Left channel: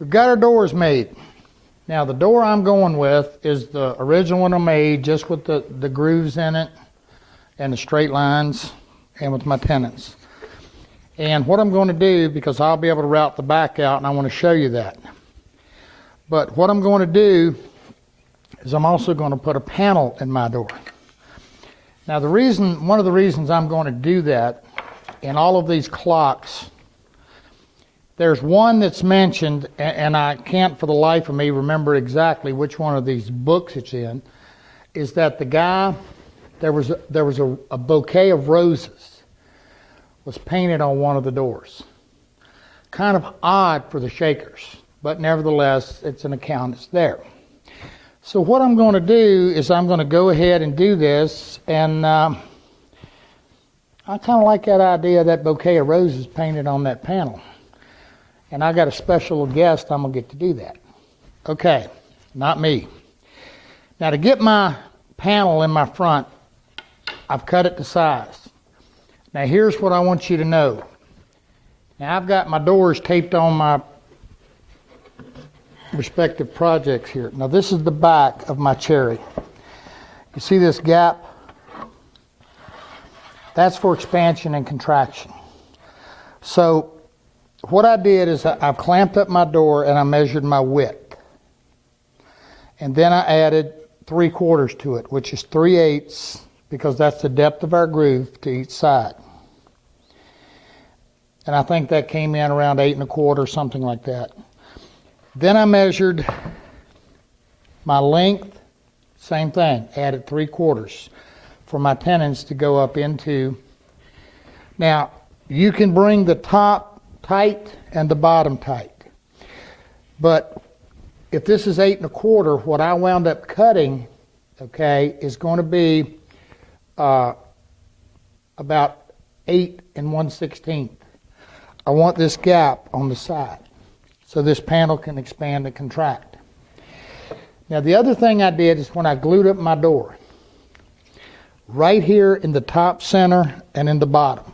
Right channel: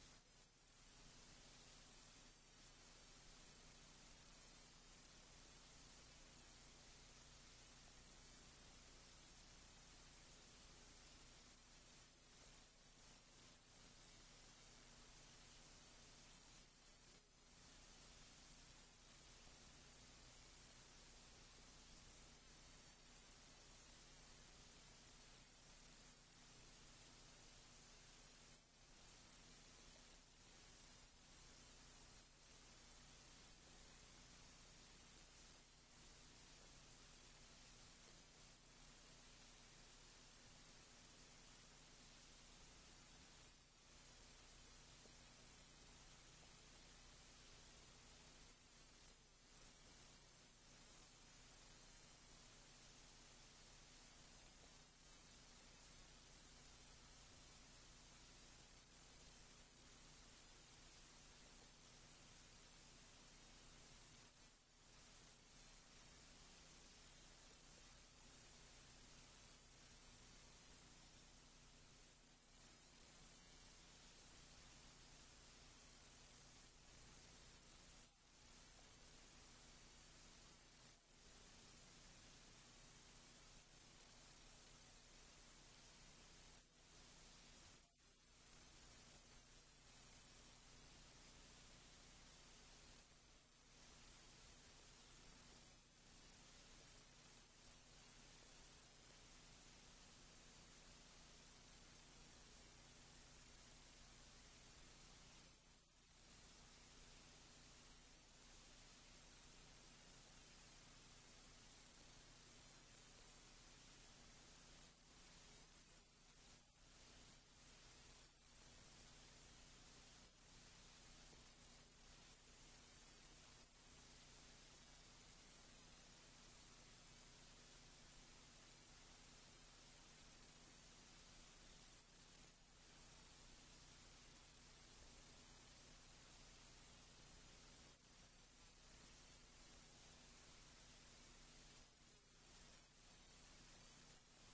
We've got our doors made. Now the door I'm going with is the original one I made, just with the grooves in it and the straight lines and with my tenons. And what I'm going to do, because I'll be able to route the back out and I want to show you that. But what I'm going to do is I'm also going to put a panel in my door. Now one of the reasons I'm going to do that, in all of these clocks, there's one that's mentioned, and I can't for the life of me remember exactly which one of these books it's in, is that the guy, there was a bouquet of roses was painted on one of the doors. Kind of odd for the Shakers, but nevertheless, it's an account, it's there. So what I'm going to do is I'm going to go ahead and do this, and I kind of like that idea of that bouquet of roses painted on that panel. And I got a special guest, I'm going to get to do that. Okay, not me. Now to get my panel in my front, I've cut it to size. Now here's what I want you to know. Now I've got my doors taped on my respective projects here. Now this is the back of my cherry. You see this gap? That's for expansion and contraction. So what I did is I've clamped up my door and I measured my width. And then I added 3/4 to it, which is 3/8, because that's the depth of our groove to each side. And I think that came in around 8 1/4, something like that. Then I measured my length, same thing, added 3/4 for my tenons to go up into. Now, you can bring the top tight and the bottom tight. But if this is 8 1/4, what I wound up cutting, okay, is going to be about 8 1/16. I want this gap on the side so this panel can expand and contract. Now the other thing I did is when I glued up my door, right here in the top center and in the bottom,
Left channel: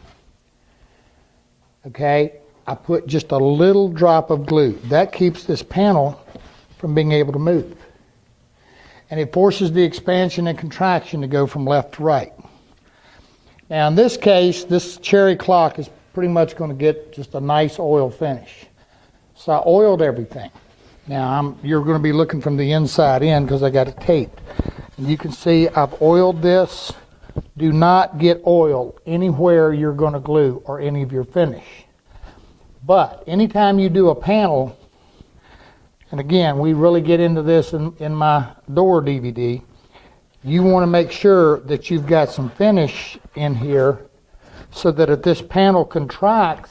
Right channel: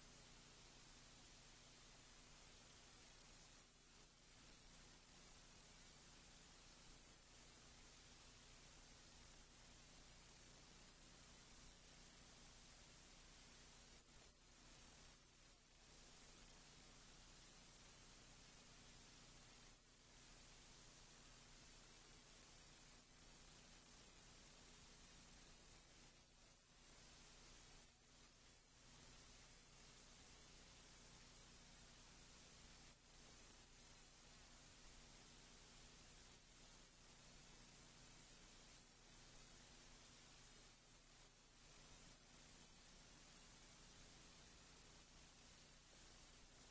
okay, I put just a little drop of glue. That keeps this panel from being able to move. And it forces the expansion and contraction to go from left to right. Now in this case, this cherry clock is pretty much going to get just a nice oil finish. So I oiled everything. Now you're going to be looking from the inside in because I got it taped. And you can see I've oiled this. Do not get oil anywhere you're going to glue or any of your finish. But anytime you do a panel, and again, we really get into this in my door DVD, you want to make sure that you've got some finish in here so that if this panel contracts,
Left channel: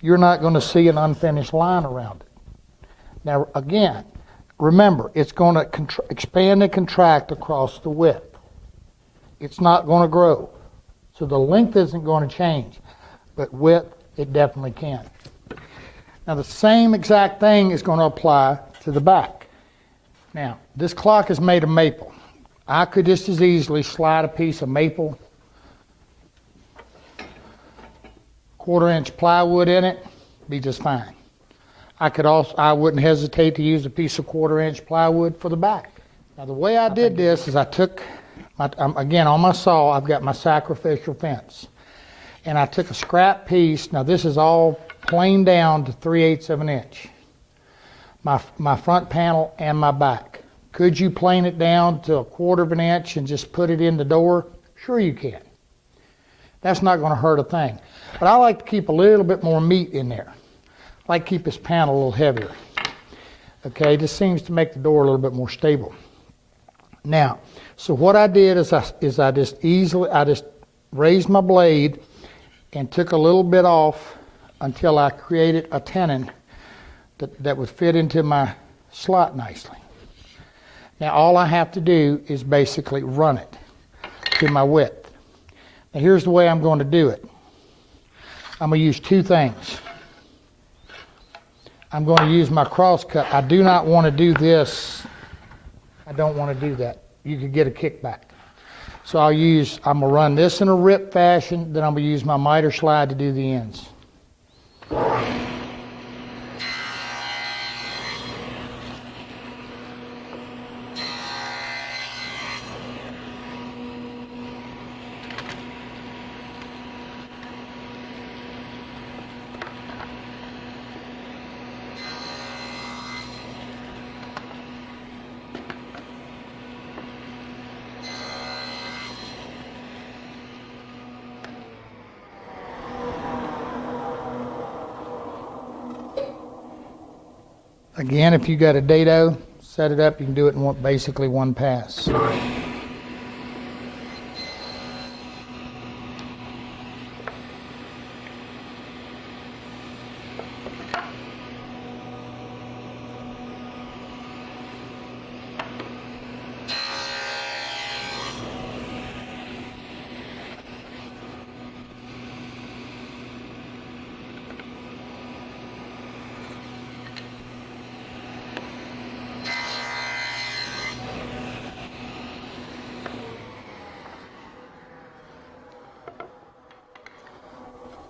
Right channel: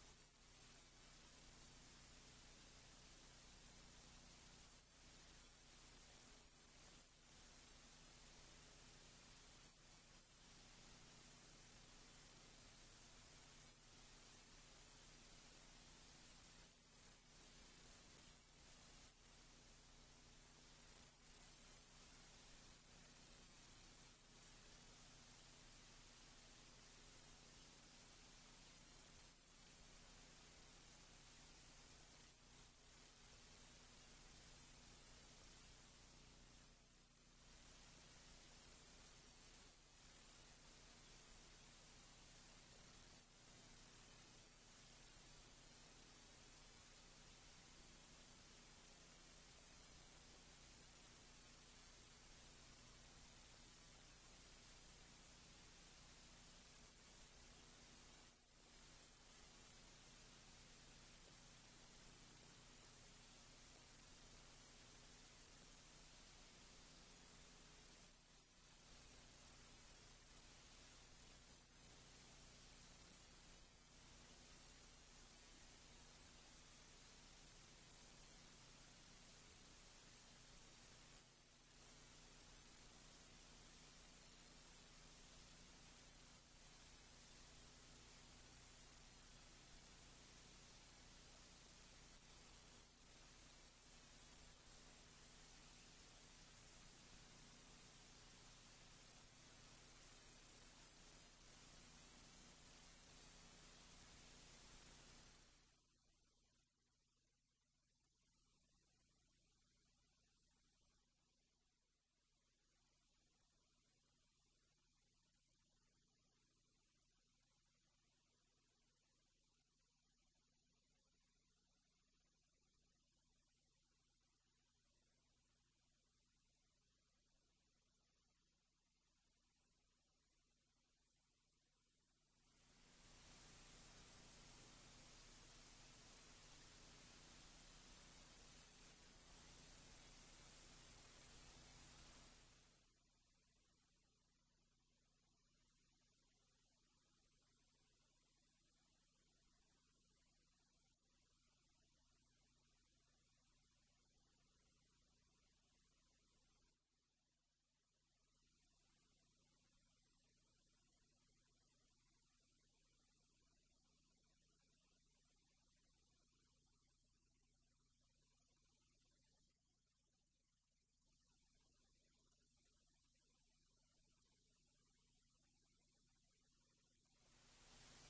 you're not going to see an unfinished line around it. Now again, remember, it's going to expand and contract across the width. It's not going to grow. So the length isn't going to change, but width, it definitely can. Now the same exact thing is going to apply to the back. Now, this clock is made of maple. I could just as easily slide a piece of maple, 1/4-inch plywood in it, be just fine. I wouldn't hesitate to use a piece of 1/4-inch plywood for the back. Now the way I did this is I took, again on my saw, I've got my sacrificial fence. And I took a scrap piece, now this is all planed down to 3/8 of an inch. My front panel and my back. Could you plane it down to 1/4 of an inch and just put it in the door? Sure you can. That's not going to hurt a thing. But I like to keep a little bit more meat in there. I like to keep this panel a little heavier. Okay, this seems to make the door a little bit more stable. Now, so what I did is I just raised my blade and took a little bit off until I created a tenon that would fit into my slot nicely. Now all I have to do is basically run it to my width. Now here's the way I'm going to do it. I'm going to use two things. I'm going to use my cross cut. I do not want to do this. I don't want to do that. You could get a kickback. So I'm going to run this in a rip fashion, then I'm going to use my miter slide to do the ends. Again, if you got a dado, set it up, you can do it in basically one pass.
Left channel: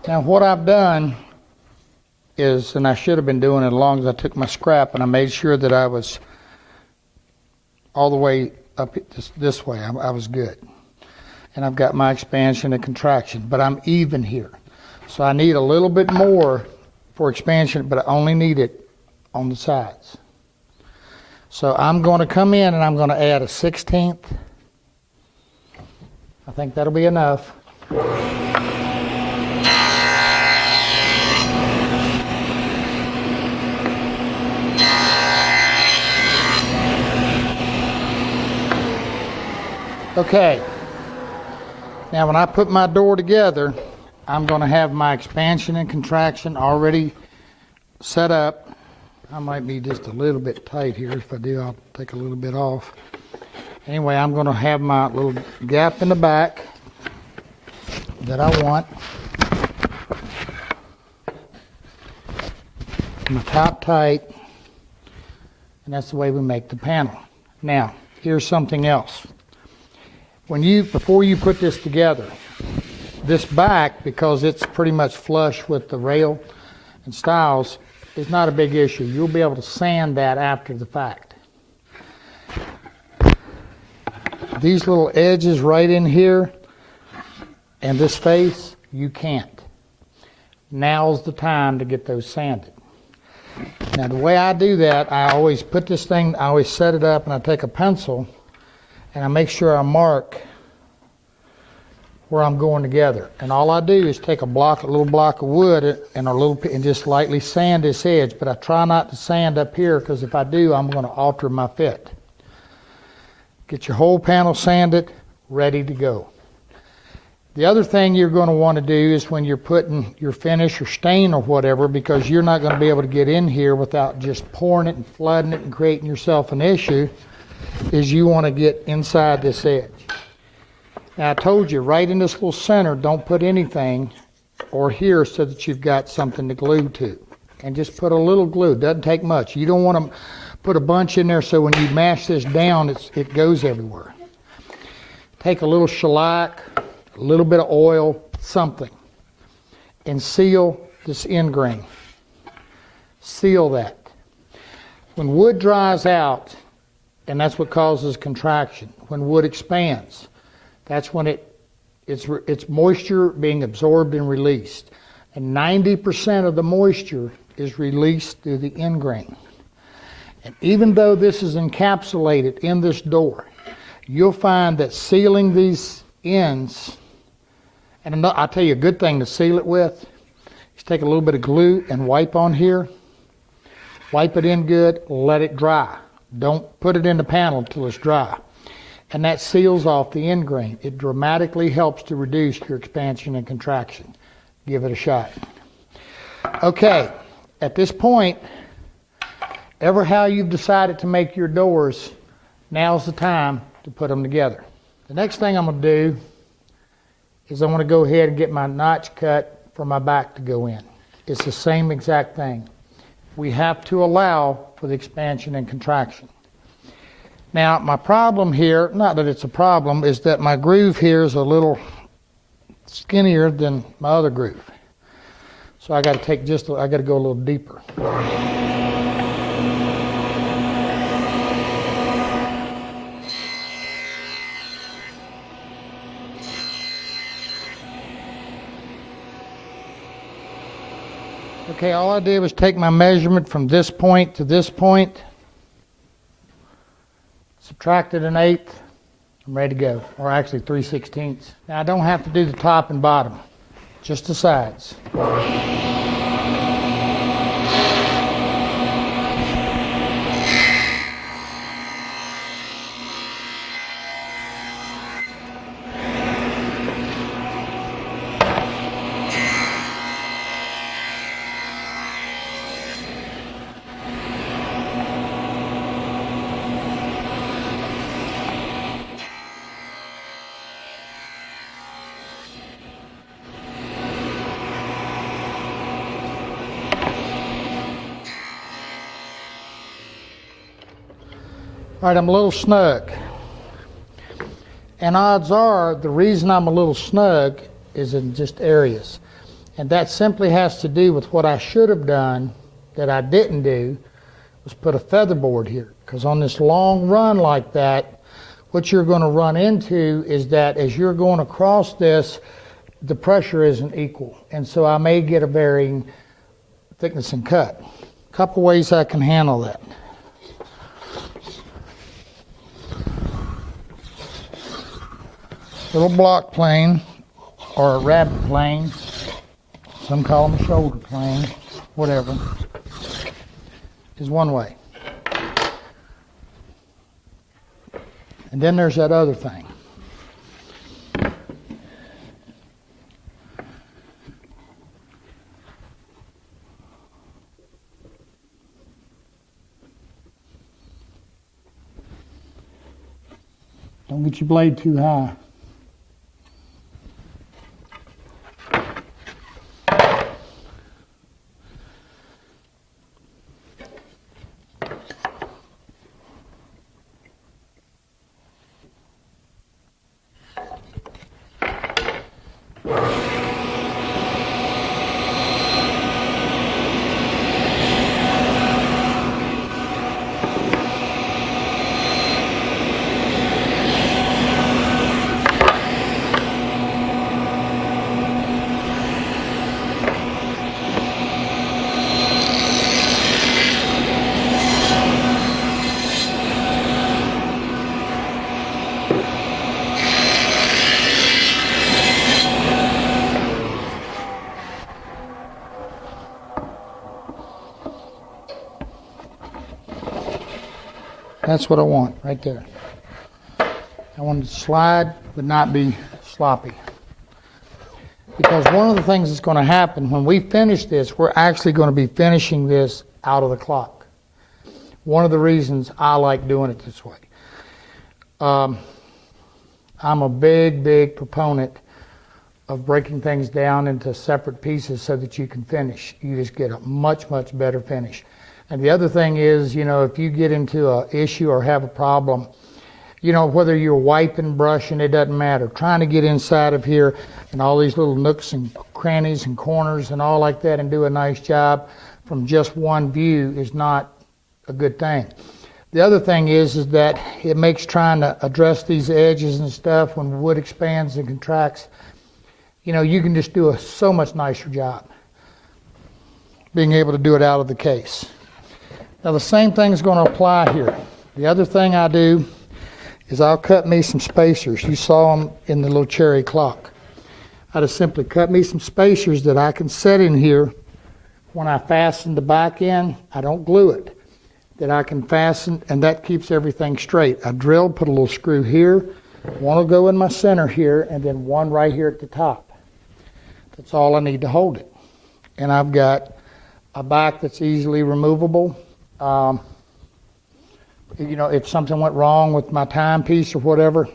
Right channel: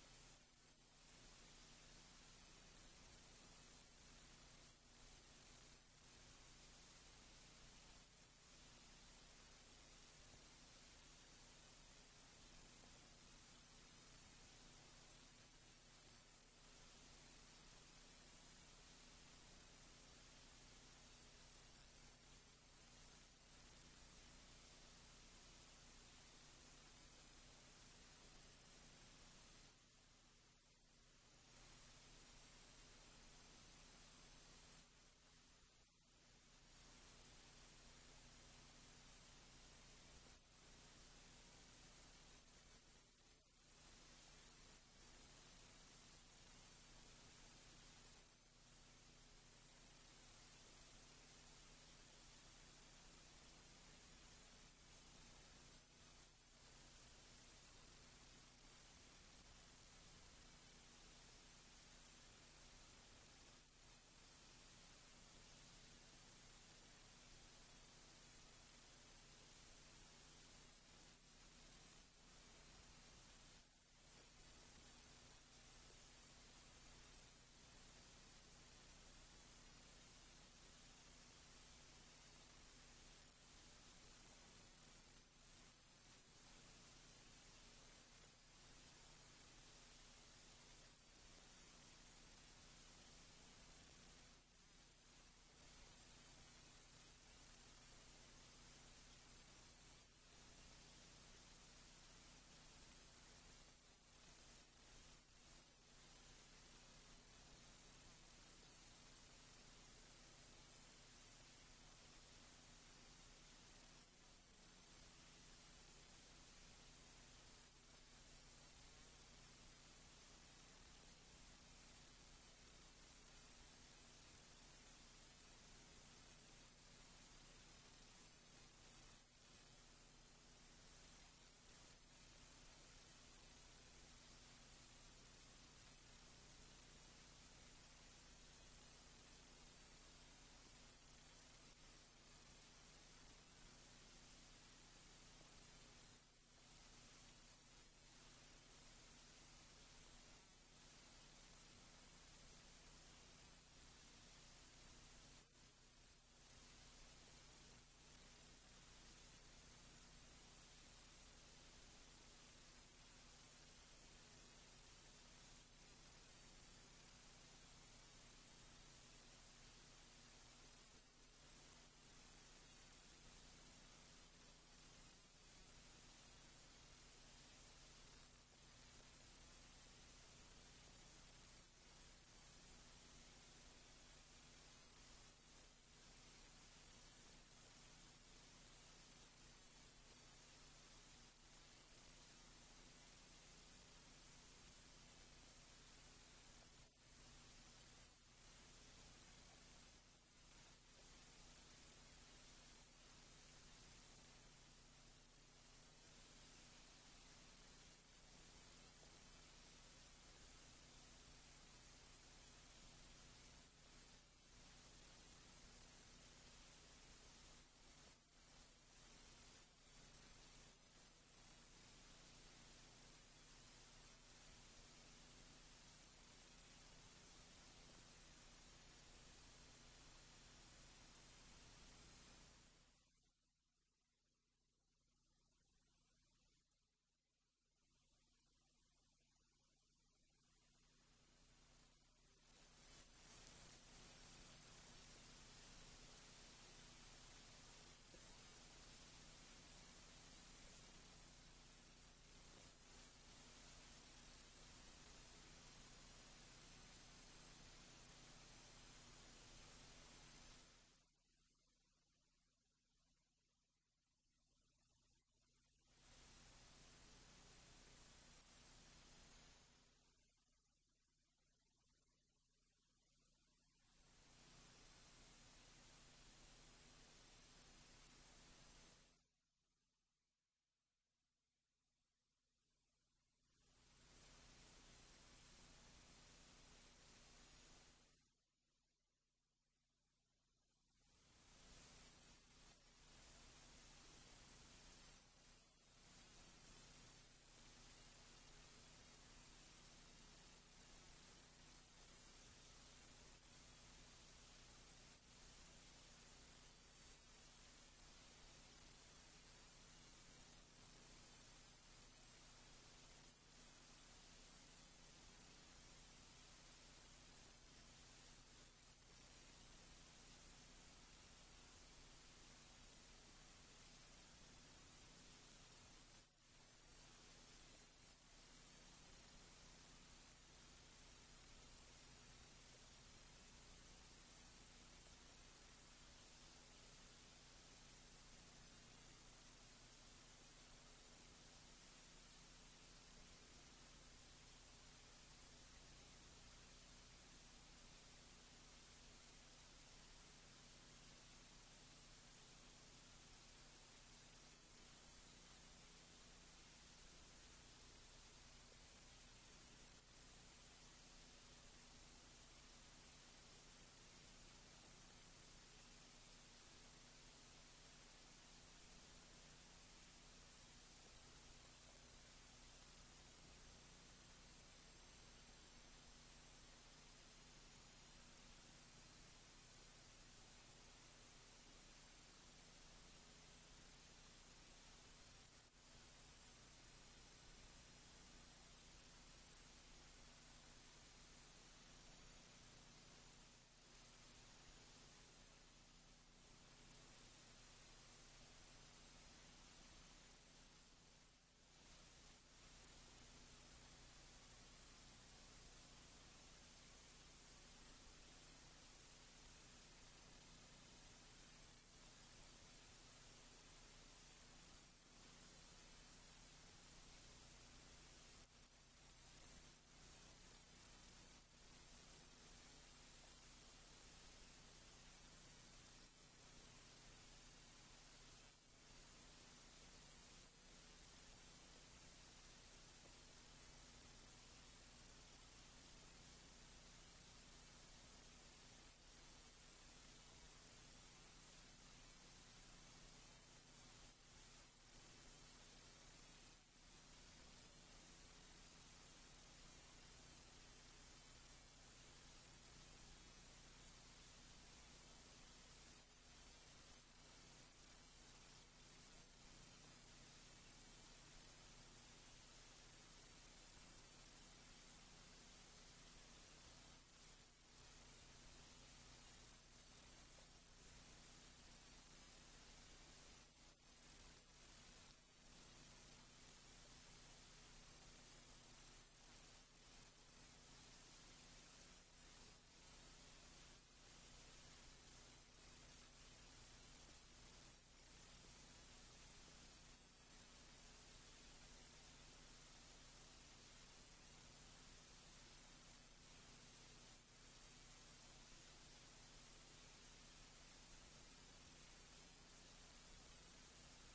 Now what I've done is, and I should have been doing it as long as I took my scrap and I made sure that I was all the way up this way. I was good. And I've got my expansion and contraction, but I'm even here. So I need a little bit more for expansion, but I only need it on the sides. So I'm going to come in and I'm going to add a 1/16. I think that'll be enough. Okay, now when I put my door together, I'm going to have my expansion and contraction already set up. I might be just a little bit tight here. If I do, I'll take a little bit off. Anyway, I'm going to have my little gap in the back that I want. My top tight, and that's the way we make the panel. Now, here's something else. Before you put this together, this back, because it's pretty much flush with the rail and stiles, is not a big issue. You'll be able to sand that after the fact. These little edges right in here and this face, you can't. Now's the time to get those sanded. Now the way I do that, I always put this thing, I always set it up and I take a pencil and I make sure I mark where I'm going together. And all I do is take a little block of wood and just lightly sand this edge, but I try not to sand up here because if I do, I'm going to alter my fit. Get your whole panel sanded, ready to go. The other thing you're going to want to do is when you're putting your finish or stain or whatever, because you're not going to be able to get in here without just pouring it and flooding it and creating yourself an issue, is you want to get inside this edge. Now I told you, right in this little center, don't put anything or here so that you've got something to glue to. And just put a little glue, doesn't take much. You don't want to put a bunch in there so when you mash this down, it goes everywhere. Take a little shellac, a little bit of oil, something, and seal this end grain. Seal that. When wood dries out, and that's what causes contraction, when wood expands, that's when it's moisture being absorbed and released. And 90% of the moisture is released through the end grain. And even though this is encapsulated in this door, you'll find that sealing these ends, and I'll tell you a good thing to seal it with, is take a little bit of glue and wipe on here. Wipe it in good, let it dry. Don't put it in the panel until it's dry. And that seals off the end grain. It dramatically helps to reduce your expansion and contraction. Give it a shot. Okay, at this point, ever how you've decided to make your doors, now's the time to put them together. The next thing I'm going to do is I want to go ahead and get my notch cut for my back to go in. It's the same exact thing. We have to allow for the expansion and contraction. Now, my problem here, not that it's a problem, is that my groove here is a little skinnier than my other groove. So I got to go a little deeper. Okay, all I did was take my measurement from this point to this point, subtracted an 1/8, I'm ready to go, or actually 3/16. Now I don't have to do the top and bottom, just the sides. All right, I'm a little snug. And odds are the reason I'm a little snug is in just areas. And that simply has to do with what I should have done that I didn't do was put a feather board here. Because on this long run like that, what you're going to run into is that as you're going across this, the pressure isn't equal. And so I may get a varying thickness and cut. A couple ways I can handle that. Little block plane or a rabbit plane, some call them a shoulder plane, whatever, is one way. And then there's that other thing. Don't get your blade too high. That's what I want right there. I want it to slide but not be sloppy. Because one of the things that's going to happen when we finish this, we're actually going to be finishing this out of the clock. One of the reasons I like doing it this way. I'm a big proponent of breaking things down into separate pieces so that you can finish. You just get a much better finish. And the other thing is, you know, if you get into an issue or have a problem, you know, whether you're wiping, brushing, it doesn't matter. Trying to get inside of here and all these little nooks and crannies and corners and all like that and do a nice job from just one view is not a good thing. The other thing is that it makes trying to address these edges and stuff when wood expands and contracts, you know, you can just do a so much nicer job being able to do it out of the case. Now the same thing is going to apply here. The other thing I do is I'll cut me some spacers. You saw them in the little cherry clock. I just simply cut me some spacers that I can set in here. When I fasten the back in, I don't glue it. That I can fasten, and that keeps everything straight. I drill, put a little screw here. One will go in my center here, and then one right here at the top. That's all I need to hold it. And I've got a back that's easily removable. You know, if something went wrong with my timepiece or whatever,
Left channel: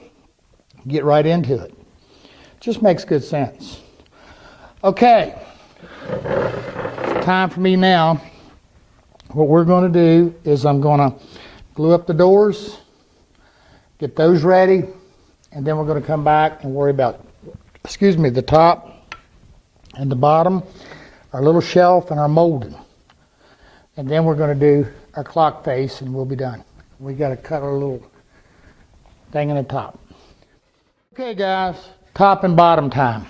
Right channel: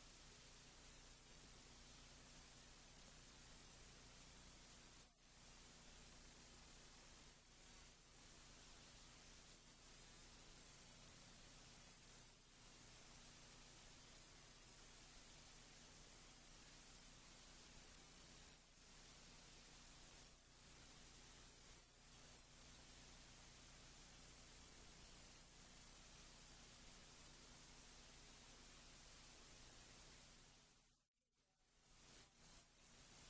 get right into it. Just makes good sense. Okay, time for me now. What we're going to do is I'm going to glue up the doors, get those ready, and then we're going to come back and worry about, the top and the bottom, our little shelf and our molding. And then we're going to do our clock face and we'll be done. We got to cut our little thing in the top. Okay guys, top and bottom time.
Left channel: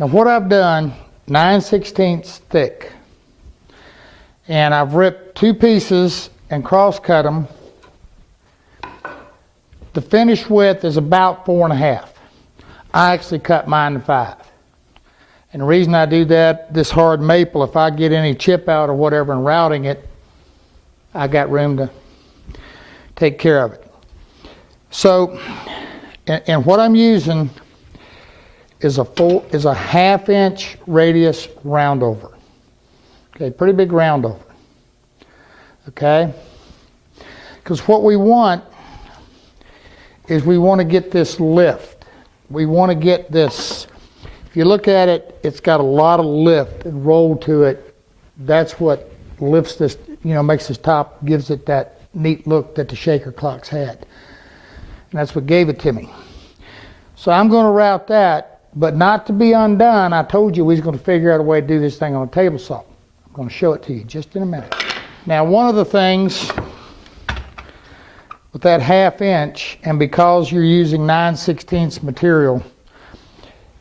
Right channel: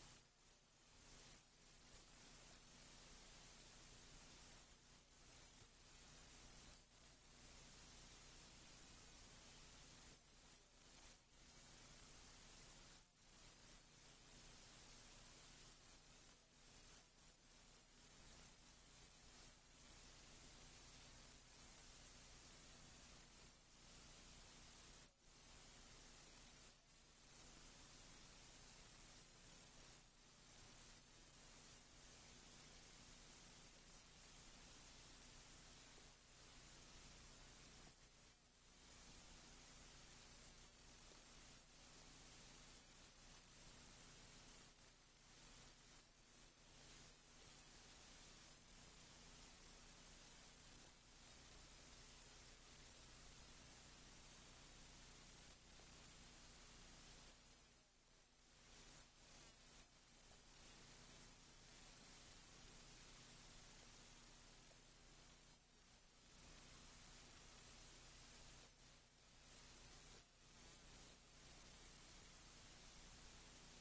Now what I've done, 9/16 thick. And I've ripped two pieces and cross cut them. The finished width is about 4.5. I actually cut mine to 5. And the reason I do that, this hard maple, if I get any chip out or whatever and routing it, I got room to take care of it. So, and what I'm using is a 1/2 inch radius roundover. Okay, pretty big roundover. Okay? Because what we want is we want to get this lift. We want to get this. If you look at it, it's got a lot of lift and roll to it. That's what lifts this, you know, makes this top, gives it that neat look that the shaker clocks had. And that's what gave it to me. So I'm going to route that, but not to be undone. I told you we was going to figure out a way to do this thing on a table saw. I'm going to show it to you just in a minute. Now, one of the things with that 1/2 inch, and because you're using 9/16 material,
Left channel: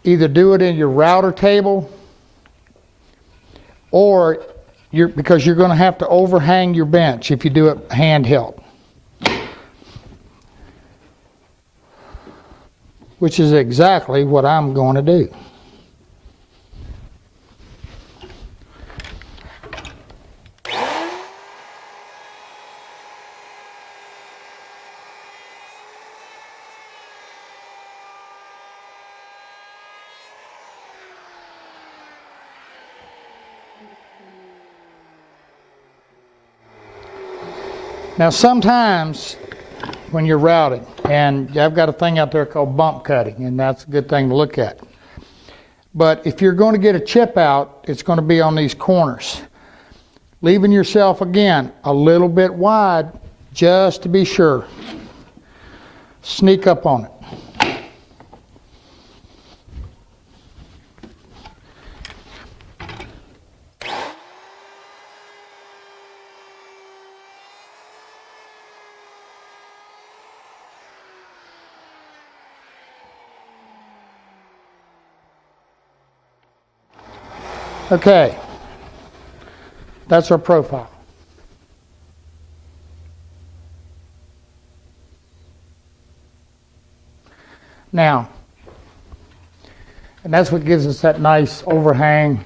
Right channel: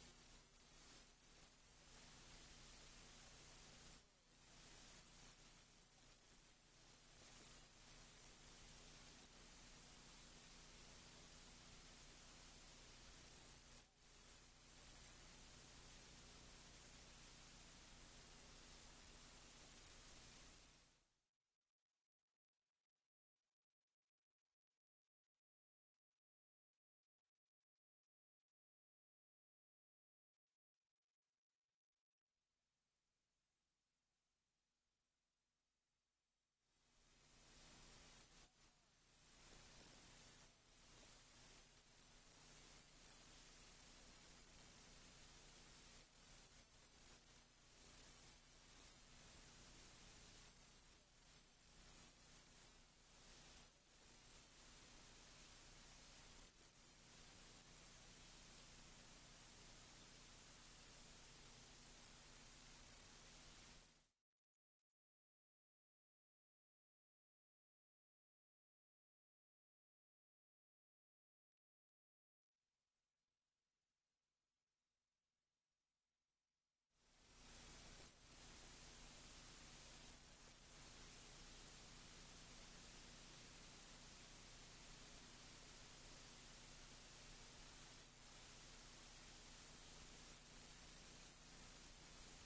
either do it in your router table, or because you're going to have to overhang your bench if you do it handheld, which is exactly what I'm going to do. Now sometimes when you're routing, and I've got a thing out there called bump cutting, and that's a good thing to look at. But if you're going to get a chip out, it's going to be on these corners. Leaving yourself, again, a little bit wide just to be sure. Sneak up on it. Okay, that's our profile. Now, and that's what gives us that nice overhang.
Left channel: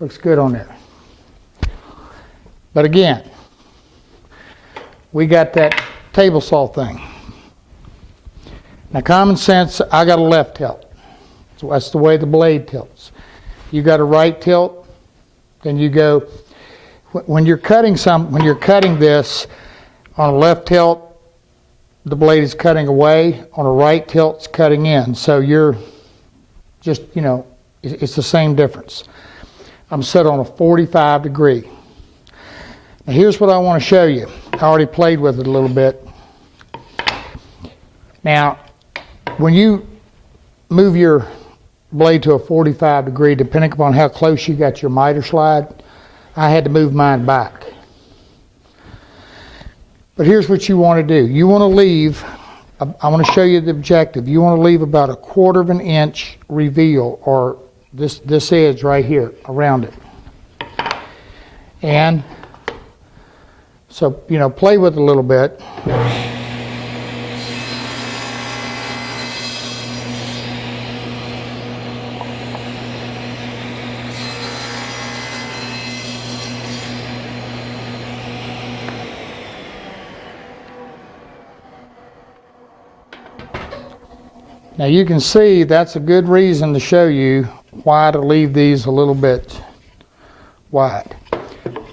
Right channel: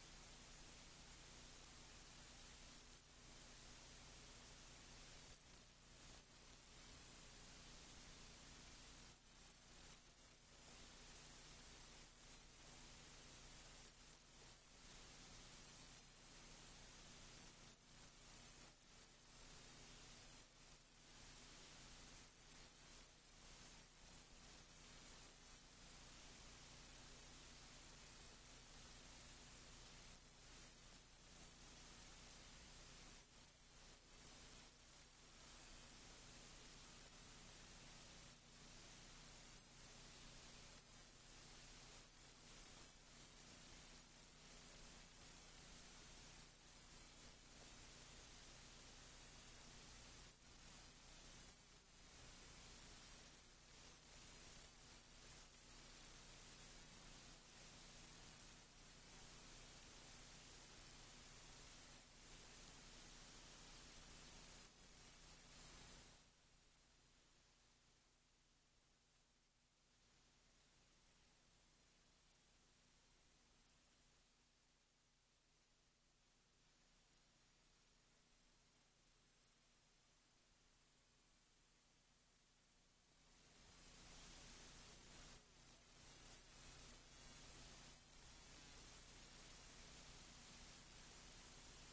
Looks good on there. But again, we got that table saw thing. Now, common sense, I got a left tilt. So that's the way the blade tilts. You got a right tilt, then you go, when you're cutting this on a left tilt, the blade is cutting away, on a right tilt, it's cutting in. So you're just, it's the same difference. I'm set on a 45 degree. Now here's what I want to show you. I already played with it a little bit. Now, when you move your blade to a 45 degree, depending upon how close you got your miter slide, I had to move mine back. But here's what you want to do. You want to leave, I want to show you the objective. You want to leave about 1/4 inch reveal, or this edge right here around it. And so, play with it a little bit. Now you can see that's a good reason to show you why to leave these a little bit wide.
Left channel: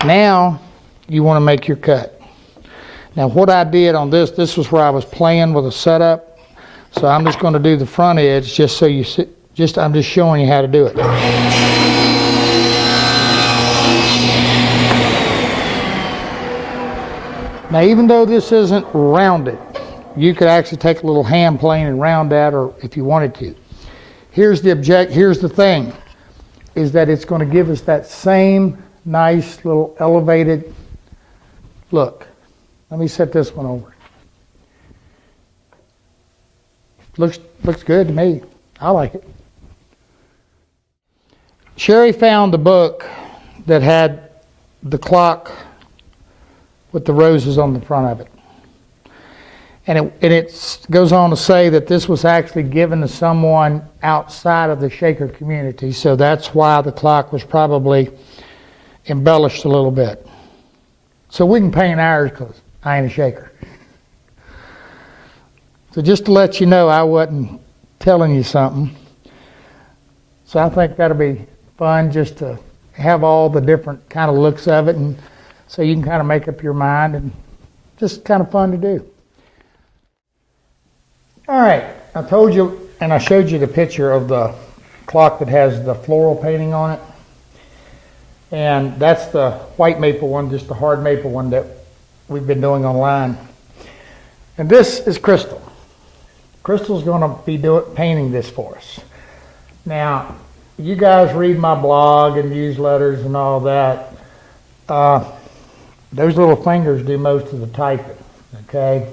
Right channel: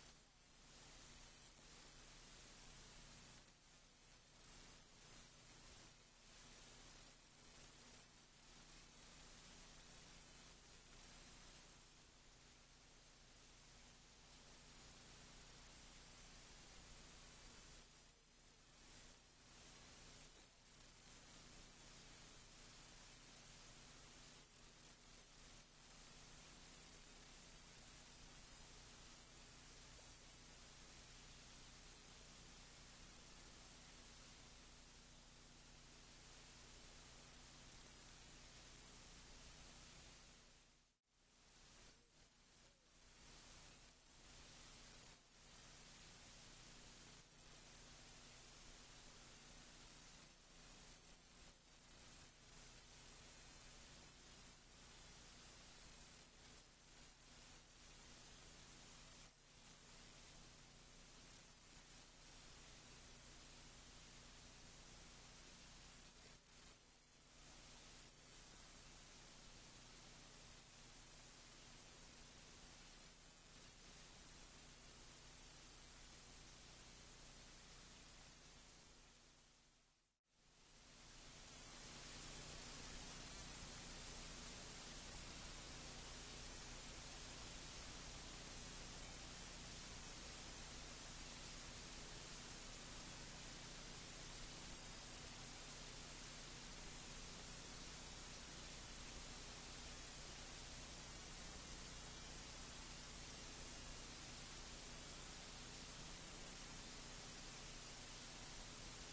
Now you want to make your cut. Now what I did on this was where I was playing with a setup. So I'm just going to do the front edge just so you see, I'm just showing you how to do it. Now even though this isn't rounded, you could actually take a little hand plane and round that, or if you wanted to. Here's the thing, is that it's going to give us that same nice little elevated look. Let me set this one over. Looks good to me. I like it. Sherry found the book that had the clock with the roses on the front of it. And it goes on to say that this was actually given to someone outside of the shaker community, so that's why the clock was probably embellished a little bit. So we can paint ours because I ain't a shaker. So just to let you know, I wasn't telling you something. So I think that'll be fun just to have all the different kind of looks of it, and so you can kind of make up your mind, and just kind of fun to do. All right, I told you, and I showed you the picture of the clock that has the floral painting on it. And that's the white maple one, just the hard maple one that we've been doing online. And this is Crystal. Crystal's going to be painting this for us. Now, you guys read my blog and newsletters and all that. Those little fingers do most of the typing, okay?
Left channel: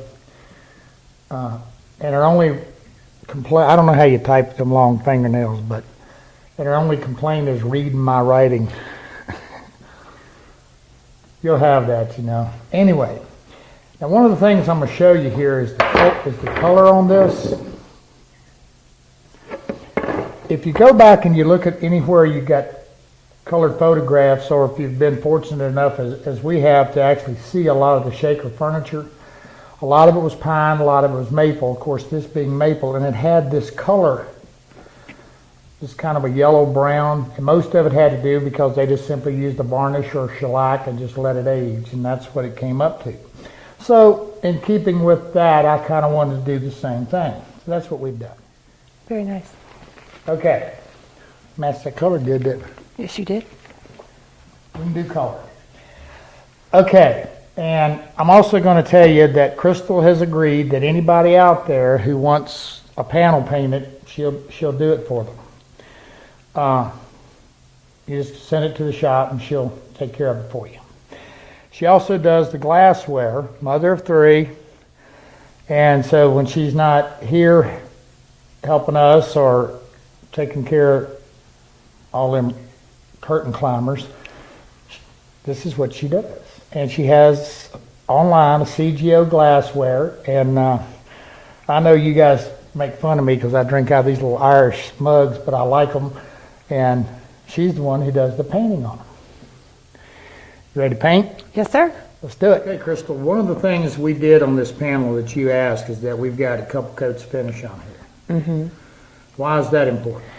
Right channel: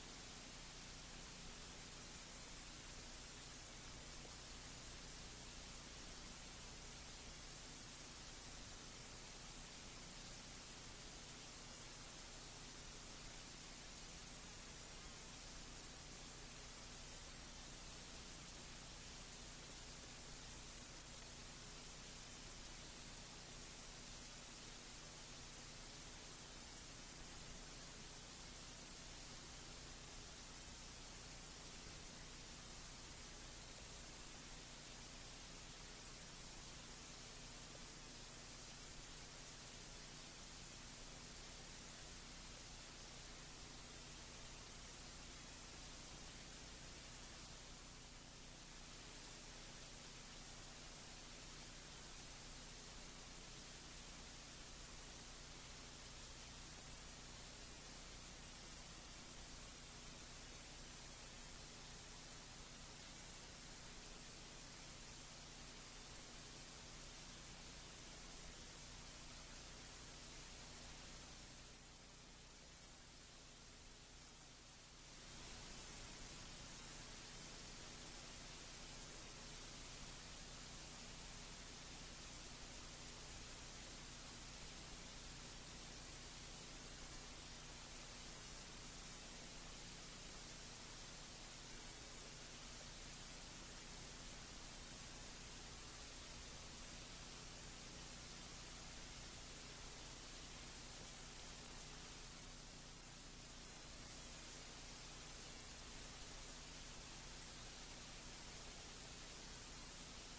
And our only complaint, I don't know how you type with them long fingernails, but our only complaint is reading my writing. You'll have that, you know. Anyway, now one of the things I'm going to show you here is the color on this. If you go back and you look at anywhere you got colored photographs, or if you've been fortunate enough as we have to actually see a lot of the Shaker furniture, a lot of it was pine, a lot of it was maple, of course this being maple, and it had this color, this kind of a yellow brown, and most of it had to do because they just simply used a varnish or shellac and just let it age, and that's what it came up to. So in keeping with that, I kind of wanted to do the same thing. So that's what we've done. Very nice. Okay, matched that color good, didn't it? Yes, you did. We can do color. Okay, and I'm also going to tell you that Crystal has agreed that anybody out there who wants a panel painted, she'll do it for them. You just send it to the shop and she'll take care of it for you. She also does the glassware, mother of three, and so when she's not here helping us or taking care of all them curtain climbers, this is what she does. And she has online a CGO glassware, and I know you guys make fun of me because I drink out of these little Irish mugs, but I like them, and she's the one who does the painting on them. You ready to paint? Yes, sir. Let's do it. Okay, Crystal, one of the things we did on this panel that you asked is that we've got a couple coats of finish on here. Mm-hmm. Why is that important?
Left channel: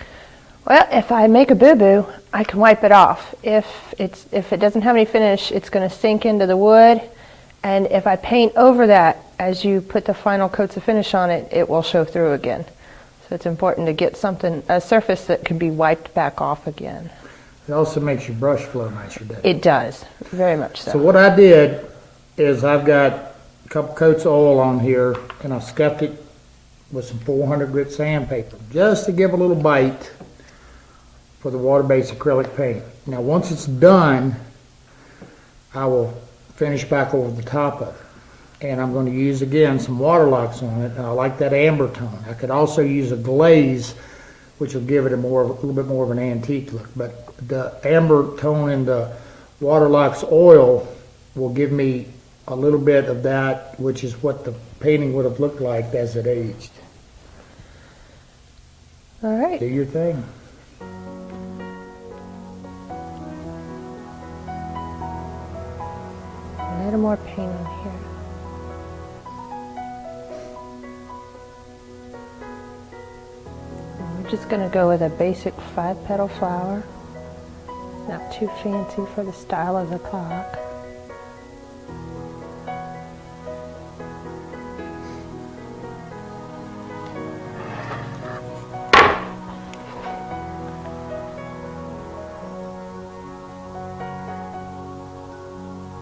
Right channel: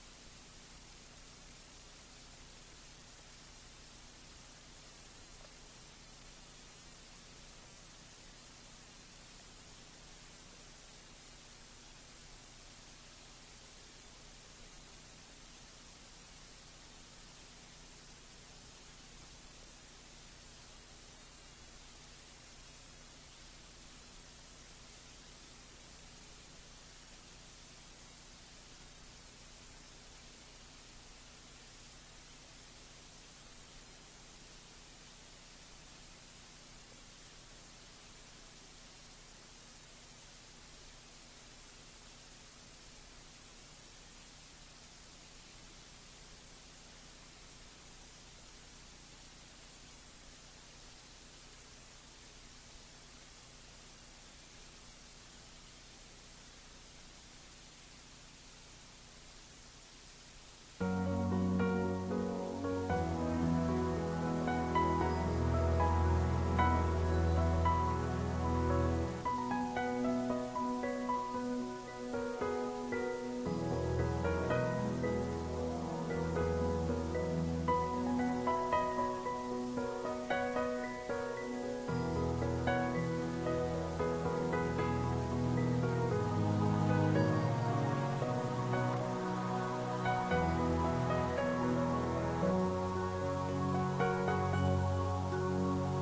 Well, if I make a boo-boo, I can wipe it off. If it doesn't have any finish, it's going to sink into the wood, and if I paint over that as you put the final coats of finish on it, it will show through again. So it's important to get a surface that can be wiped back off again. It also makes your brush flow nicer, doesn't it? It does, very much so. So what I did is I've got a couple coats of oil on here, and I scuffed it with some 400 grit sandpaper, just to give a little bite for the water-based acrylic paint. Now once it's done, I will finish back over the top of it. And I'm going to use again some waterlocks on it. I like that amber tone. I could also use a glaze, which will give it a little bit more of an antique look. But the amber tone in the waterlocks oil will give me a little bit of that, which is what the painting would have looked like as it aged. All right. Do your thing. A little more paint on here. I'm just going to go with a basic 5-petal flower. Not too fancy for the style of the clock.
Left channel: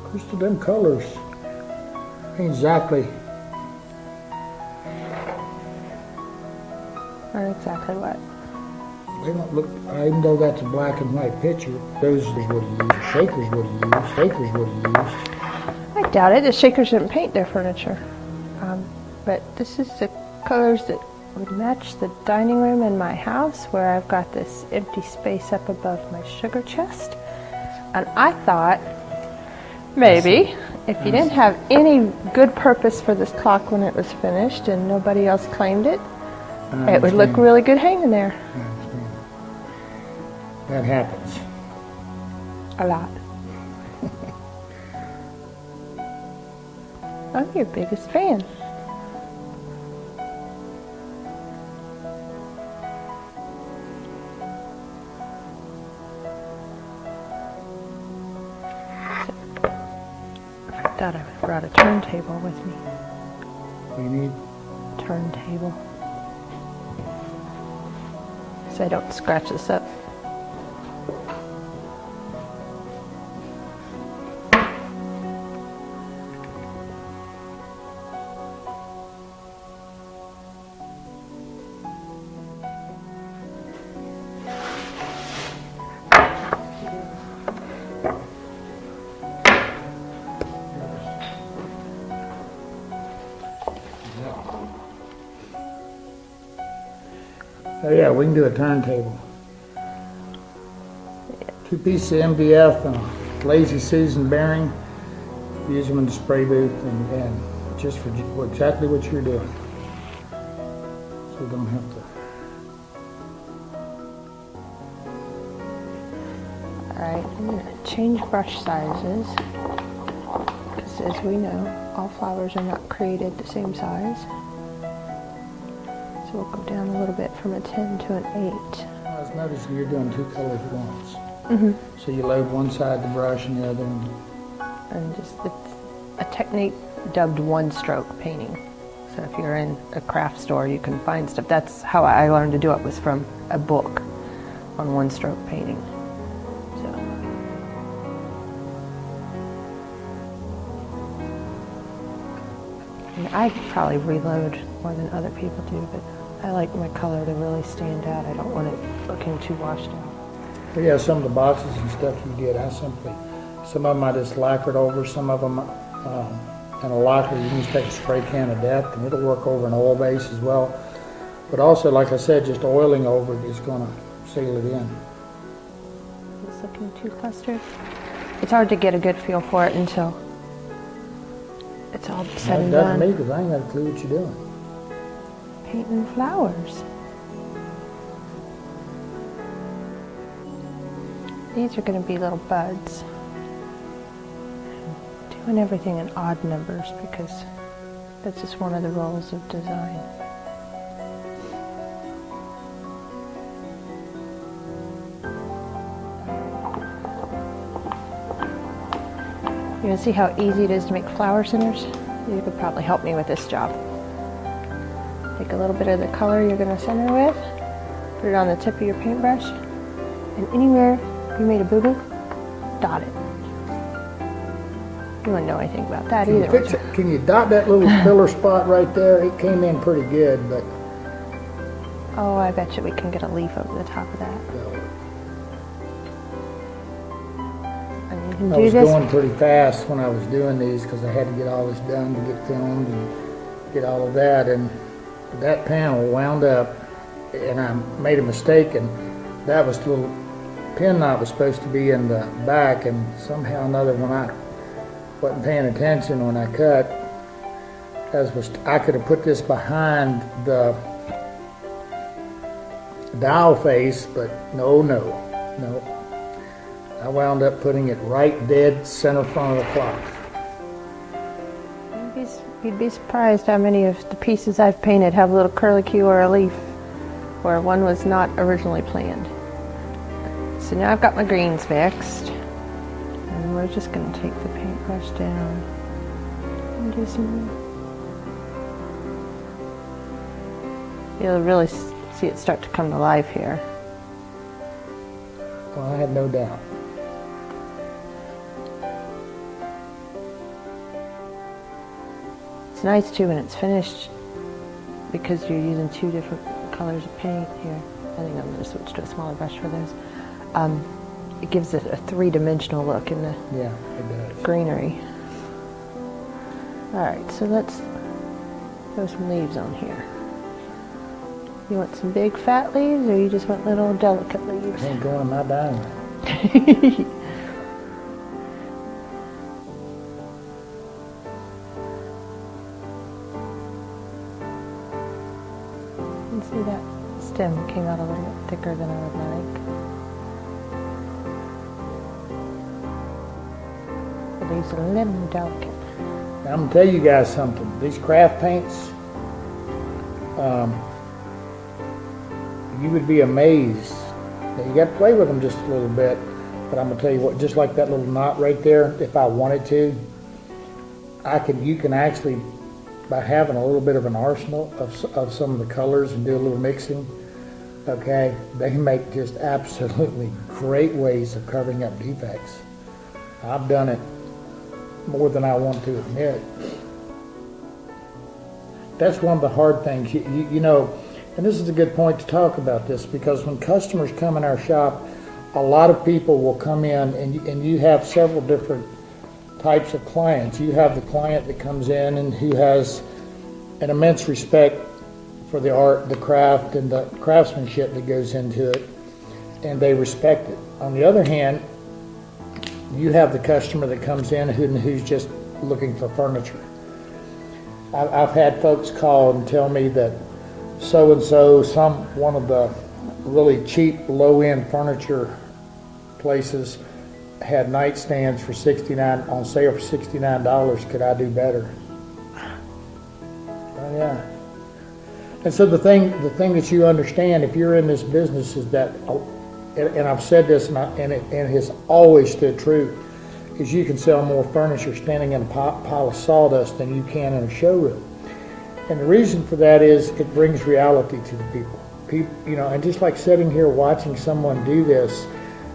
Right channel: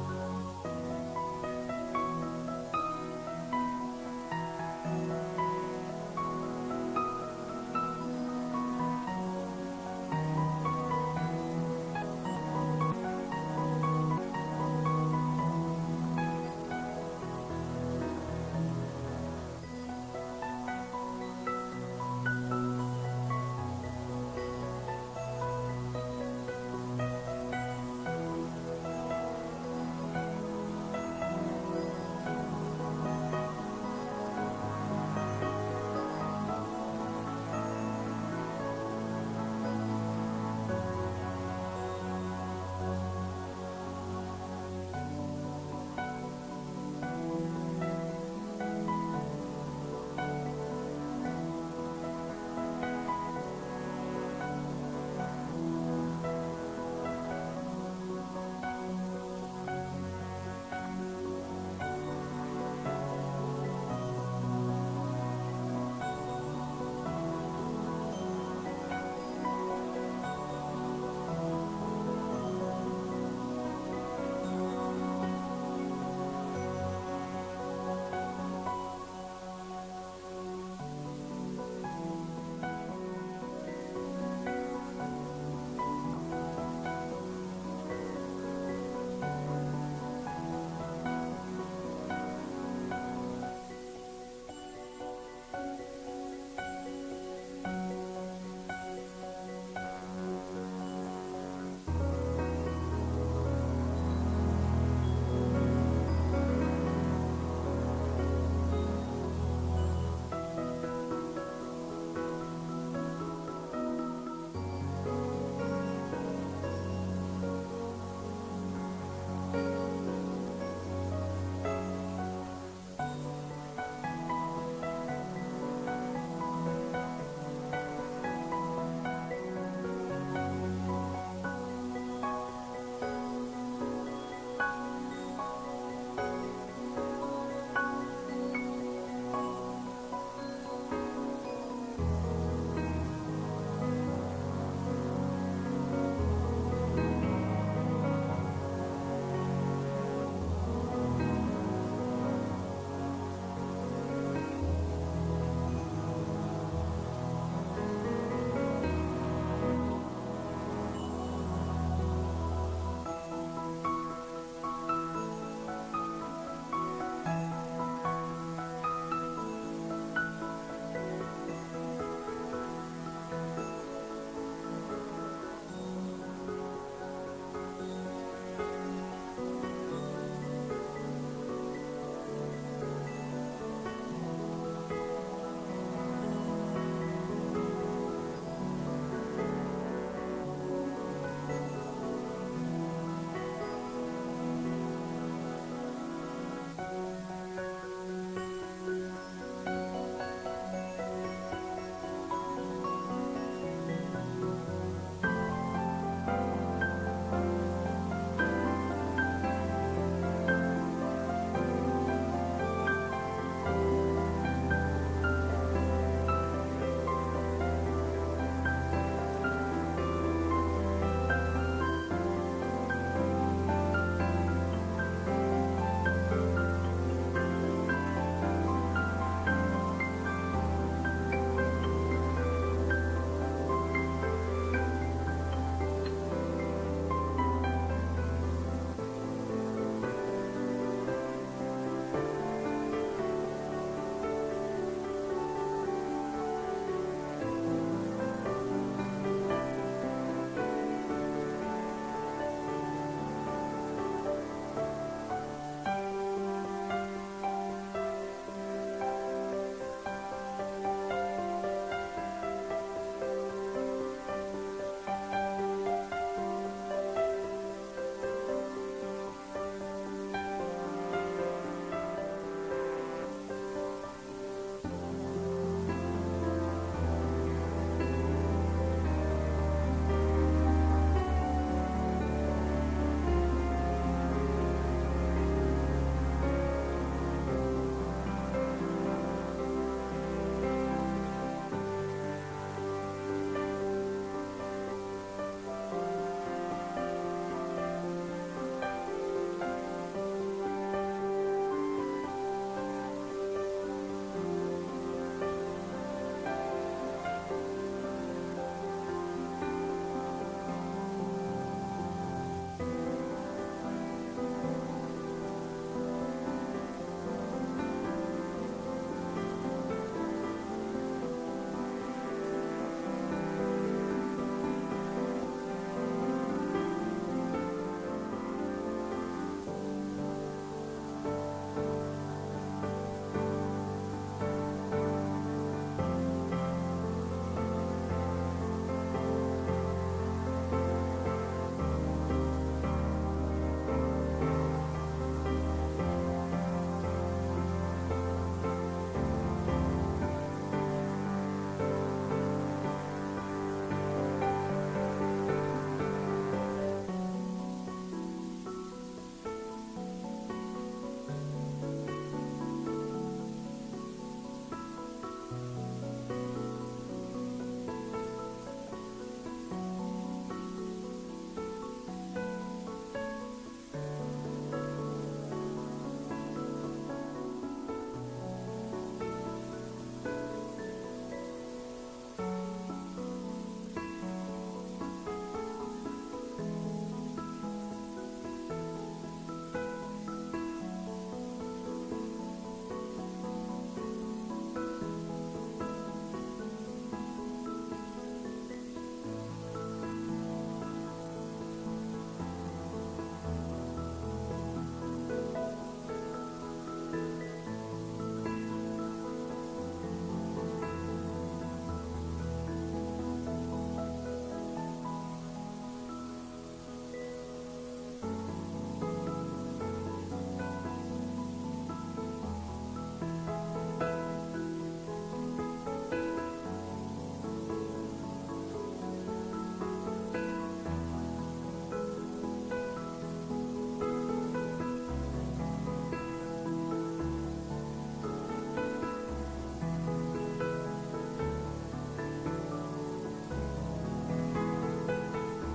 Crystal, them colors ain't exactly. Not exactly what? They don't look, even though that's a black and white picture, those they would have used, Shakers would have used, Shakers would have used. I doubt it. The Shakers didn't paint their furniture. But this is the colors that would match the dining room in my house, where I've got this empty space up above my sugar chest. And I thought, maybe, if you didn't have any good purpose for this clock when it was finished and nobody else claimed it, it would look really good hanging there. That happens. A lot. I'm your biggest fan. I thought I brought a turntable with me. You need Turntable. So I don't scratch this up. Oh yeah, we can do a turntable. 2 pieces of MDF and a Lazy Susan bearing. Use them in the spray booth and just for exactly what you're doing. So you don't have to. Alright, I'm going to change brush sizes. Because as we know, all flowers are not created the same size. So we'll go down a little bit from a 10 to an 8. I was noticing you're doing 2 colors at once. Mm-hmm. So you load one side of the brush and the other one. And just it's a technique dubbed one-stroke painting. So if you're in a craft store, you can find stuff. That's how I learned to do it, was from a book on one-stroke painting. I probably reload more than other people do, but I like my color to really stand out. I don't want it looking too washed out. But yeah, some of the boxes and stuff you get, some of them I just lacquered over, some of them, and a lacquer, you can just take a spray can of depth and it'll work over an oil base as well. But also, like I said, just oiling over it is going to seal it in. It's looking too clustered. It's hard to get a good feel for it until it's all said and That done. doesn't me, because I ain't got a clue what you're doing. Painting flowers. These are going to be little buds. Doing everything in odd numbers because that's just one of the rules of design. You want to see how easy it is to make flower centers? You could probably help me with this job. Take a little bit of the color you're going to center with, put it on the tip of your paintbrush, and anywhere you made a boo-boo, dot it. You wouldn't know anything about that either. Fix it. Can you dot that little filler spot right there? It came in pretty good, but... Oh, I bet you we can get a leaf over the top of that. And you can I do was this. going pretty fast when I was doing these because I had to get all this done to get filmed and get all of that. And that panel wound up, and I made a mistake, and that was the little pin knot was supposed to be in the back, and somehow or another when I wasn't paying attention when I cut, I could have put this behind the dial face, but no. I wound up putting it right dead center front of the clock. You'd be surprised how many of the pieces I've painted have a little curlicue or a leaf where one was not originally planned. So now I've got my greens mixed, and we're just going to take the paintbrush down and do some. You'll really see it start to come to life here. Well, I had no doubt. It's nice too when it's finished because you're using 2 different colors of paint here. I think I'm going to switch to a smaller brush for this. It gives it a 3-dimensional look in the Yeah, it does. greenery. Alright, so let's throw some leaves on here. You want some big fat leaves or you just want little delicate leaves? Ain't going in my dining. You see that stem came out a little thicker than I would like. The leaves are a little delicate. I'm going to tell you guys something. These craft paints, you would be amazed. Now, you got to play with them just a little bit, but I'm going to tell you what, just like that little knot right there, if I wanted to, you can actually, by having a little bit of an arsenal of some of the colors and do a little mixing, okay, they make just absolutely great ways of covering up defects. I've done it more than I want to admit. That's one of the hard things, you know, and this is a good point to talk about this, because when customers come in our shop, a lot of people will come in, and you have several different types of clients. You have the client that comes in and who has an immense respect for the art, the craft, and the craftsmanship that goes into it, and they respect it. On the other hand, you have the customer that comes in who's just looking for furniture. I've had folks call and tell me that so-and-so, one of the really cheap, low-end furniture places had nightstands for on sale for $69. Could I do better? Oh, yeah. And so the thing that you understand, if you're in this business, is that, and I've said this, and it has always stood true, is you can sell more furniture standing in a pile of sawdust than you can in a showroom. And the reason for that is it brings reality to the people. And just like sitting here watching someone do this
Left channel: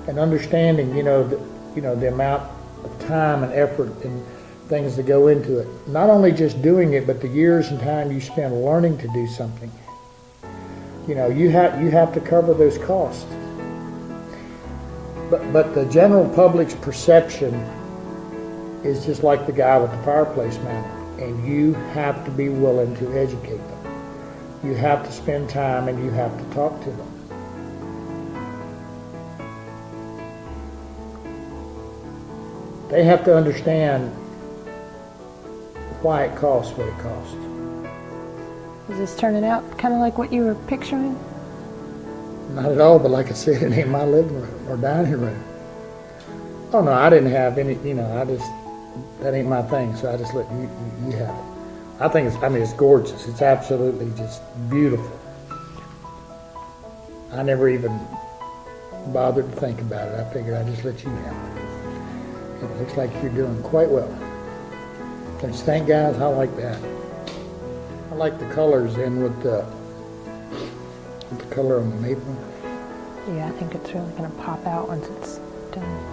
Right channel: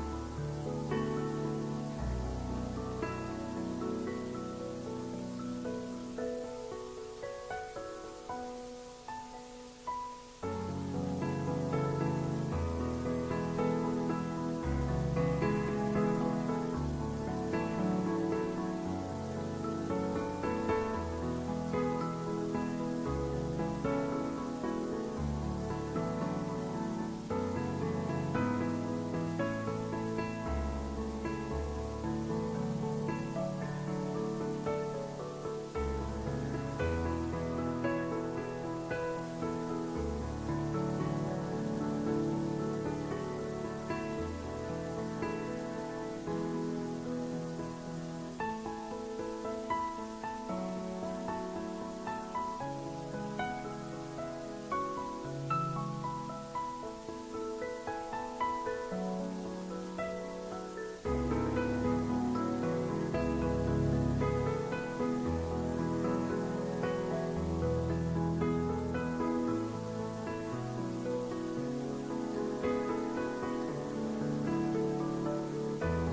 and understanding, the amount of time and effort and things that go into it. Not only just doing it, but the years and time you spend learning to do something. You have to cover those costs. But the general public's perception is just like the guy with the fireplace manner, and you have to be willing to educate them. You have to spend time and you have to talk to them. They have to understand why it costs what it costs. Is this turning out kind of like what you were picturing? Not at all, but like I said, it ain't my living room or dining room. Oh no, I didn't have any, that ain't my thing, so I just let you have it. I think it's gorgeous. It's absolutely just beautiful. I never even bothered to think about it. I figured I'd just let you have it. It looks like you're doing quite well. Don't you think, guys? I like that. I like the colors in with the color on the maple. Yeah, I think it's really going to pop out once it's done.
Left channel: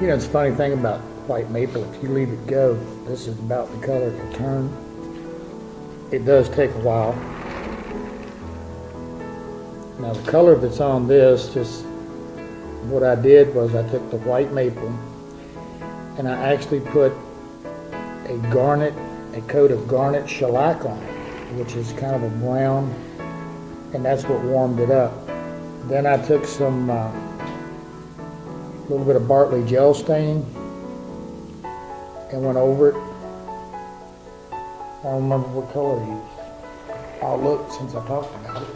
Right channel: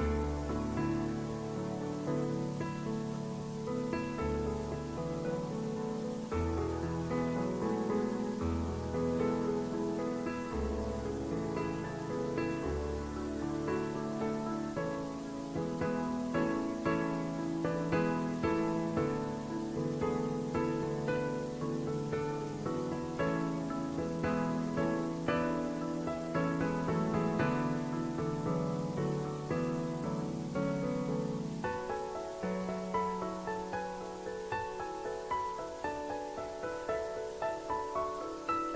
It's a funny thing about white maple. If you leave it go, this is about the color it will turn. It does take a while. Now the color that's on this, just what I did was I took the white maple and I actually put a coat of garnet shellac on it, which is kind of a brown, and that's what warmed it up. Then I took some little bit of Bartley gel stain and went over it. I don't remember what color I used. I'll look since I talked about it.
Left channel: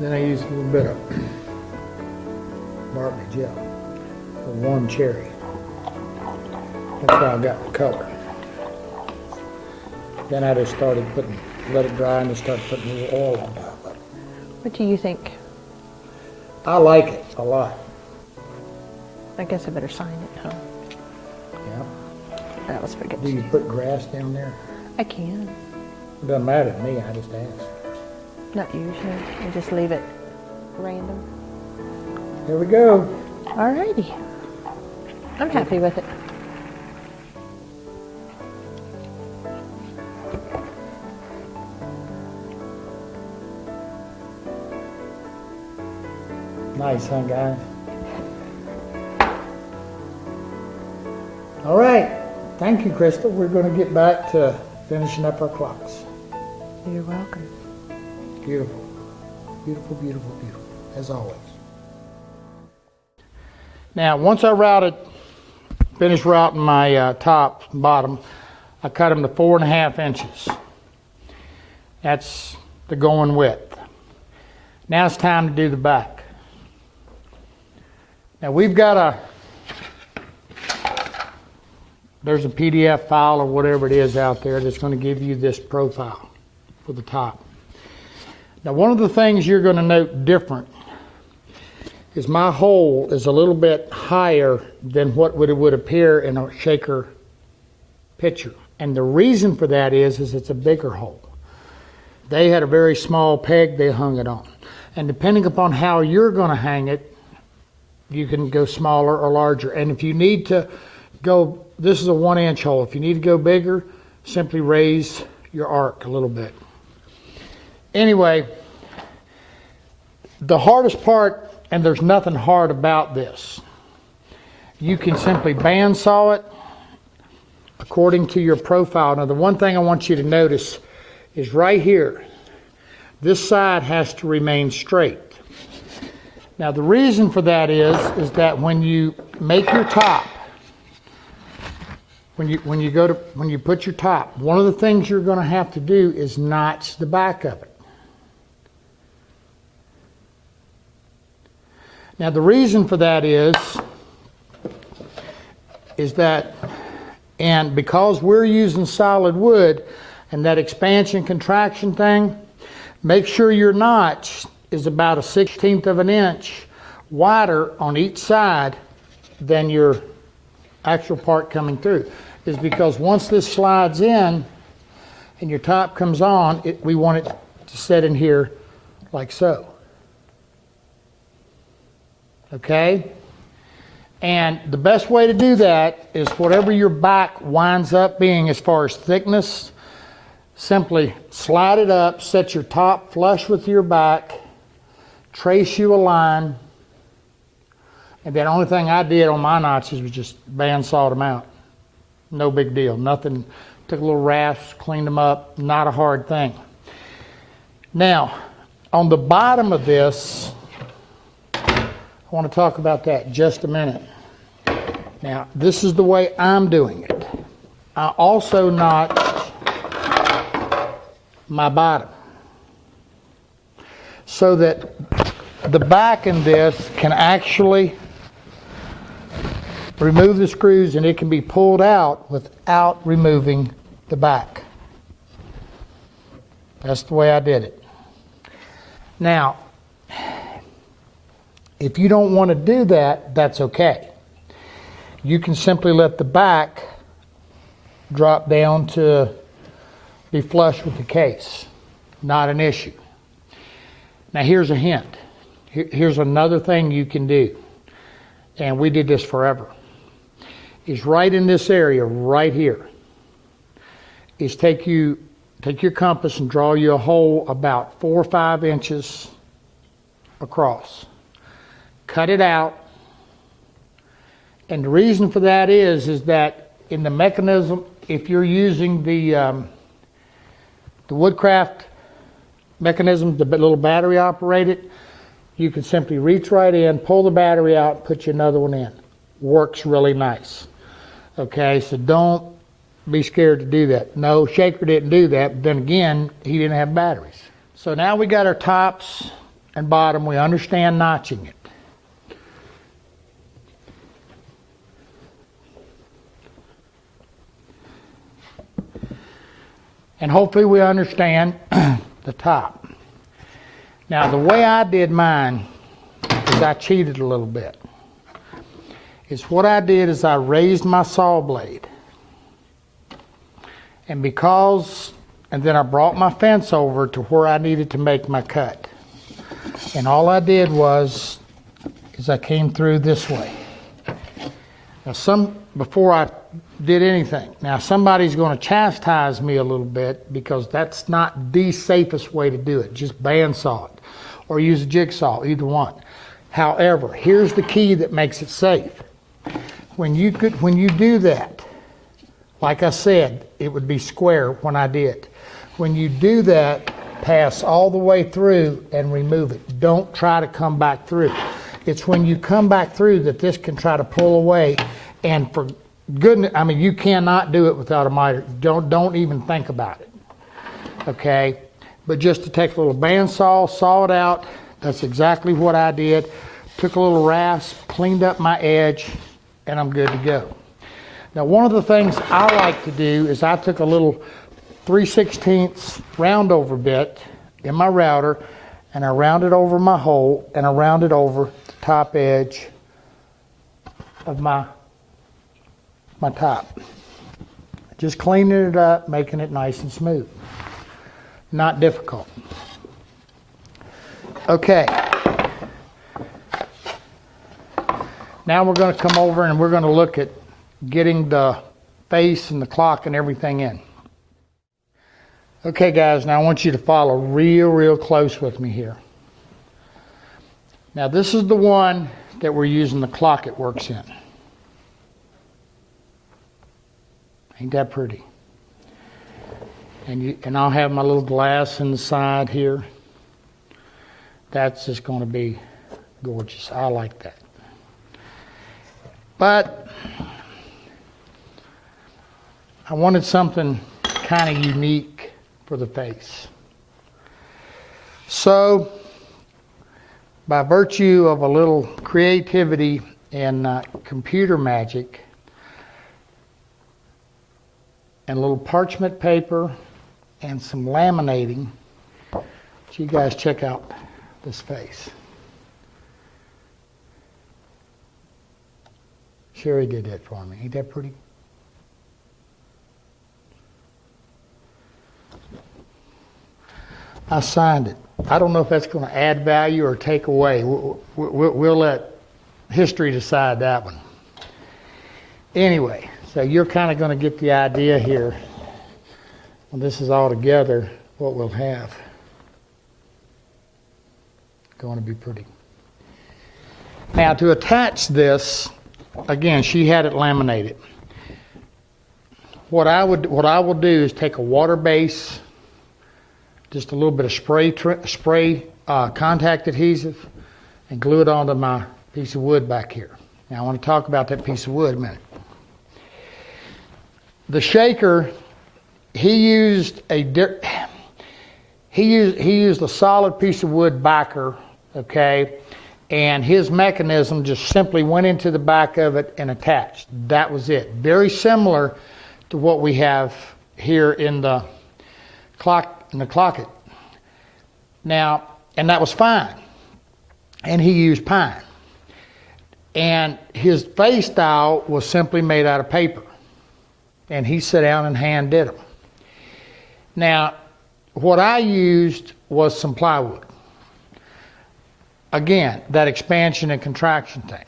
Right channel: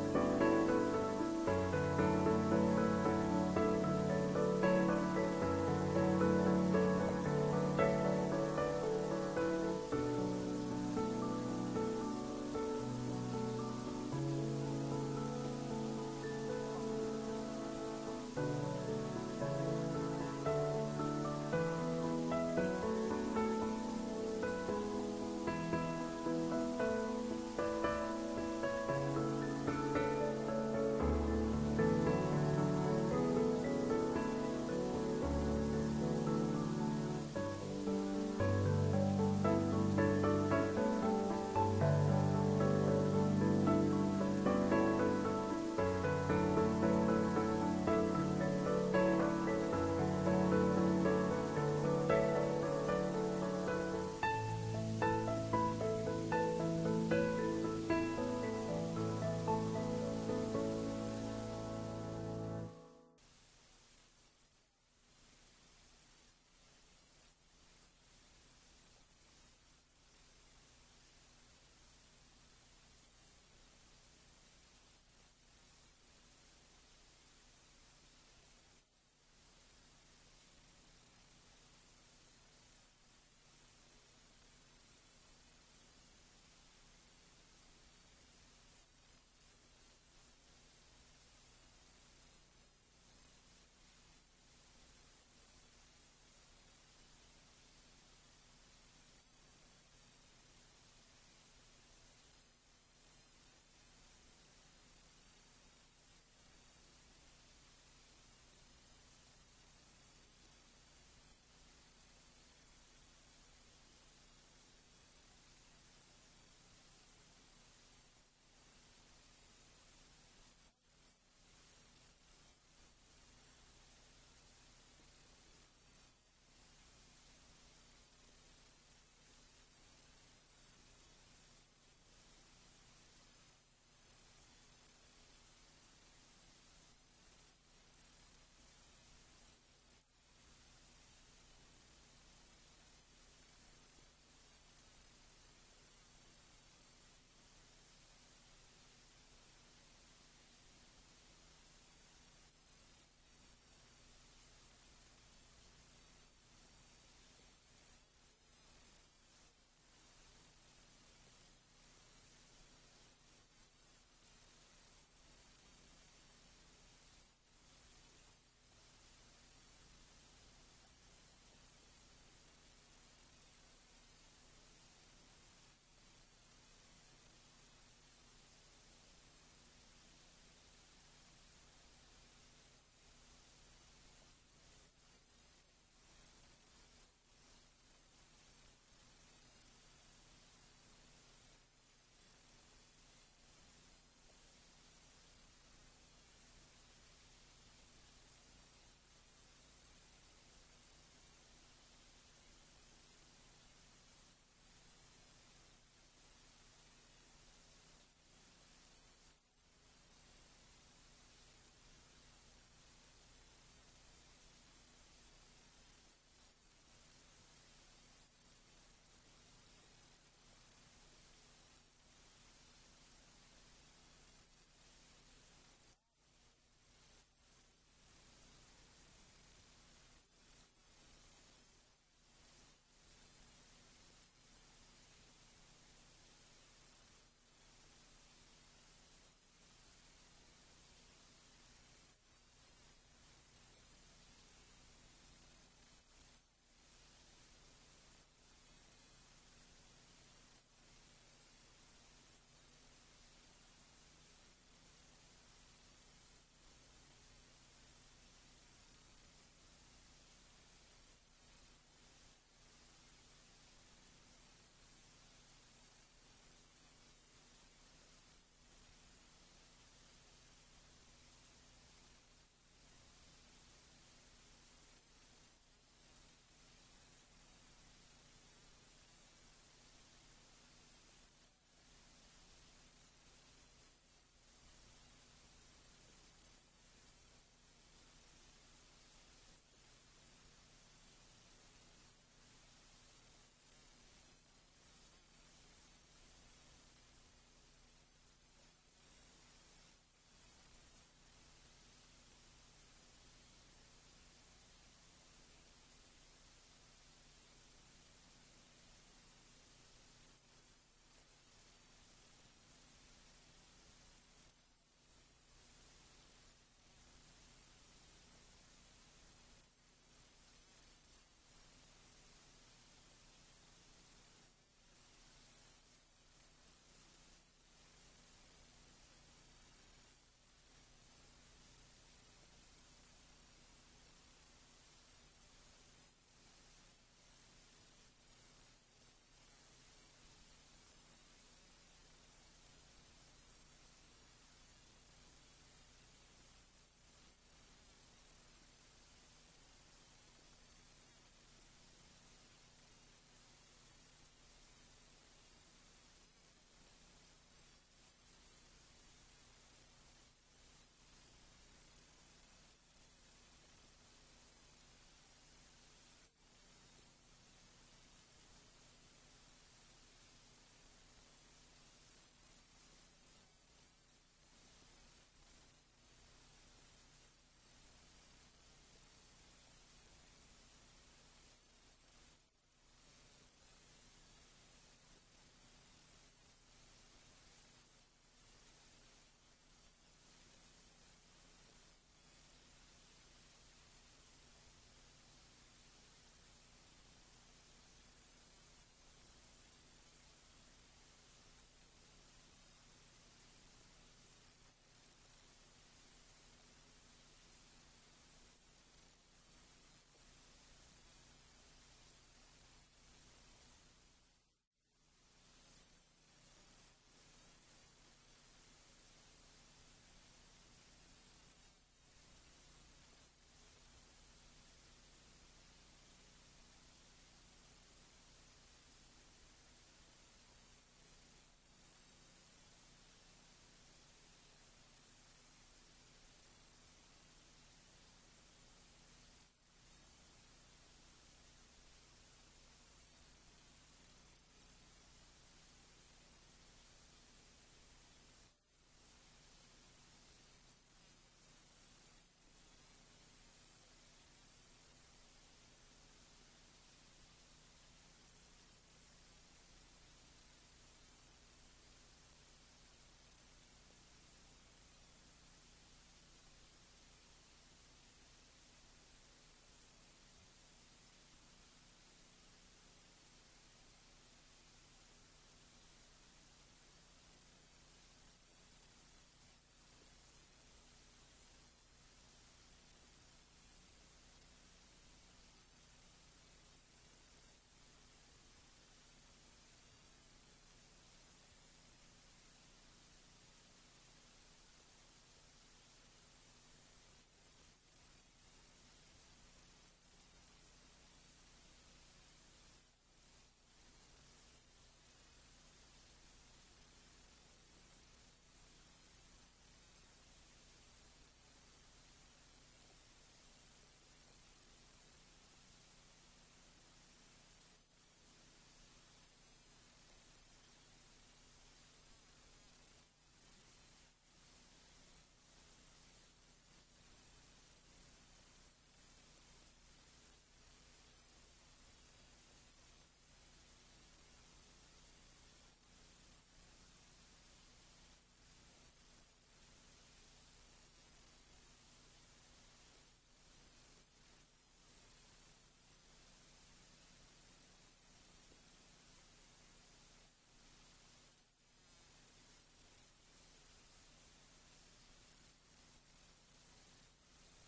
Then I used a little bit of Bartley gel for one cherry. That's how I got the color. Then I just started let it dry and just started putting a little oil on top of it. What do you think? I like it a lot. I guess I better sign it, huh? Yeah. That was forget. Do you put grass down there? I can. It doesn't matter to me, I just ask. Not usually. I just leave it random. There we go. Alrighty. I'm happy with it. Nice, huh, guys? All right. Thank you, Crystal. We're going to get back to finishing up our clocks. You're welcome. Beautiful. Beautiful, beautiful, beautiful, as always. Now, once I finished routing my top and bottom, I cut them to 4.5 inches. That's the going width. Now it's time to do the back. Now we've got there's a PDF file or whatever it is out there that's going to give you this profile for the top. Now one of the things you're going to note different is my hole is a little bit higher than what would appear in a shaker picture. And the reason for that is it's a bigger hole. They had a very small peg they hung it on. And depending upon how you're going to hang it, you can go smaller or larger. And if you need to go, this is a 1-inch hole. If you need to go bigger, simply raise your arc a little bit. Anyway, the hardest part, and there's nothing hard about this, you can simply bandsaw it according to your profile. Now, the one thing I want you to notice is right here, this side has to remain straight. Now, the reason for that is that when you make your top, when you put your top, one of the things you're going to have to do is notch the back of it. Now, the reason for that is that, and because we're using solid wood and that expansion contraction thing, make sure your notch is about a 1/16 of an inch wider on each side than your actual part coming through. Is because once this slides in and your top comes on, we want it to set in here like so. Okay? And the best way to do that is whatever your back winds up being as far as thickness, simply slide it up, set your top flush with your back, trace you a line, and the only thing I did on my notches was just bandsawed them out. No big deal. Nothing. Took a little rasp, cleaned them up. Not a hard thing. Now, on the bottom of this, I want to talk about that just a minute. Now, this is the way I'm doing it. I also notch my bottom so that the back in this can actually remove the screws and it can be pulled out without removing the back. That's the way I did it. Now, if you don't want to do that, that's okay. You can simply let the back drop down to be flush with the case. Not an issue. Now here's a hint. Here's another thing you can do. And we did this forever. Is right in this area, right here, is take your compass and draw you a hole about 4 or 5 inches across. Cut it out. And the reason for that is that in the mechanism, if you're using the Woodcraft mechanism, the little battery operated, you can simply reach right in, pull the battery out, put you another one in. Works really nice. Okay, so don't be scared to do that. No, Shaker didn't do that, but then again, he didn't have batteries. So now we got our tops and bottom. We understand notching it. And hopefully we understand the top. Now the way I did mine is I cheated a little bit. What I did is I raised my saw blade. And then I brought my fence over to where I needed to make my cut. And all I did is I came through this way. Now before I did anything. Now somebody's going to chastise me a little bit because that's not the safest way to do it. Just bandsaw it or use a jigsaw, either one. However, here's the key that makes it safe. When you do that, like I said, it would be square when I did. When you do that, pass all the way through and remove it. Don't try to come back through. It's when you come back through that this can try to pull away. And for goodness, I mean, you cannot do it without a miter. Don't even think about it. Okay? But just to take a little bandsaw, saw it out. That's exactly what I did. Took a little rasp, cleaned up my edge, and I'm good to go. Now, one of the things I like to do is I took a little 3/16 round over bit in my router, and I rounded over my hole, and I rounded over the top edge of my top. Just cleaning it up, making it nice and smooth. Not difficult. Okay. now we're going to come over and we're going to look at getting the face and the clock and everything in. Okay guys, now I want you to follow real close with me here. Now this is the one that we're using the clock it works in. Ain't that pretty? And I'll have my little glass in the side here. That's just going to be gorgeous. I like that. But I wanted something kind of unique for the face. So, by virtue of a little creativity and computer magic, and a little parchment paper and some laminating, you guys check out this face. Sherry did that for me. Ain't that pretty? I signed it. I don't know if that's going to add value or take away. We'll let history decide that one. Anyway, so you're kind of going to get the idea here when this is all together, what we'll have. Going to be pretty. Now to attach this, again, she had it laminated. What I will do is take a water base, just a little bit of spray contact adhesive, and glue it onto my piece of wood back here. Now I want to talk about that piece of wood a minute. The shaker, he used a solid piece of wood backer, okay, and his mechanism just simply went into the back of it and attached. That was it. Very similar to what we have here in the clocket. Now, and that was fine. And he used pine. And his face style was simply made out of paper. And he sat down and hand did them. Now, what I used was some plywood. Again, that expansion and contraction thing.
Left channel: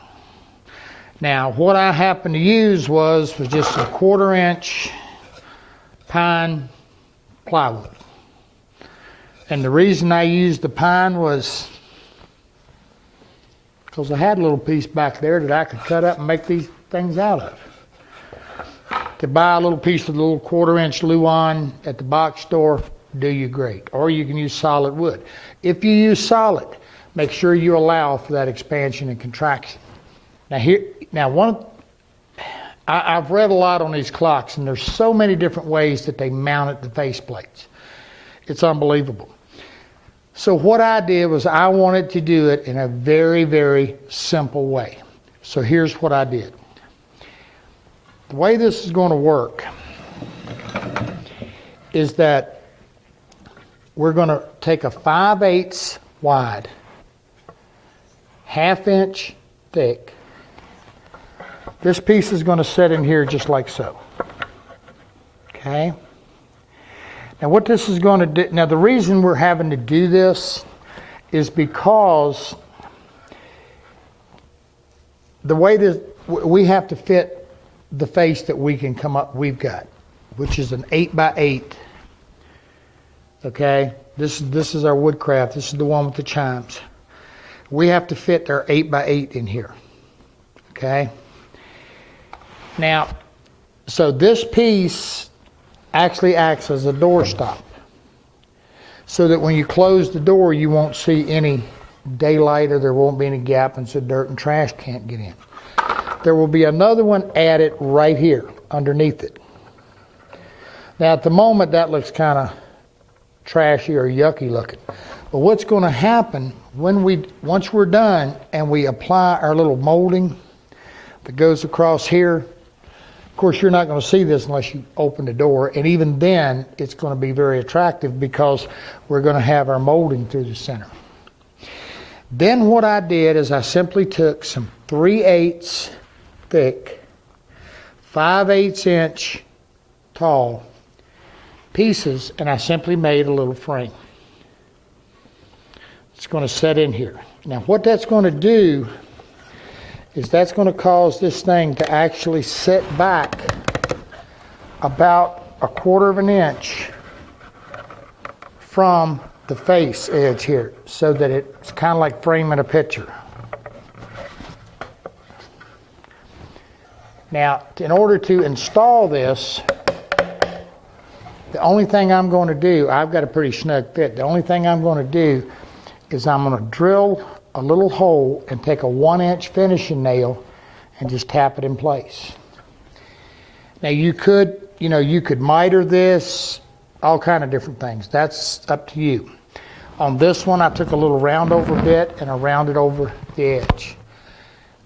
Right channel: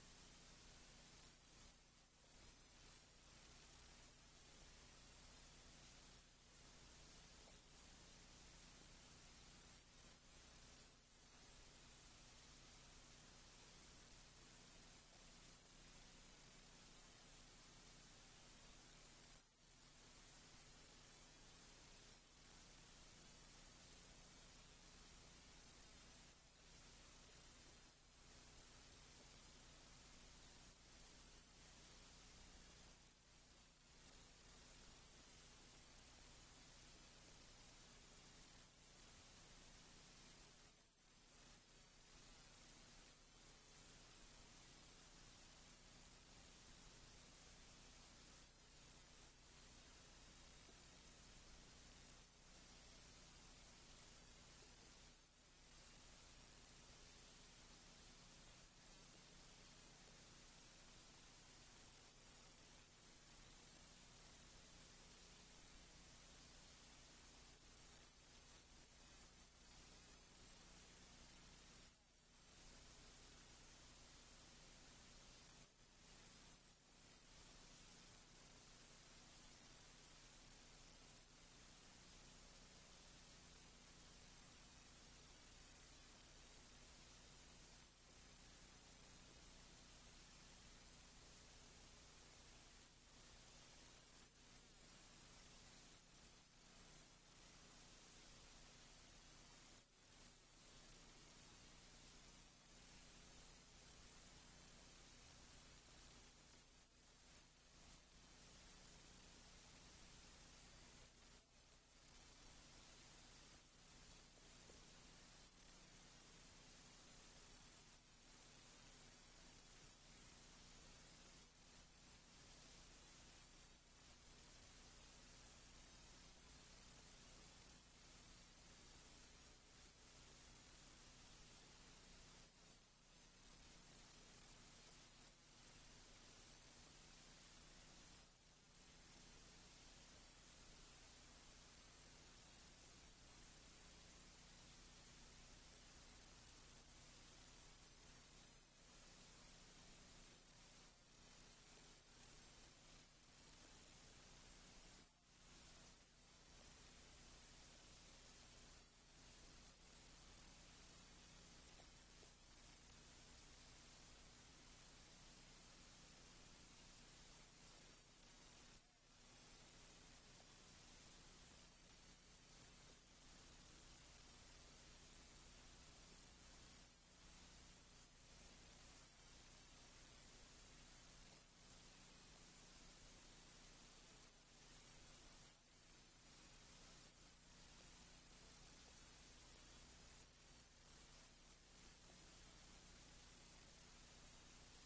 Now, what I happened to use was just a 1/4 inch pine plywood. And the reason I used the pine was because I had a little piece back there that I could cut up and make these things out of. To buy a little piece of the little 1/4 inch Luan at the box store, do you great. Or you can use solid wood. If you use solid, make sure you allow for that expansion and contraction. I've read a lot on these clocks, and there's so many different ways that they mounted the face plates. It's unbelievable. So what I did was I wanted to do it in a very simple way. So here's what I did. The way this is going to work is that we're going to take a 5/8 wide, 1/2 inch thick. This piece is going to sit in here just like so. Okay? Now what this is going to do, now the reason we're having to do this is because the way this, we have to fit the face that we've got, which is an 8x8. Okay? This is our woodcraft. This is the one with the chimes. We have to fit our 8x8 in here. Okay? Now, so this piece actually acts as a door stop, so that when you close the door, you won't see any daylight or there won't be any gap, and so dirt and trash can't get in. There will be another one added right here underneath it. Now at the moment that looks kind of trashy or yucky looking. But what's going to happen once we're done and we apply our little molding that goes across here, of course you're not going to see this unless you open the door, and even then it's going to be very attractive because we're going to have our molding through the center. Then what I did is I simply took some 3/8 thick, 5/8 inch tall pieces, and I simply made a little frame. It's going to set in here. Now what that's going to do is that's going to cause this thing to actually sit back about 1/4 of an inch from the face edge here, so that it's kind of like framing a picture. Now, in order to install this, the only thing I'm going to do, I've got a pretty snug fit, the only thing I'm going to do is I'm going to drill a little hole and take a 1-inch finishing nail and just tap it in place. Now you could miter this, all kind of different things. That's up to you. On this one, I took a little round over bit and I rounded over the edge.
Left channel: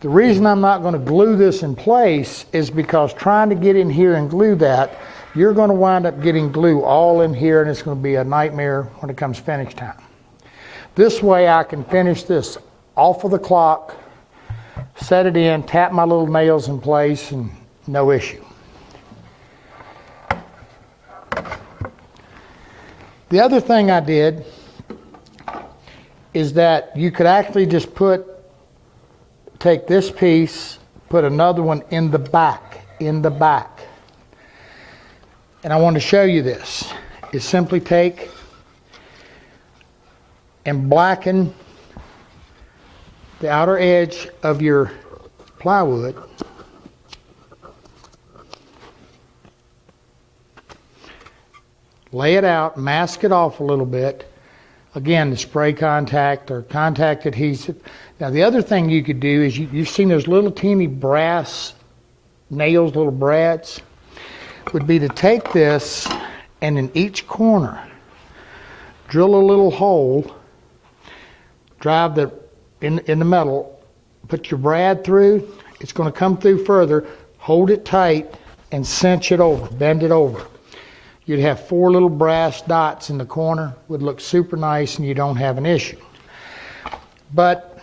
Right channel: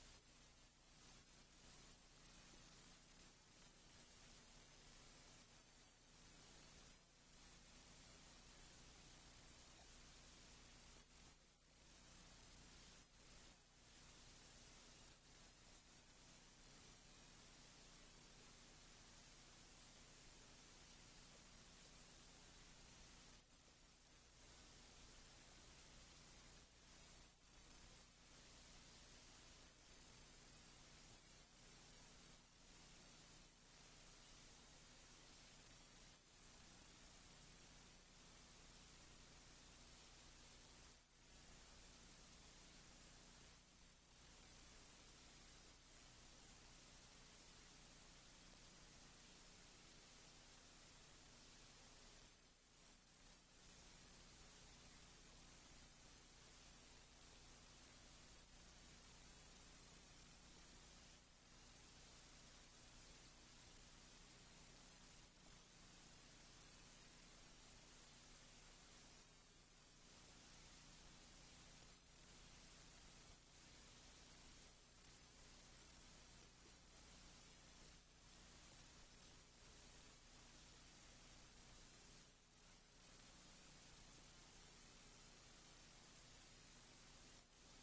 The reason I'm not going to glue this in place is because trying to get in here and glue that, you're going to wind up getting glue all in here, and it's going to be a nightmare when it comes finish time. This way I can finish this off of the clock, set it in, tap my little nails in place, and no issue. The other thing I did is that you could actually just take this piece, put another one in the back. And I want to show you this. Is simply take and blacken the outer edge of your plywood. Lay it out, mask it off a little bit. Again, the spray contact or contact adhesive. Now the other thing you could do is you've seen those little teeny brass nails, little brads, would be to take this and in each corner drill a little hole, drive in the metal, put your brad through, it's going to come through further, hold it tight and cinch it over, bend it over. You'd have 4 little brass dots in the corner, would look super nice, and you don't have an issue. But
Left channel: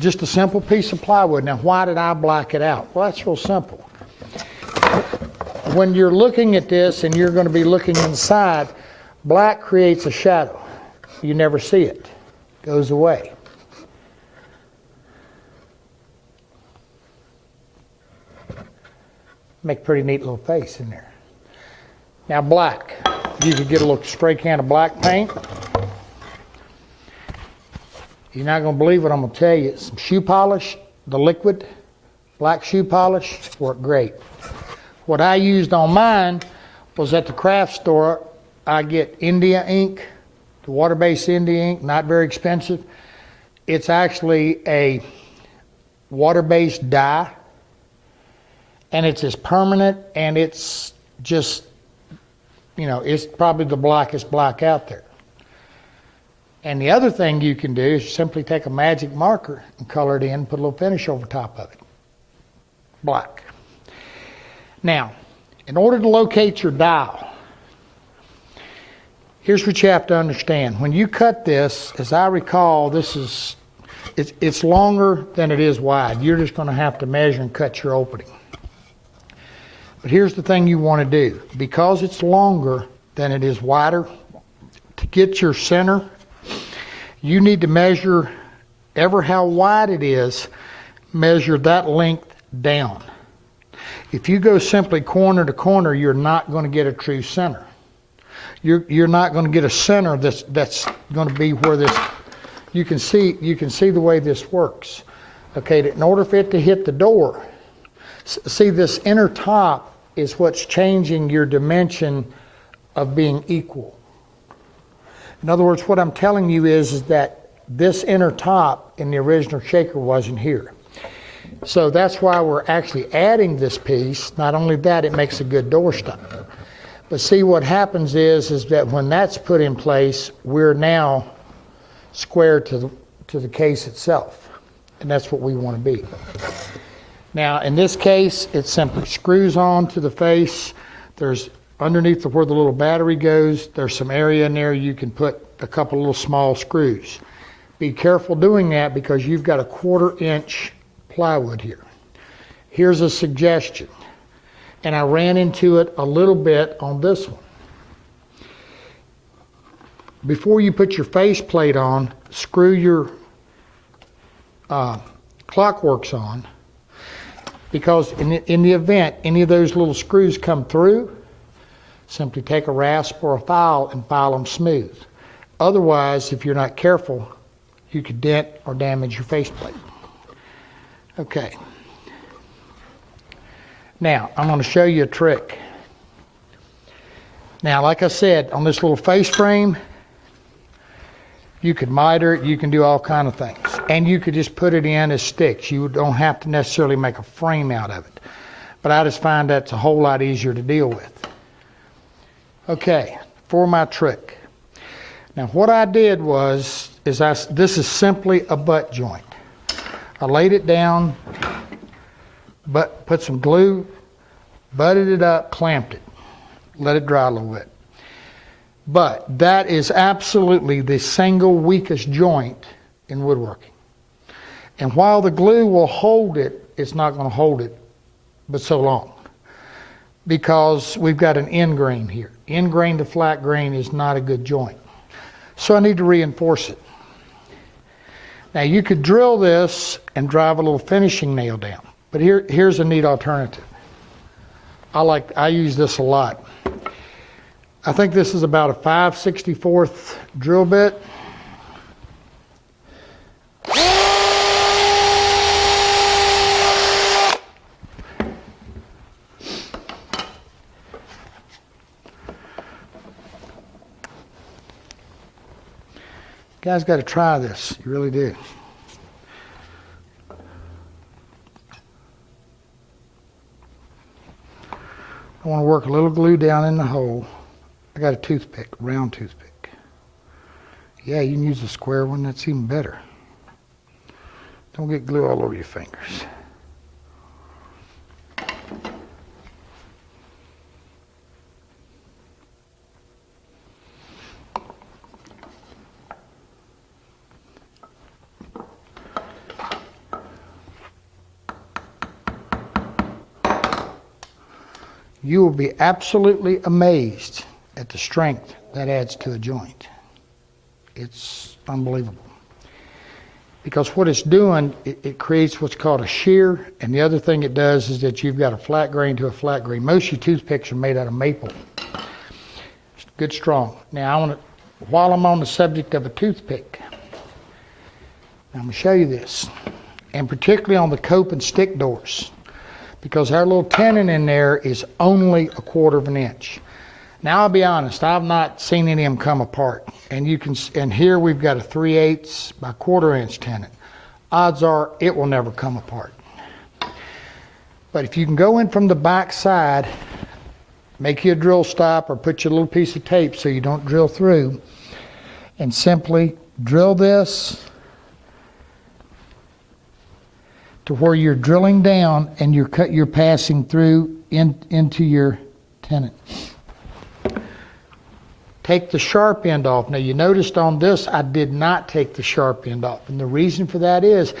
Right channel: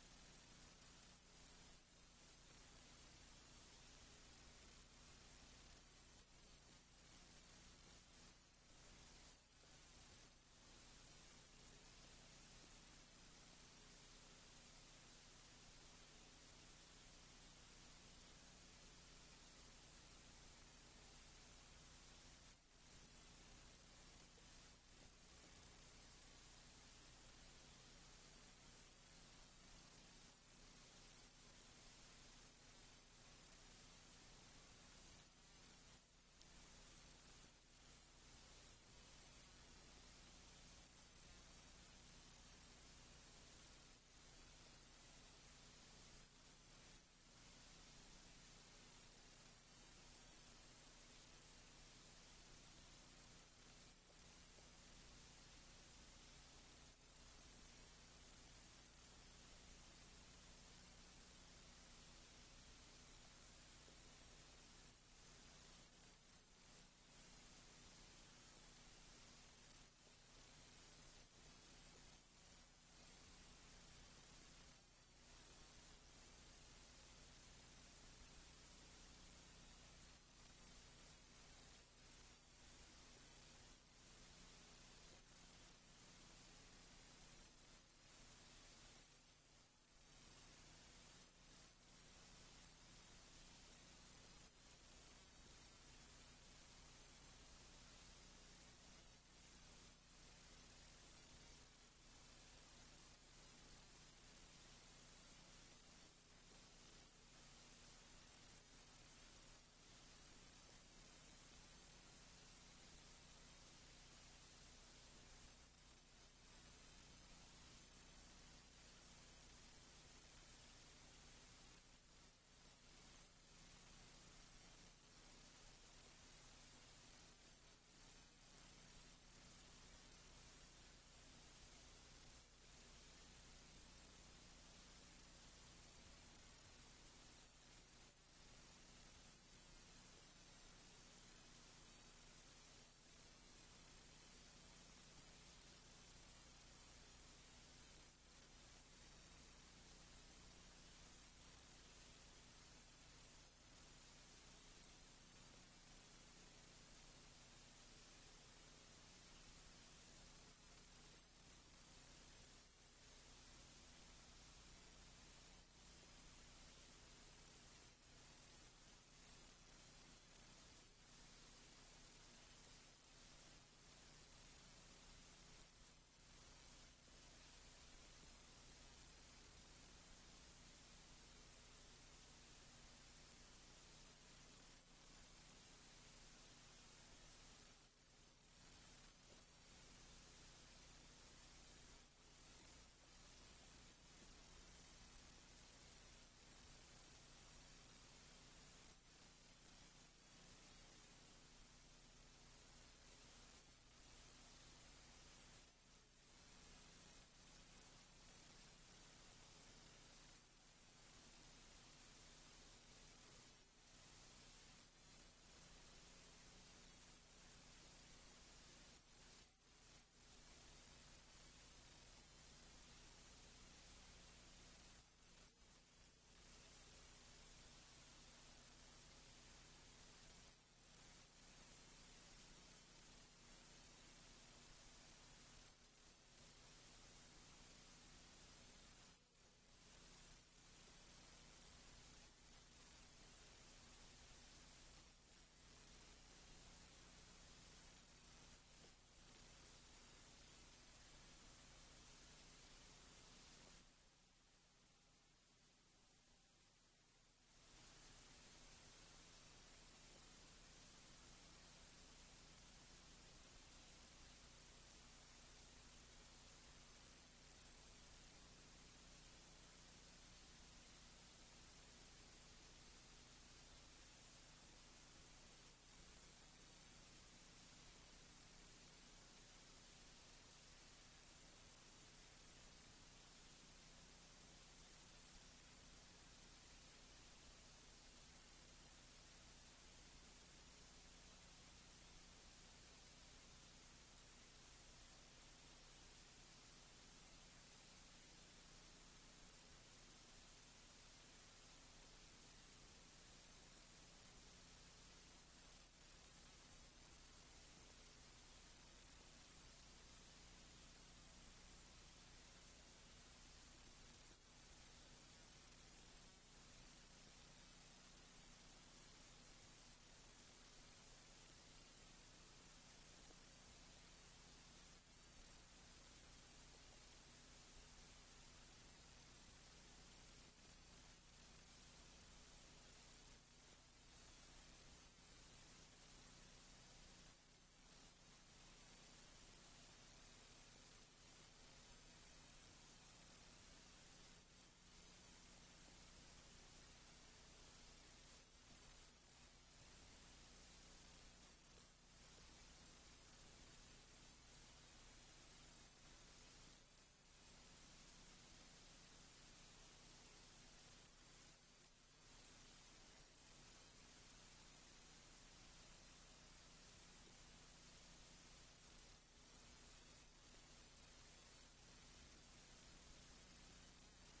just a simple piece of plywood. Now, why did I black it out? Well, that's real simple. When you're looking at this and you're going to be looking inside, black creates a shadow. You never see it. It goes away. Make a pretty neat little face in there. Now black, you could get a little spray can of black paint. You're not going to believe what I'm going to tell you. Some shoe polish, the liquid, black shoe polish, work great. What I used on mine was at the craft store, I get India ink, the water-based India ink, not very expensive. It's actually a water-based dye, and it's as permanent, and it's just, it's probably the blackest black out there. And the other thing you can do is simply take a magic marker and color it in, put a little finish over top of it. Black. Now, in order to locate your dial, here's what you have to understand. When you cut this, as I recall, it's longer than it is wide. You're just going to have to measure and cut your opening. But here's the thing you want to do. Because it's longer than it is wider, to get your center, you need to measure ever how wide it is, measure that length down. If you go simply corner to corner, you're not going to get a true center. You're not going to get a center that's going to be where this. You can see the way this works. Okay, in order for it to hit the door, see this inner top is what's changing your dimension of being equal. In other words, what I'm telling you is that this inner top in the original shaker wasn't here. So that's why we're actually adding this piece. Not only that, it makes a good doorstop. But see, what happens is that when that's put in place, we're now square to the case itself. And that's what we want to be. Now, in this case, it simply screws on to the face. There's underneath where the little battery goes, there's some area in there you can put a couple little small screws. Be careful doing that because you've got a 1/4 inch plywood here. Here's a suggestion, and I ran into it a little bit on this one. Before you put your face plate on, screw your clock works on, because in the event any of those little screws come through, simply take a rasp or a file and file them smooth. Otherwise, if you're not careful, you could dent or damage your faceplate. Okay. Now, I'm going to show you a trick. Now, like I said, on this little face frame, you could miter it, you can do all kind of things. And you could just put it in as sticks. You don't have to necessarily make a frame out of it. But I just find that's a whole lot easier to deal with. Okay, for my trick. Now, what I did was, this is simply a butt joint. I laid it down, but put some glue, butted it up, clamped it, let it dry a little bit. But that is absolutely the single weakest joint in woodworking. And while the glue will hold it, it's not going to hold it but so long, because we've got an end grain here. End grain to flat grain is not a good joint. So I need to reinforce it. Now you could drill this and drive a little finishing nail down, but here's a neat alternative. I use this a lot. I think this is about a 5/64 drill bit. You guys got to try this. You really do. I want to work a little glue down in the hole. I got a toothpick, round toothpick. Yeah, you can use a square one. That's even better. Don't get glue all over your fingers. You will be absolutely amazed at the strength that adds to a joint. It's unbelievable. Because what it's doing, it creates what's called a shear, and the other thing it does is that you've got a flat grain to a flat grain. Most of your toothpicks are made out of maple. It's good, strong. Now, while I'm on the subject of a toothpick, I'm going to show you this, and particularly on the cope and stick doors, because our little tenon in there is only 1/4 inch. Now, I'll be honest, I've not seen any of them come apart. And here we've got a 3/8 by 1/4 inch tenon. Odds are it will never come apart. But if you can go in from the back side, make you a drill stop or put you a little piece of tape so you don't drill through, and simply drill this to where you're drilling down and you're passing through into your tenon. Take the sharp end off. Now you noticed on this I did not take the sharp end off, and the reason for that is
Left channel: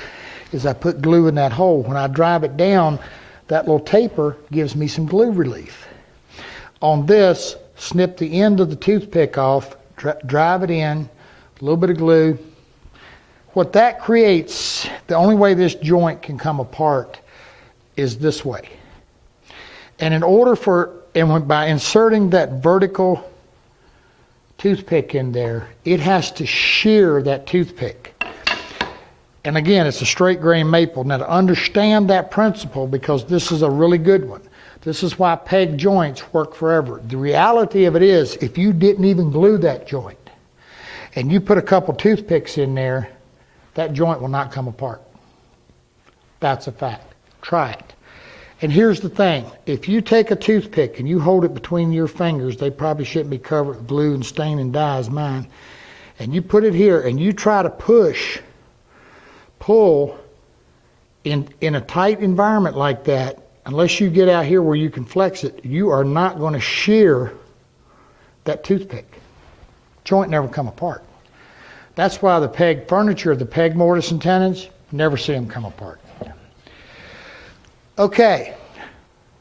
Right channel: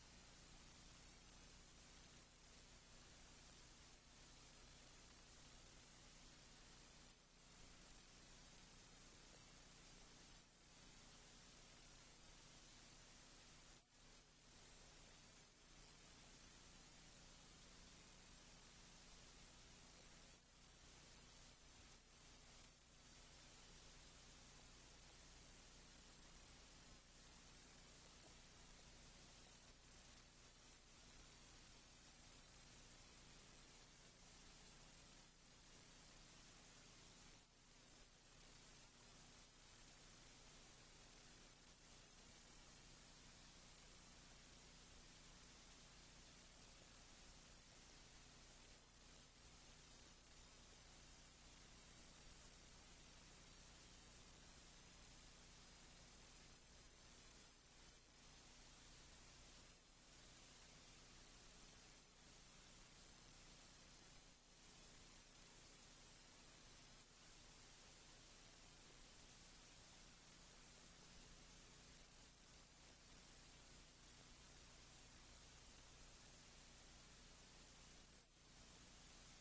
I put glue in that hole. When I drive it down, that little taper gives me some glue relief. On this, snip the end of the toothpick off, drive it in, a little bit of glue. What that creates, the only way this joint can come apart is this way. And by inserting that vertical toothpick in there, it has to shear that toothpick. And again, it's a straight grain maple. Now to understand that principle, because this is a really good one, this is why peg joints work forever. The reality of it is, if you didn't even glue that joint, and you put a couple toothpicks in there, that joint will not come apart. That's a fact. Try it. And here's the thing. If you take a toothpick and you hold it between your fingers, they probably shouldn't be covered with glue and stain and dye as mine, and you put it here and you try to pull in a tight environment like that, unless you get out here where you can flex it, you are not going to shear that toothpick. Joint never come apart. That's why the peg furniture, the peg mortise and tenons, never see them come apart. Okay,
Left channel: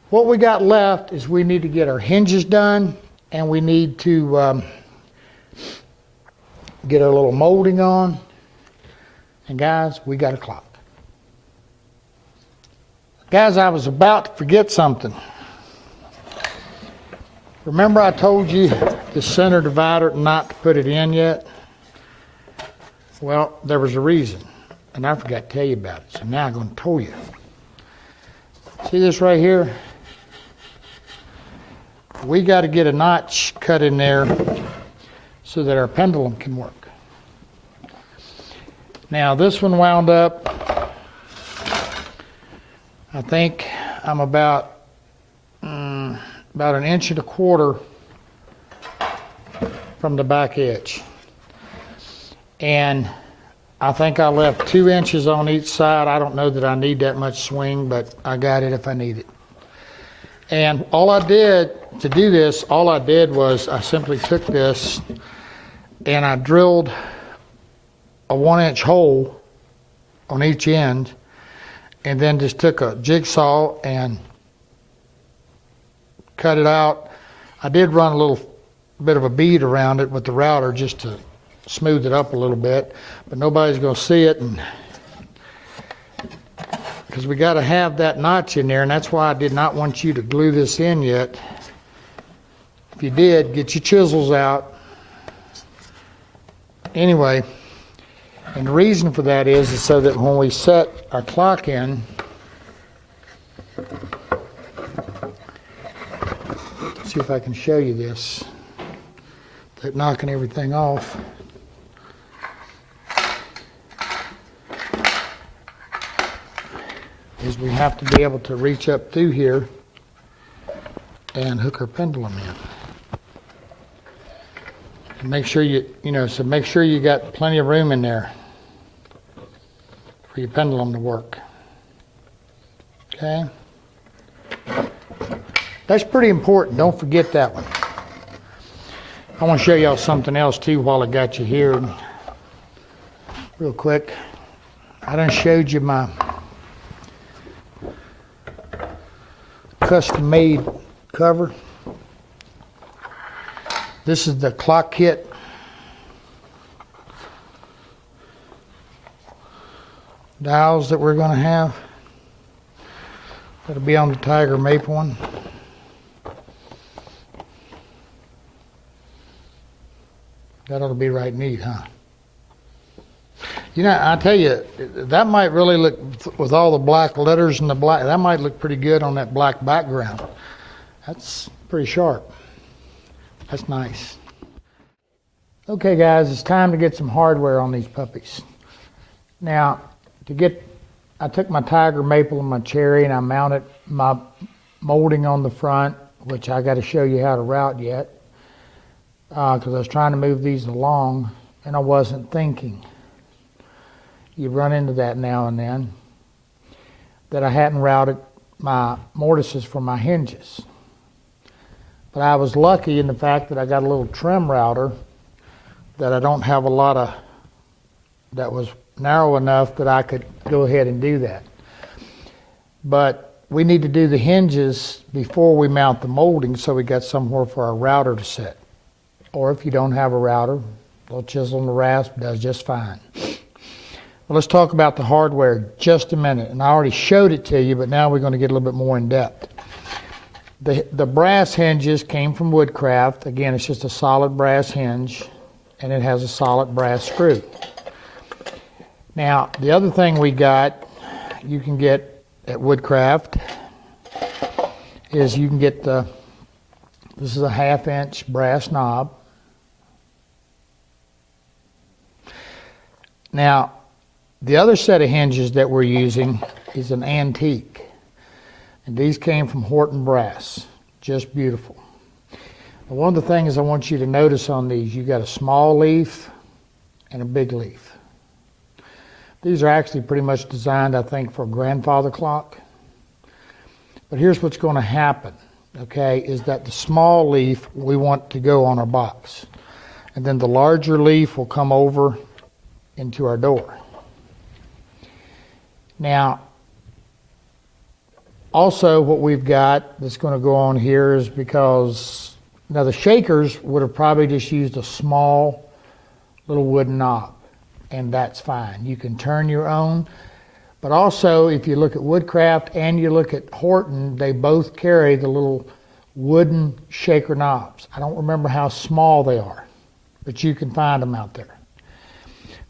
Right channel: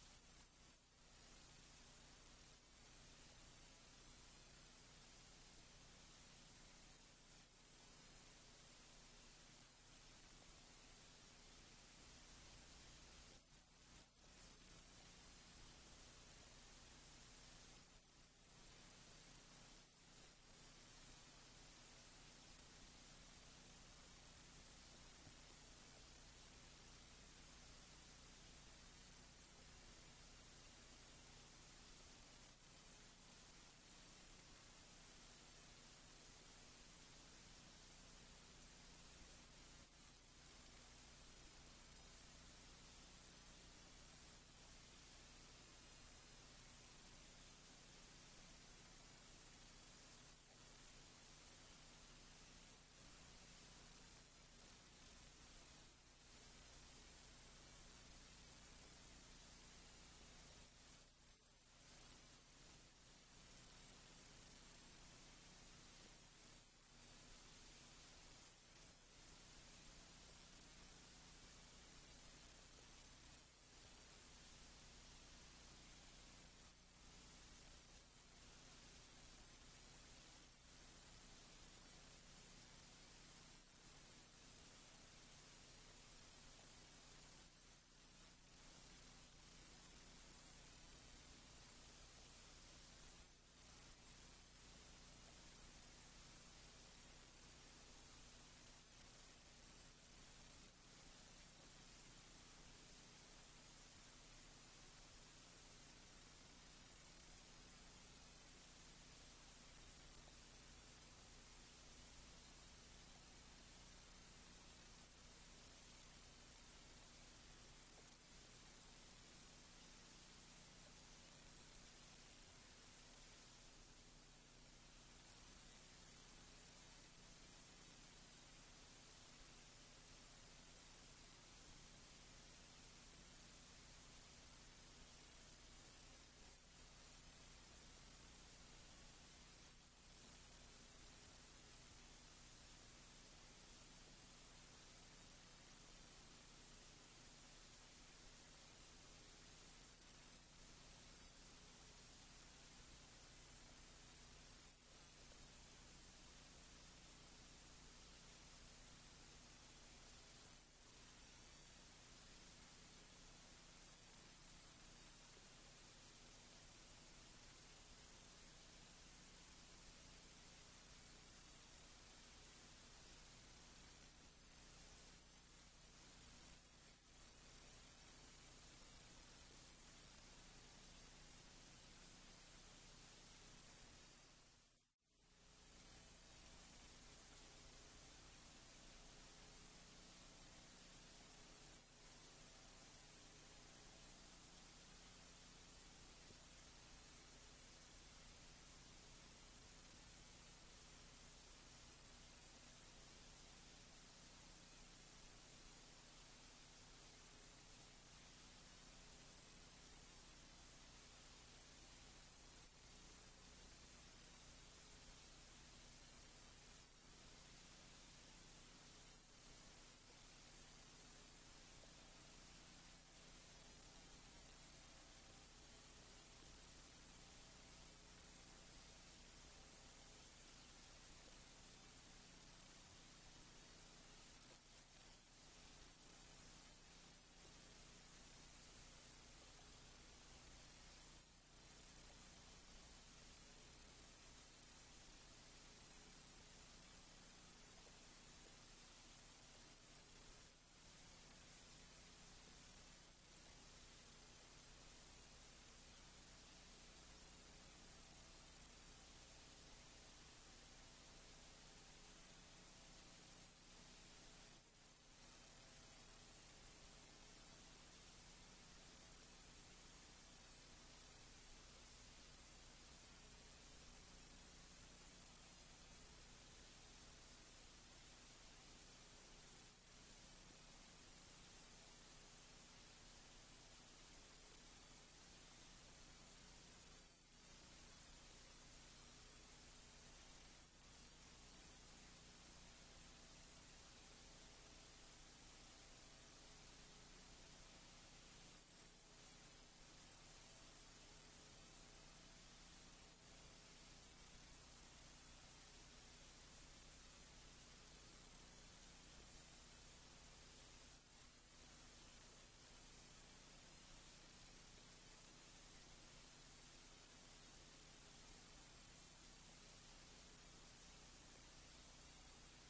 what we got left is we need to get our hinges done, and we need to get our little molding on. And guys, we got a clock. Guys, I was about to forget something. Remember I told you the center divider not to put it in yet? Well, there was a reason, and I forgot to tell you about it, so now I'm going to tell you. See this right here? We got to get a notch cut in there so that our pendulum can work. Now this one wound up, I think I'm about an 1.25 inches from the back edge. And I think I left 2 inches on each side. I don't know that I need that much swing, but I got it if I need it. And all I did to do this, was I simply took this and I drilled a 1-inch hole on each end, and then just took a jigsaw and cut it out. I did run a little bit of a bead around it with the router just to smooth it up a little bit, but nobody's going to see it, and because we got to have that notch in there, and that's why I did not want you to glue this in yet. If you did, get your chisels out. Anyway, and the reason for that is so that when we set our clock in, see if I can show you this, without knocking everything off. Is we have to be able to reach up through here and hook our pendulum in. And make sure make sure you got plenty of room in there for your pendulum to work. Okay? That's pretty important. Don't forget that one. I want to show y'all something else too while I got you here. Real quick. I done showed you my custom-made cover. This is the clock kit. Dials that we're going to have. That'll be on the Tiger Maple one. That ought to be right neat, huh? You know, I tell you, that might really look, with all the black letters and the black, that might look pretty good on that black background. That's pretty sharp. That's nice. Okay guys, it's time to get some hardware on these puppies. Now, I took my Tiger Maple and my Cherry and I mounted my molding on the front, which I got to show you how to route yet, because I was trying to move these along and I wasn't thinking. You run into that now and then, that I hadn't routed my mortises for my hinges. But I was lucky in the fact that I got a little trim router that I don't have a lot of, that was narrow enough that I could go ahead and do that. But we need to do the hinges before we mount the molding, so we got somewhere for our router to sit. Or if you don't have a router, a little chisel and a rasp does just fine. Well, let's talk about the hardware just a minute. And I already showed it to you, but now we're going to get a little bit more in depth. The brass hinges came from Woodcraft. Again, it's just a solid brass hinge, and it has a solid brass screw. Now, the other thing we got, you can get at Woodcraft, is you can get this is a 1/2 inch brass knob. Now, the other set of hinges that we're using is an antique. And these came from Horton Brass. Just beautiful. Now, one of the things I want you to notice on these, you got a small leaf and a big leaf. These are actually pretty much designed, I think, for a grandfather clock. But here's what's going to happen, okay, is that the small leaf we want to go on our box. And then the larger leaf will come over into our door. Now, also what we've got that's going to go on here is because, now the shakers would have probably just used a small little wooden knob, and that's fine. You can turn your own, But also, if you look at Woodcraft and you look at Horton, they both carry the little wooden shaker knobs. I don't remember how small they are, but you can find them out there.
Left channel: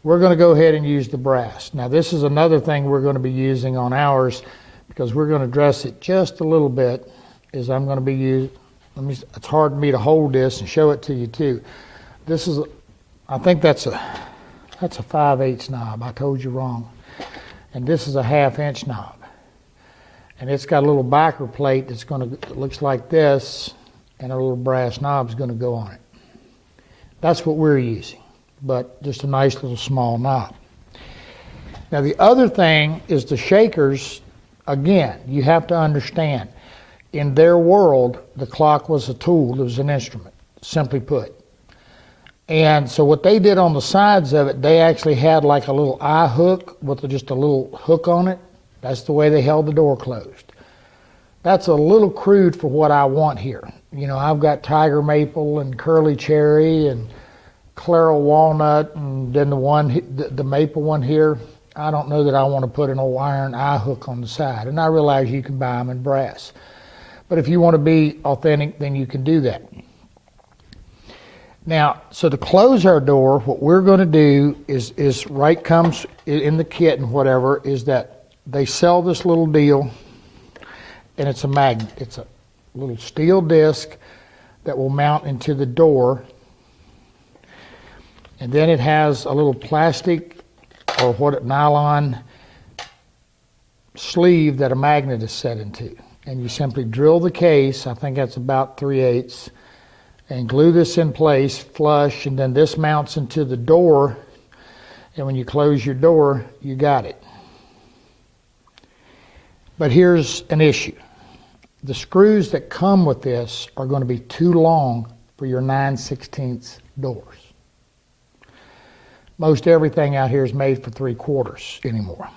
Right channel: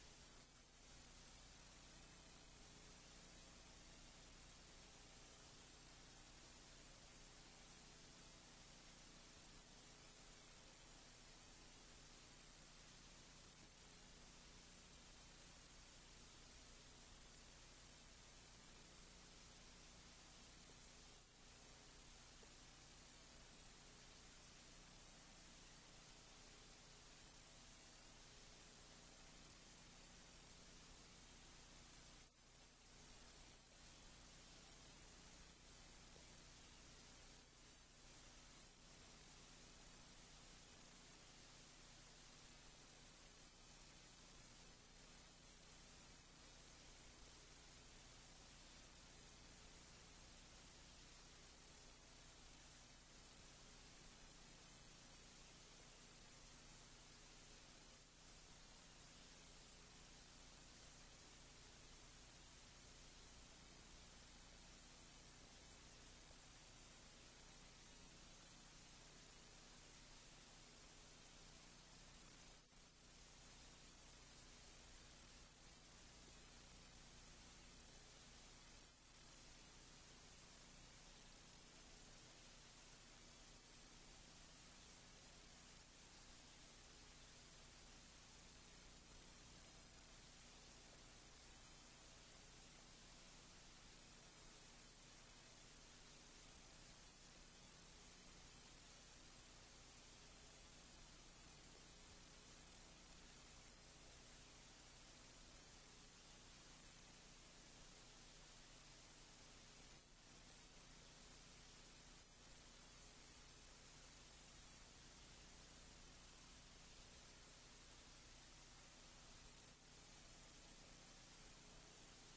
We're going to go ahead and use the brass. Now, this is another thing we're going to be using on ours, because we're going to dress it just a little bit, is I'm going to be using, it's hard for me to hold this and show it to you too. This is, I think that's a 5/8 knob. I told you wrong. And this is a 1/2 inch knob. And it's got a little backer plate that's that looks like this, and a little brass knob is going to go on it. That's what we're using, but just a nice little small knob. Now the other thing is the shakers. Again, you have to understand, in their world, the clock was a tool, it was an instrument, simply put. And so what they did on the sides of it, they actually had like a little eye hook with just a little hook on it. That's the way they held the door closed. That's a little crude for what I want here. You know, I've got tiger maple and curly cherry and claral walnut, and then the maple one here. I don't know that I want to put an old iron eye hook on the side. And I realize you can buy them in brass. But if you want to be authentic, then you can do that. Now, so to close our door, what we're going to do is right comes in the kit and whatever, is that they sell this little deal, and it's a magnet. It's a little steel disc that will mount into the door. And then it has a little plastic or nylon sleeve that a magnet is set into. And you simply drill the case, I think that's about 3/8, and glue this in place flush, and then this mounts into the door, and when you close your door, you got it. But here's an issue. The screws that come with this are going to be too long for your 9/16 doors. Most everything out here is made for 3/4 anymore.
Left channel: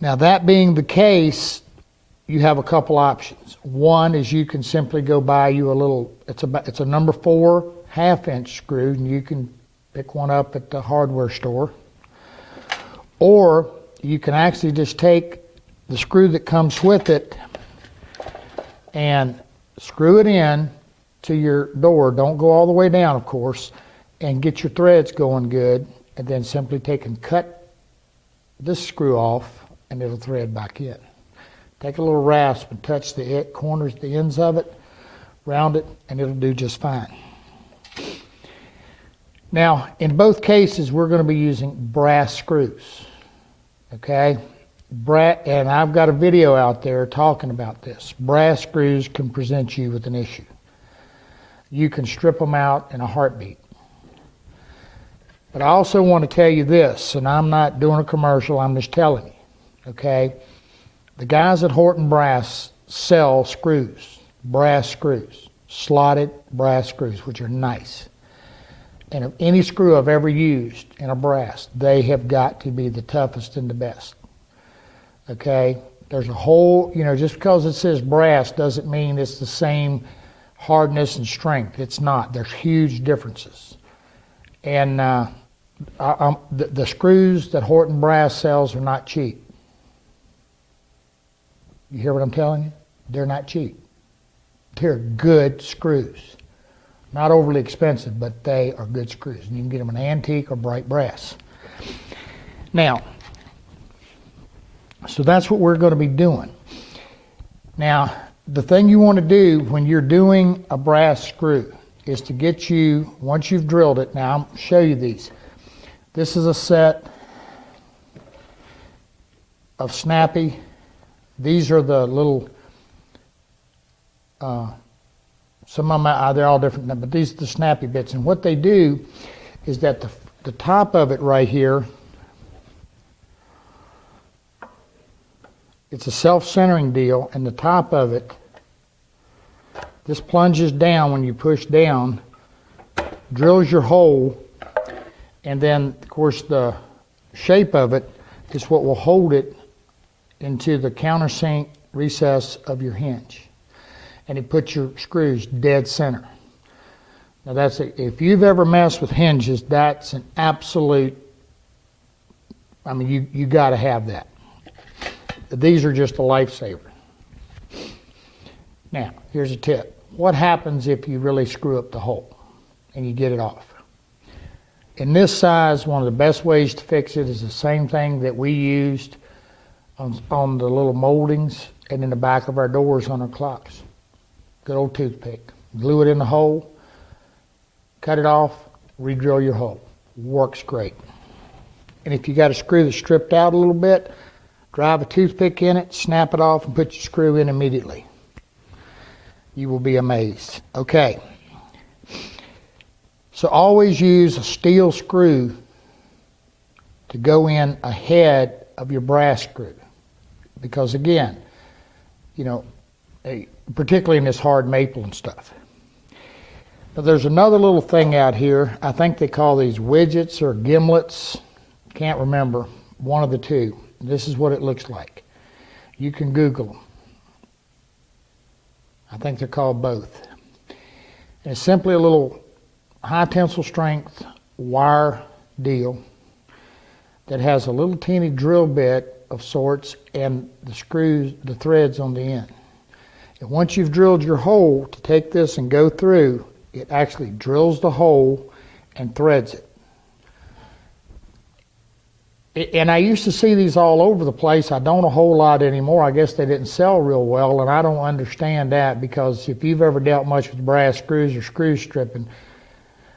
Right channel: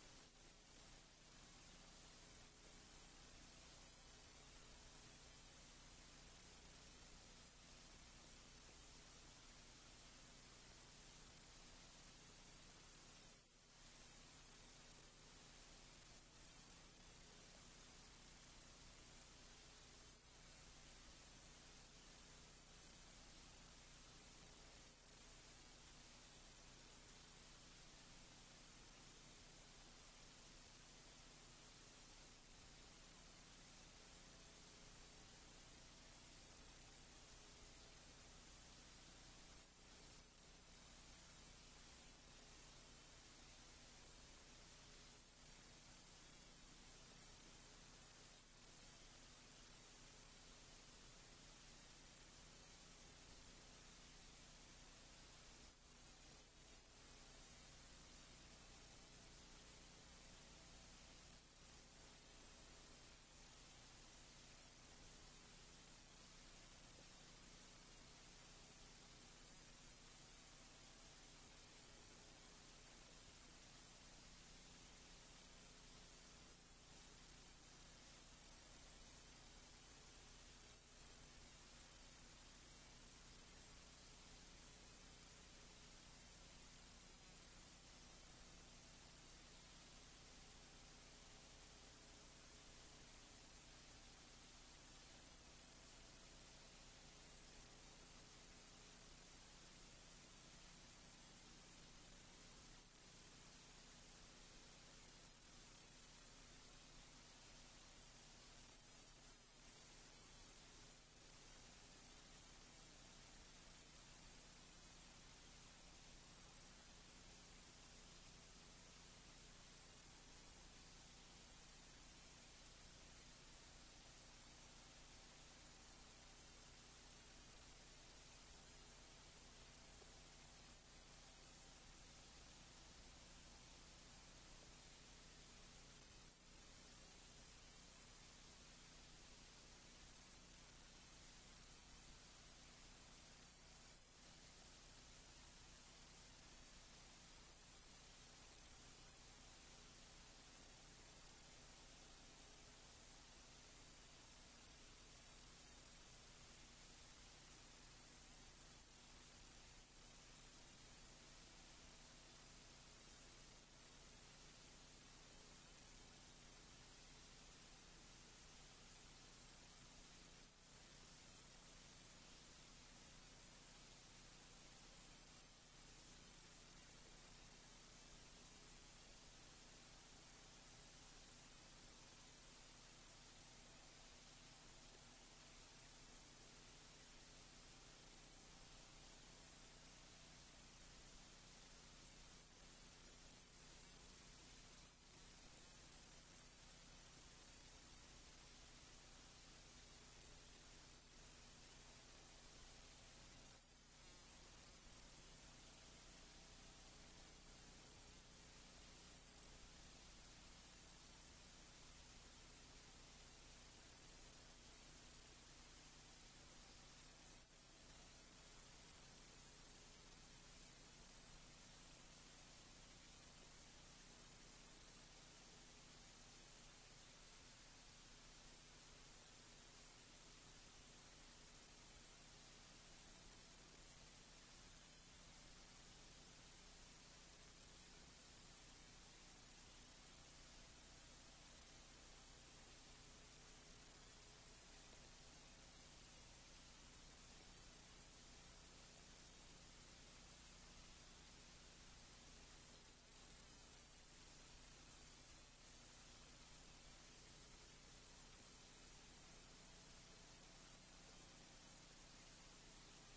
Now, that being the case, you have a couple options. One is you can simply go buy you a little, it's a number 4 1/2 inch screw, and you can pick one up at the hardware store. Or you can actually just take the screw that comes with it and screw it in to your door. Don't go all the way down, of course, and get your threads going good, and then simply take and cut this screw off, and it'll thread back in. Take a little rasp and touch the corners, the ends of it, round it, and it'll do just fine. Now, in both cases, we're going to be using brass screws, okay? And I've got a video out there talking about this. Brass screws can present you with an issue. You can strip them out in a heartbeat. But I also want to tell you this, and I'm not doing a commercial, I'm just telling you, okay? The guys at Horton Brass sell screws, brass screws, slotted brass screws, which are nice. And of any screw I've ever used in a brass, they have got to be the toughest and the best. Okay? There's a whole, just because it says brass doesn't mean it's the same hardness and strength. It's not. There's huge differences. And the screws that Horton Brass sells are not cheap. You hear what I'm telling you? They're not cheap. They're good screws. Not overly expensive, but they are good screws. And you can get them in antique or bright brass. Now, so that's what we're going to be doing. Now, the thing you want to do when you're doing a brass screw is to get you, once you've drilled it, now I'll show you these. This is a set of snappy. These are the little, some of them, they're all different, but these are the snappy bits. And what they do is that the top of it right here, it's a self-centering deal, and the top of it, this plunges down when you push down, drills your hole, and then, of course, the shape of it is what will hold it into the countersink recess of your hinge. And it puts your screws dead center. Now if you've ever messed with hinges, that's an absolute I mean, you got to have that. These are just a lifesaver. Now, here's a tip. What happens if you really screw up the hole and you get it off? In this size, one of the best ways to fix it is the same thing that we used on the little moldings and in the back of our doors on our clocks. Good old toothpick. Glue it in the hole, cut it off, re-drill your hole. Works great. And if you got a screw that's stripped out a little bit, drive a toothpick in it, snap it off, and put your screw in immediately. You will be amazed. Okay. So always use a steel screw to go in ahead of your brass screw. Because again, you know, particularly in this hard maple and stuff. Now there's another little thing out here. I think they call these widgets or gimlets. Can't remember. One of the two. This is what it looks like. You can Google them. I think they're called both. And it's simply a little high tensile strength wire deal that has a little teeny drill bit of sorts and the screws, the threads on the end. And once you've drilled your hole to take this and go through, it actually drills the hole and threads it. And I used to see these all over the place. I don't a whole lot anymore. I guess they didn't sell real well, and I don't understand that, because if you've ever dealt much with brass screws or screw stripping,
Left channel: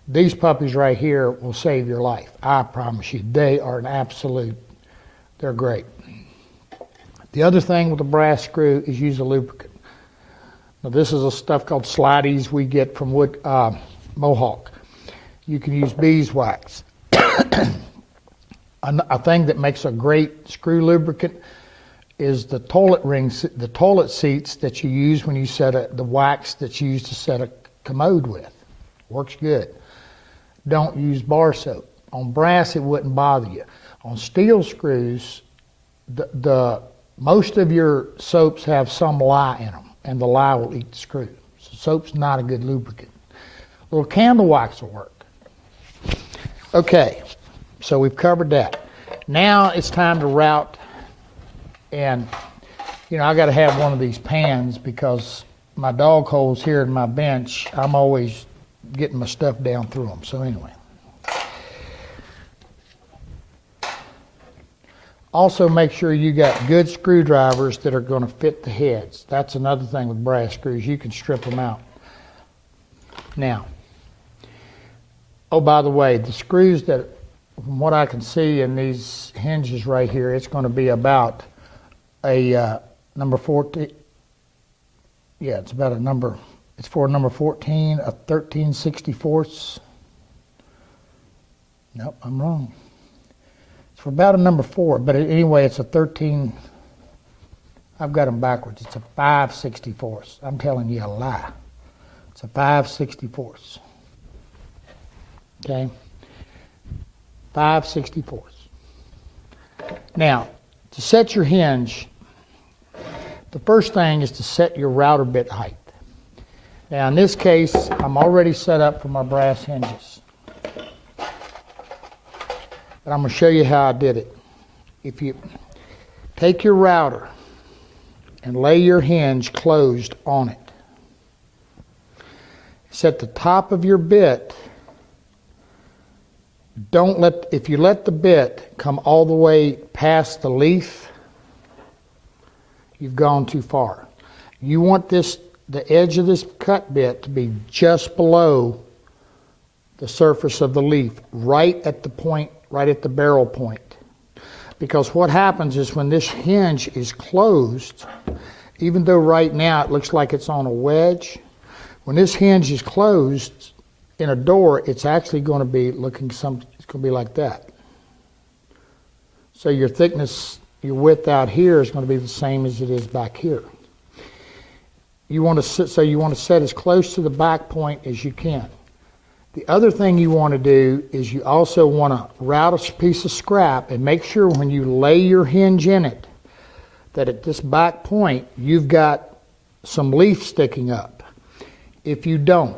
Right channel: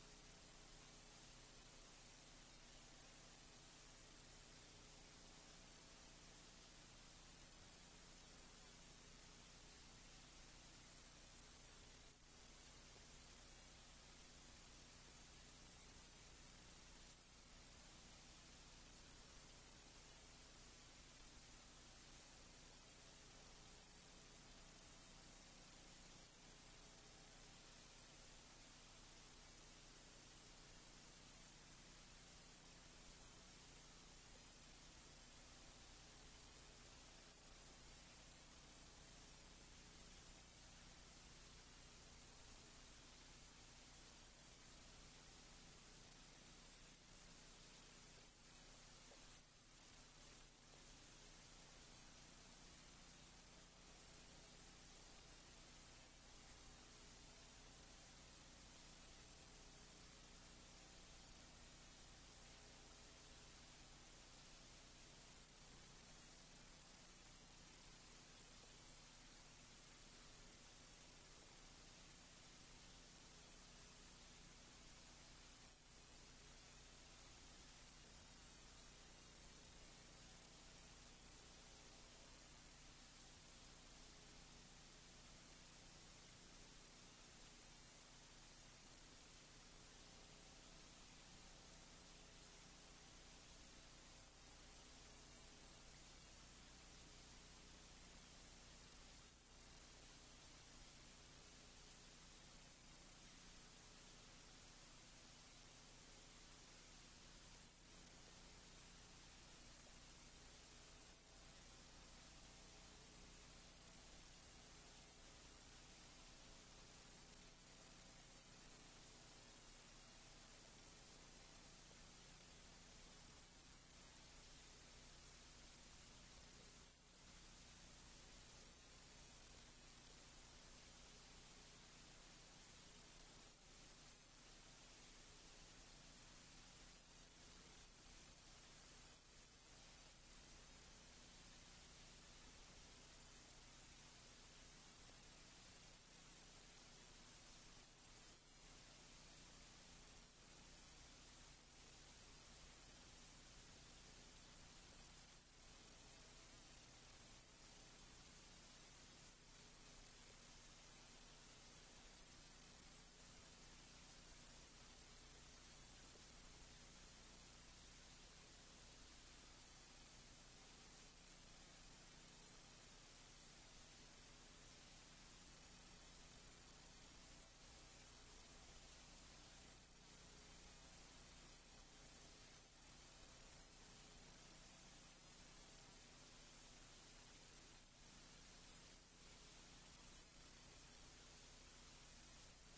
these puppies right here will save your life. I promise you, they are an absolute, they're great. The other thing with the brass screw is use a lubricant. Now this is a stuff called Slideys we get from Mohawk. You can use beeswax. A thing that makes a great screw lubricant is the toilet rings, the toilet seats that you use when you set the wax that you use to set a commode with. Works good. Don't use bar soap. On brass, it wouldn't bother you. On steel screws, the most of your soaps have some lye in them, and the lye will eat the screw. So soap's not a good lubricant. A little candle wax will work. Okay. So we've covered that. Now it's time to route, and you know, I got to have one of these pans because my dog holes here in my bench, I'm always getting my stuff down through them. So anyway. Also make sure you got good screwdrivers that are going to fit the heads. That's another thing with brass screws. You can strip them out. Now, oh, by the way, the screws that, from what I can see in these hinges right here, it's going to be about a number 14. Yeah, it's about a number. It's for a number 14, a 13/64. Nope, I'm wrong. It's for about a number 4, but anyway, it's a 13. I've got them backwards. It's a 5/64. I'm telling you a lie. It's a 5/64. Okay. 5/64. Now, to set your hinge, the first thing is to set your router bit height. Now, in this case, I'm already set up for my brass hinges. But I'm going to show you how I did it. If you take your router and lay your hinge closed on it, set the top of your bit. If you let the bit come all the way past the leaf, you've gone too far. You want the edge of this cut bit to be just below the surface of the leaf, right at the point, right at the barrel point. Because what happens is when this hinge is closed, even though right now it looks like it's on a wedge, when this hinge is closed in a door, it's actually going to be looking it's going to be like that. So your thickness, your width out here is going to be the same as it is back here. You want to set as close to the back point as you can. The other thing you want to do is you also want to route a piece of scrap and make sure when you lay your hinge in it that at this back point you've got some leaf sticking up. If you don't,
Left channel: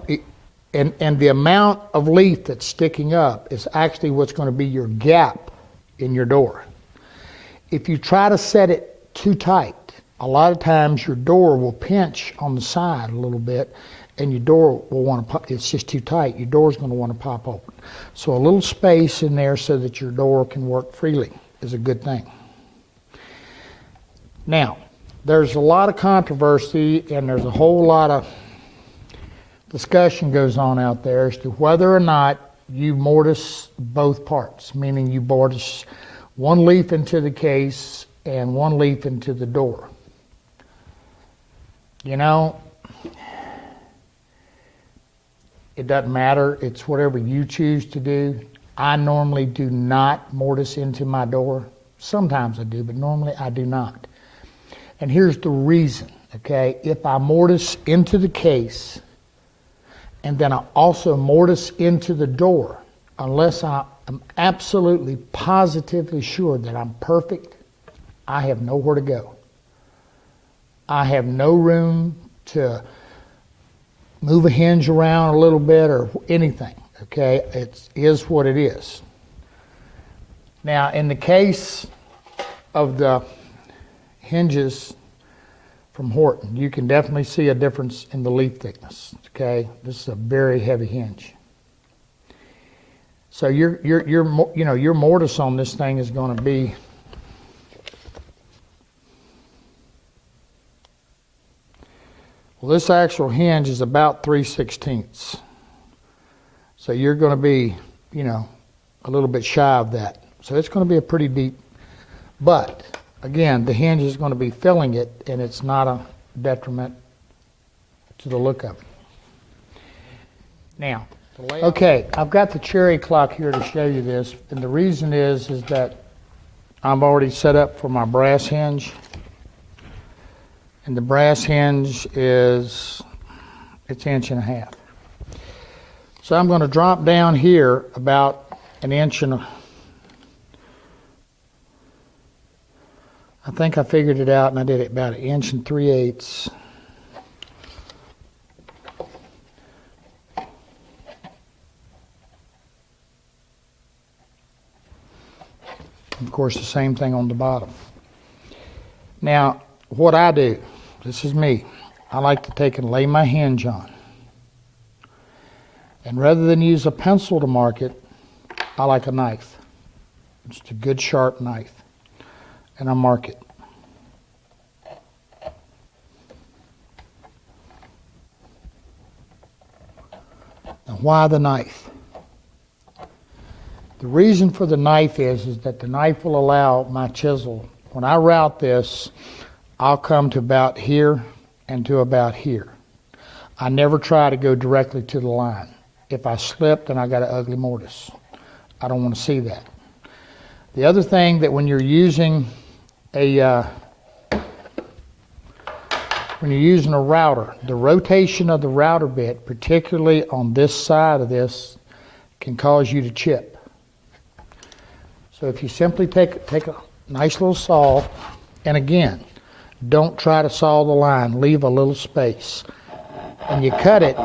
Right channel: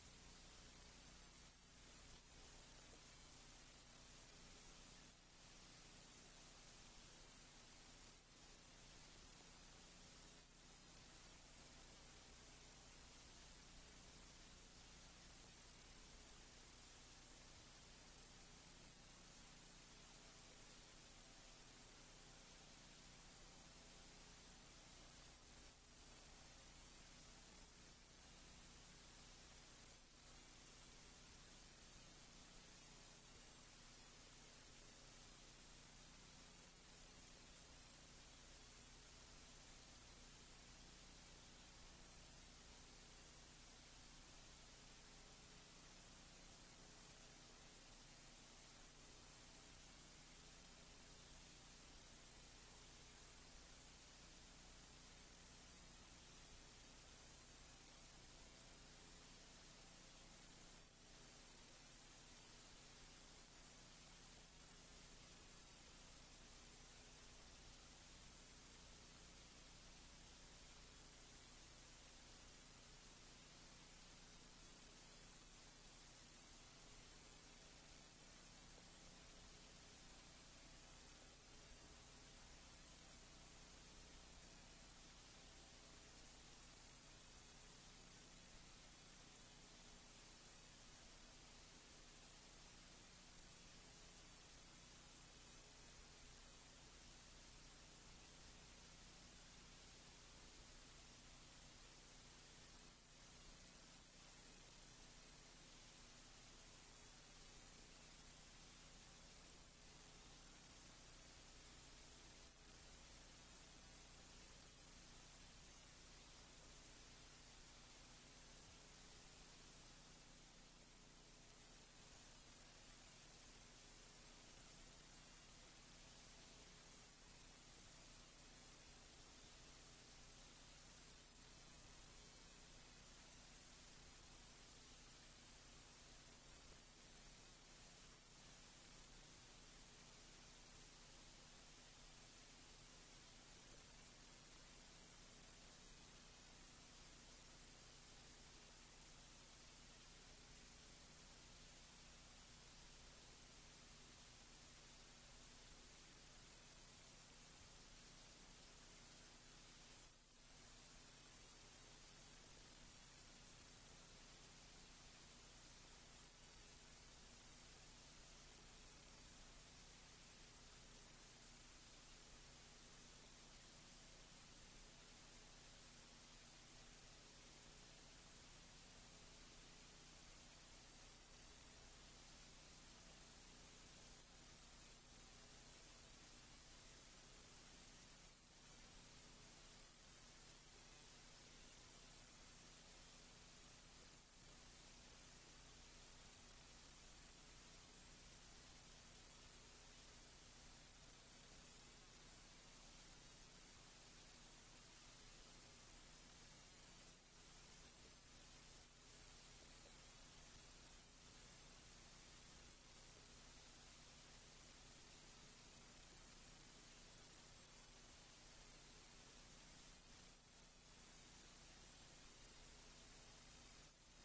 and the amount of leaf that's sticking up is actually what's going to be your gap in your door. if you try to set it too tight, a lot of times your door will pinch on the side a little bit, and your door will want to pop. It's just too tight. Your door's going to want to pop open. So a little space in there so that your door can work freely is a good thing. Now, there's a lot of controversy and there's a whole lot of discussion goes on out there as to whether or not you mortise both parts, meaning you mortise one leaf into the case and one leaf into the door. You know, it doesn't matter. It's whatever you choose to do. I normally do not mortise into my door. Sometimes I do, but normally I do not. And here's the reason, okay? If I mortise into the case and then I also mortise into the door, unless I am absolutely positively sure that I'm perfect, I have nowhere to go. I have no room to move a hinge around a little bit or anything, okay? It is what it is. Now, in the case of the hinges from Horton, you can definitely see a difference in the leaf thickness, okay? This is a very heavy hinge. So your mortise on this thing is going to be well, this actual hinge is about 3/16. So you're going to be, a little bit shy of that. So it's going to be a pretty deep, but again, the hinge is going to be filling it, and it's not a detriment to the look of it. Now, okay, I've got the cherry clock here to show you this, and the reason is that I'm already set up for my brass hinge. And the brass hinge it's 1.5 inches. So I'm going to drop down here about 1 inch and I think I figured it out, and I did it about 1 3/8 inches. Of course, the same thing on the bottom. Now, what I do, this is me, I like to take and lay my hinge on. And rather than use a pencil to mark it, I like a knife. Just a good sharp knife. And I mark it. Now, why the knife? The reason for the knife is that the knife will allow my chisel, when I route this, I'll come to about here and to about here. I never try to go directly to the line. If I slip, then I got an ugly mortise. I don't want to see that. The other thing that when you're using a router, the rotation of the router bit, particularly on this side of this, can cause you to chip. So if you simply take a nice little saw, and again, don't try to saw the line, leave a little space. When you cut it,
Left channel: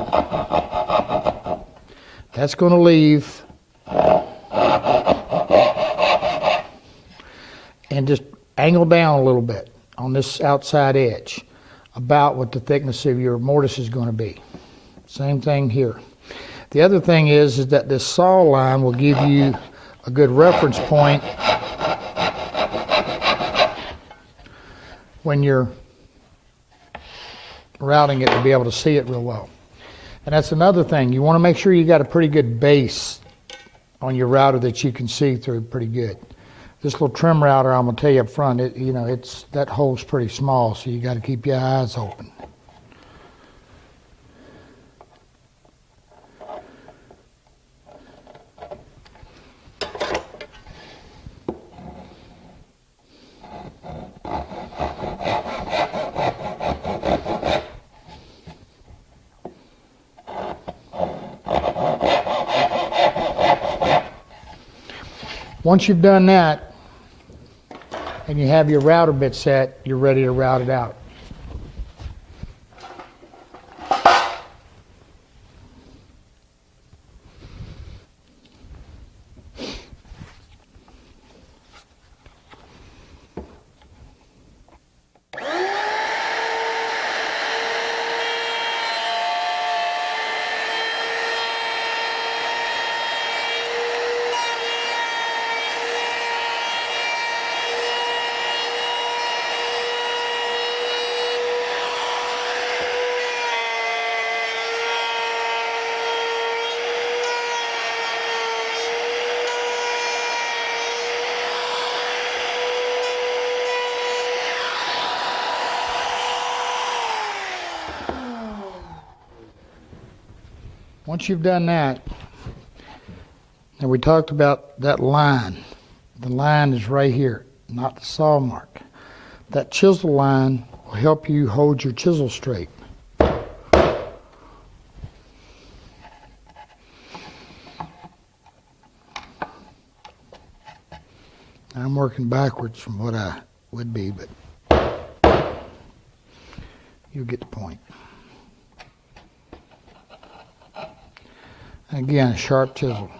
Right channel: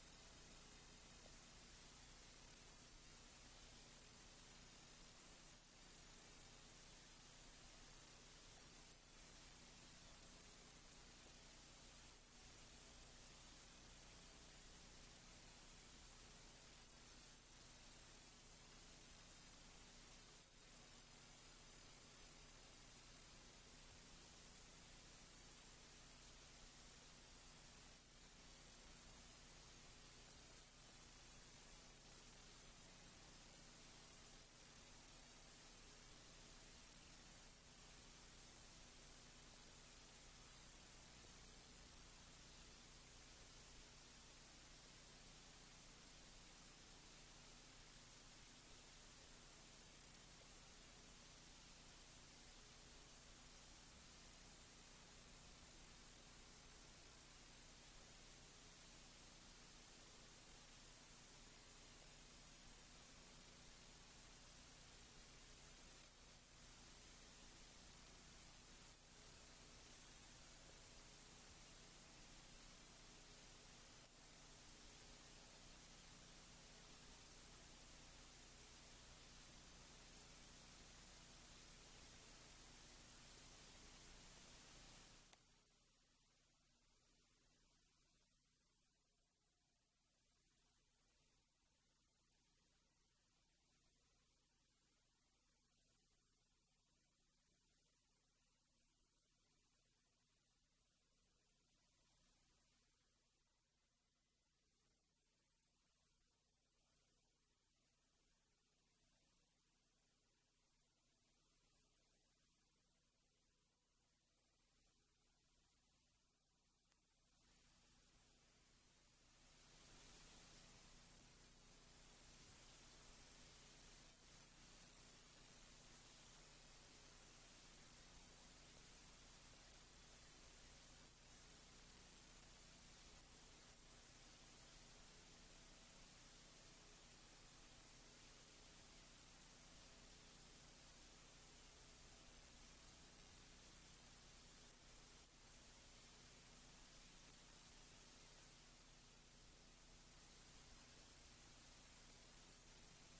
that's going to leave, and just angle down a little bit on this outside edge, about what the thickness of your mortise is going to be. Same thing here. The other thing is that this saw line will give you a good reference point when you're routing it to be able to see it real well. And that's another thing. You want to make sure you got a pretty good base on your router that you can see through pretty good. This little trim router, I'm going to tell you up front, that hole's pretty small, so you got to keep your eyes open. Once you've done that, and you have your router bit set, you're ready to route it out. Once you've done that, and we talked about that line. The line is right here, not the saw mark. That chisel line will help you hold your chisel straight. I'm working backwards from what I would be, but you get the point. Again, a sharp chisel.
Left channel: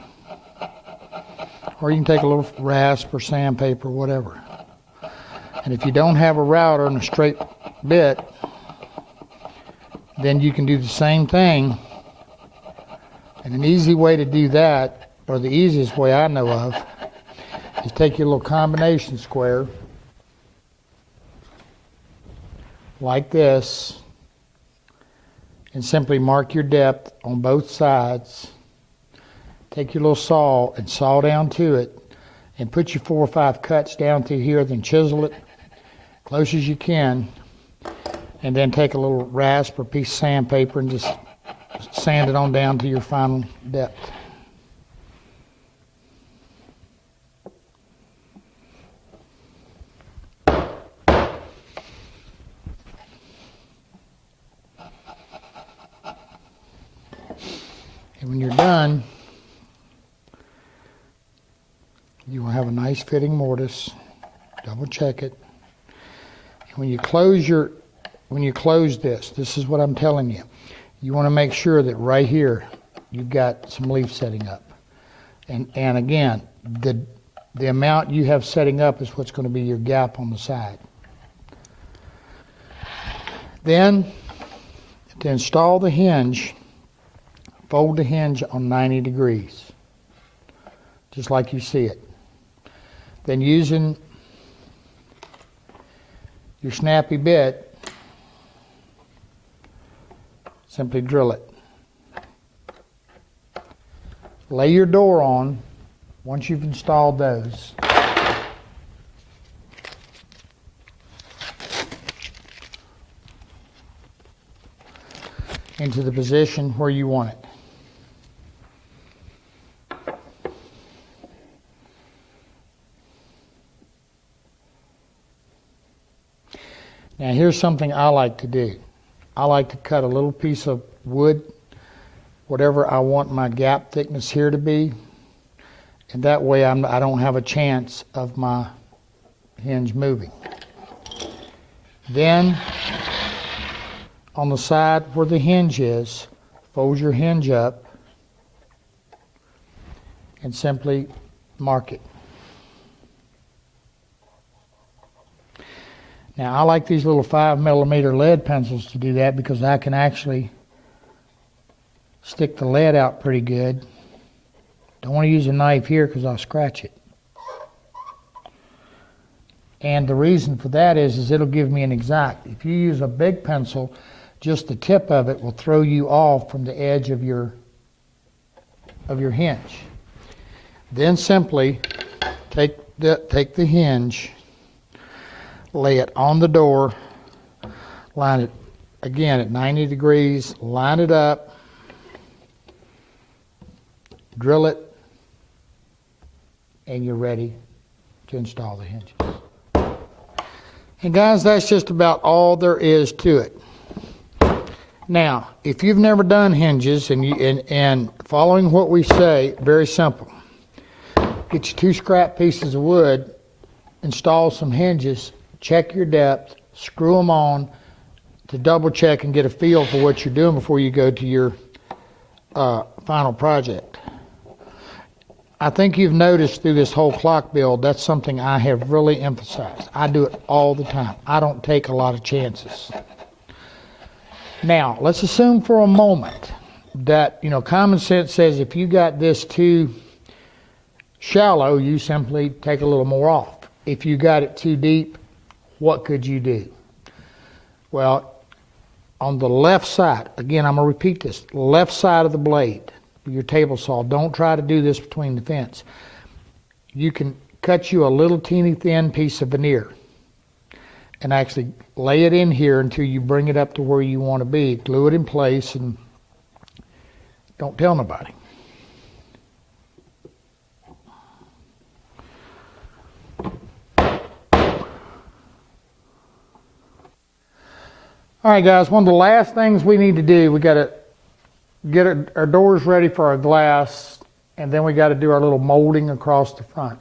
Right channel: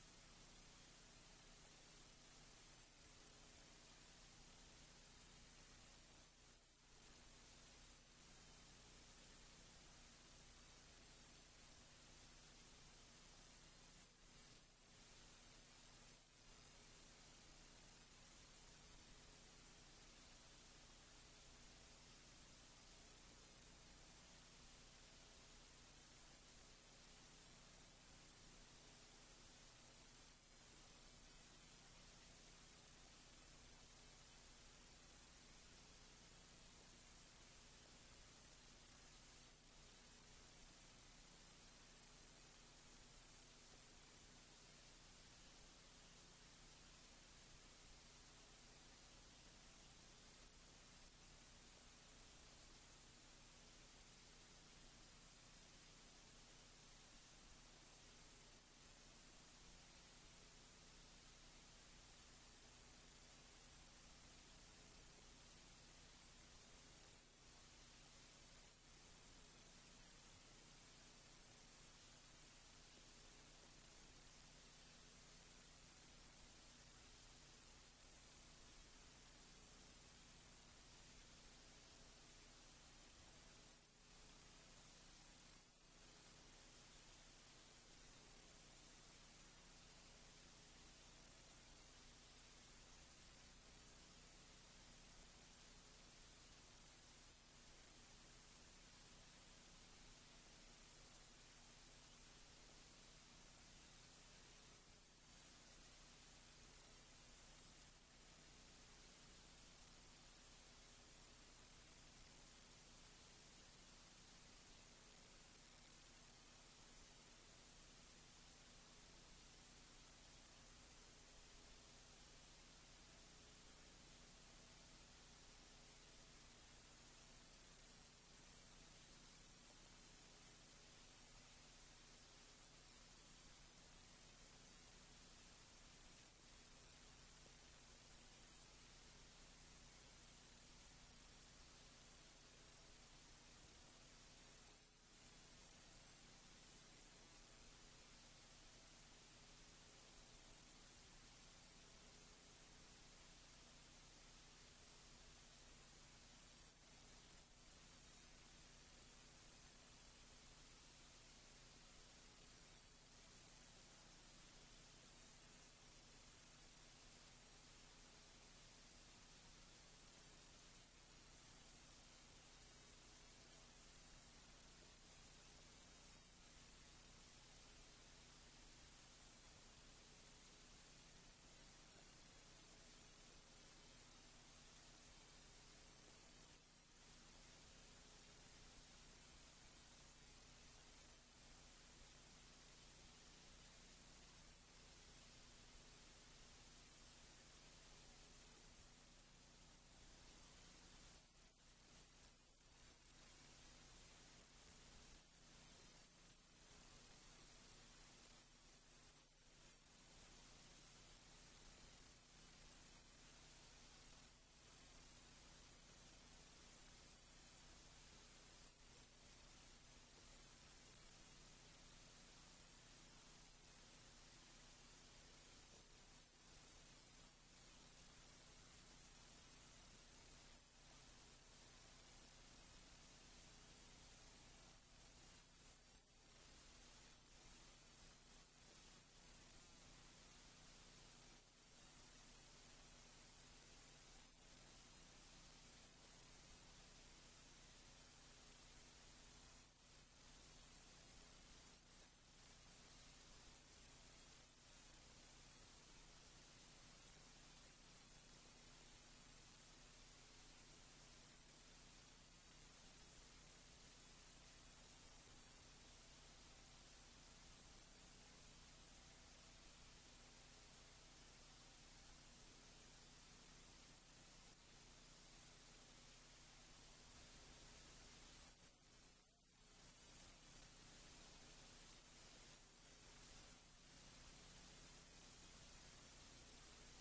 Or you can take a little rasp or sandpaper, whatever. And if you don't have a router and a straight bit, then you can do the same thing. And an easy way to do that, or the easiest way I know of, is take your little combination square, like this, and simply mark your depth on both sides. Take your little saw and saw down to it, and put your 4 or 5 cuts down through here, then chisel it close as you can, and then take a little rasp or piece of sandpaper and just sand it on down to your final depth. And when you're done, you will have a nice fitting mortise. Double check it. And when you close this is what I'm telling you. You want to make sure that right here you've got some leaf setting up. And again, the amount you have setting up is what's going to be your gap on the side. Then, to install the hinge, fold the hinge on 90 degrees, just like you see it. Then using your snappy bit, simply drill it. Lay your door on once you've installed those. Into the position where you want it. Now here's something I like to do. I like to cut a little piece of wood, whatever I want my gap thickness here to be, and that way I don't have a chance of my hinge moving. Then on the side where the hinge is, fold your hinge up and simply mark it. Now, I like these little 5mm lead pencils to do that because I can actually stick the lead out pretty good. Don't want to use a knife here because I'll scratch it. And the reason for that is it'll give me an exact. If you use a big pencil, just the tip of it will throw you off from the edge of your hinge. Then simply take the hinge, lay it on the door, line it again at 90 degrees, line it up, drill it, and you're ready to install the hinges. And guys, that's just about all there is to it. Now, if you've never done hinges and following what we say, very simple. Get you 2 scrap pieces of wood, install some hinges, check your depth, screw them on to double check and get a feel for what you're doing before you go to your final project. I think you've noticed through this whole clock build, that's something I have really emphasized. I do it all the time. I don't take a lot of chances. Now, let's assume for a moment that, common sense says if you got this too shallow, you simply take a little more off. If you got it too deep, what could you do? Well, on the left side, again, I'm going to repeat this, left side of the blade, your table saw, don't try to do this between the fence. You can cut you a little teeny thin piece of veneer and actually lay it in here until you bring it up to where you want to be. Glue it in place and Don't tell nobody. All right, guys, one of the last things we need to do, we got to get our doors ready for our glass, and then we got to do our little molding across the front.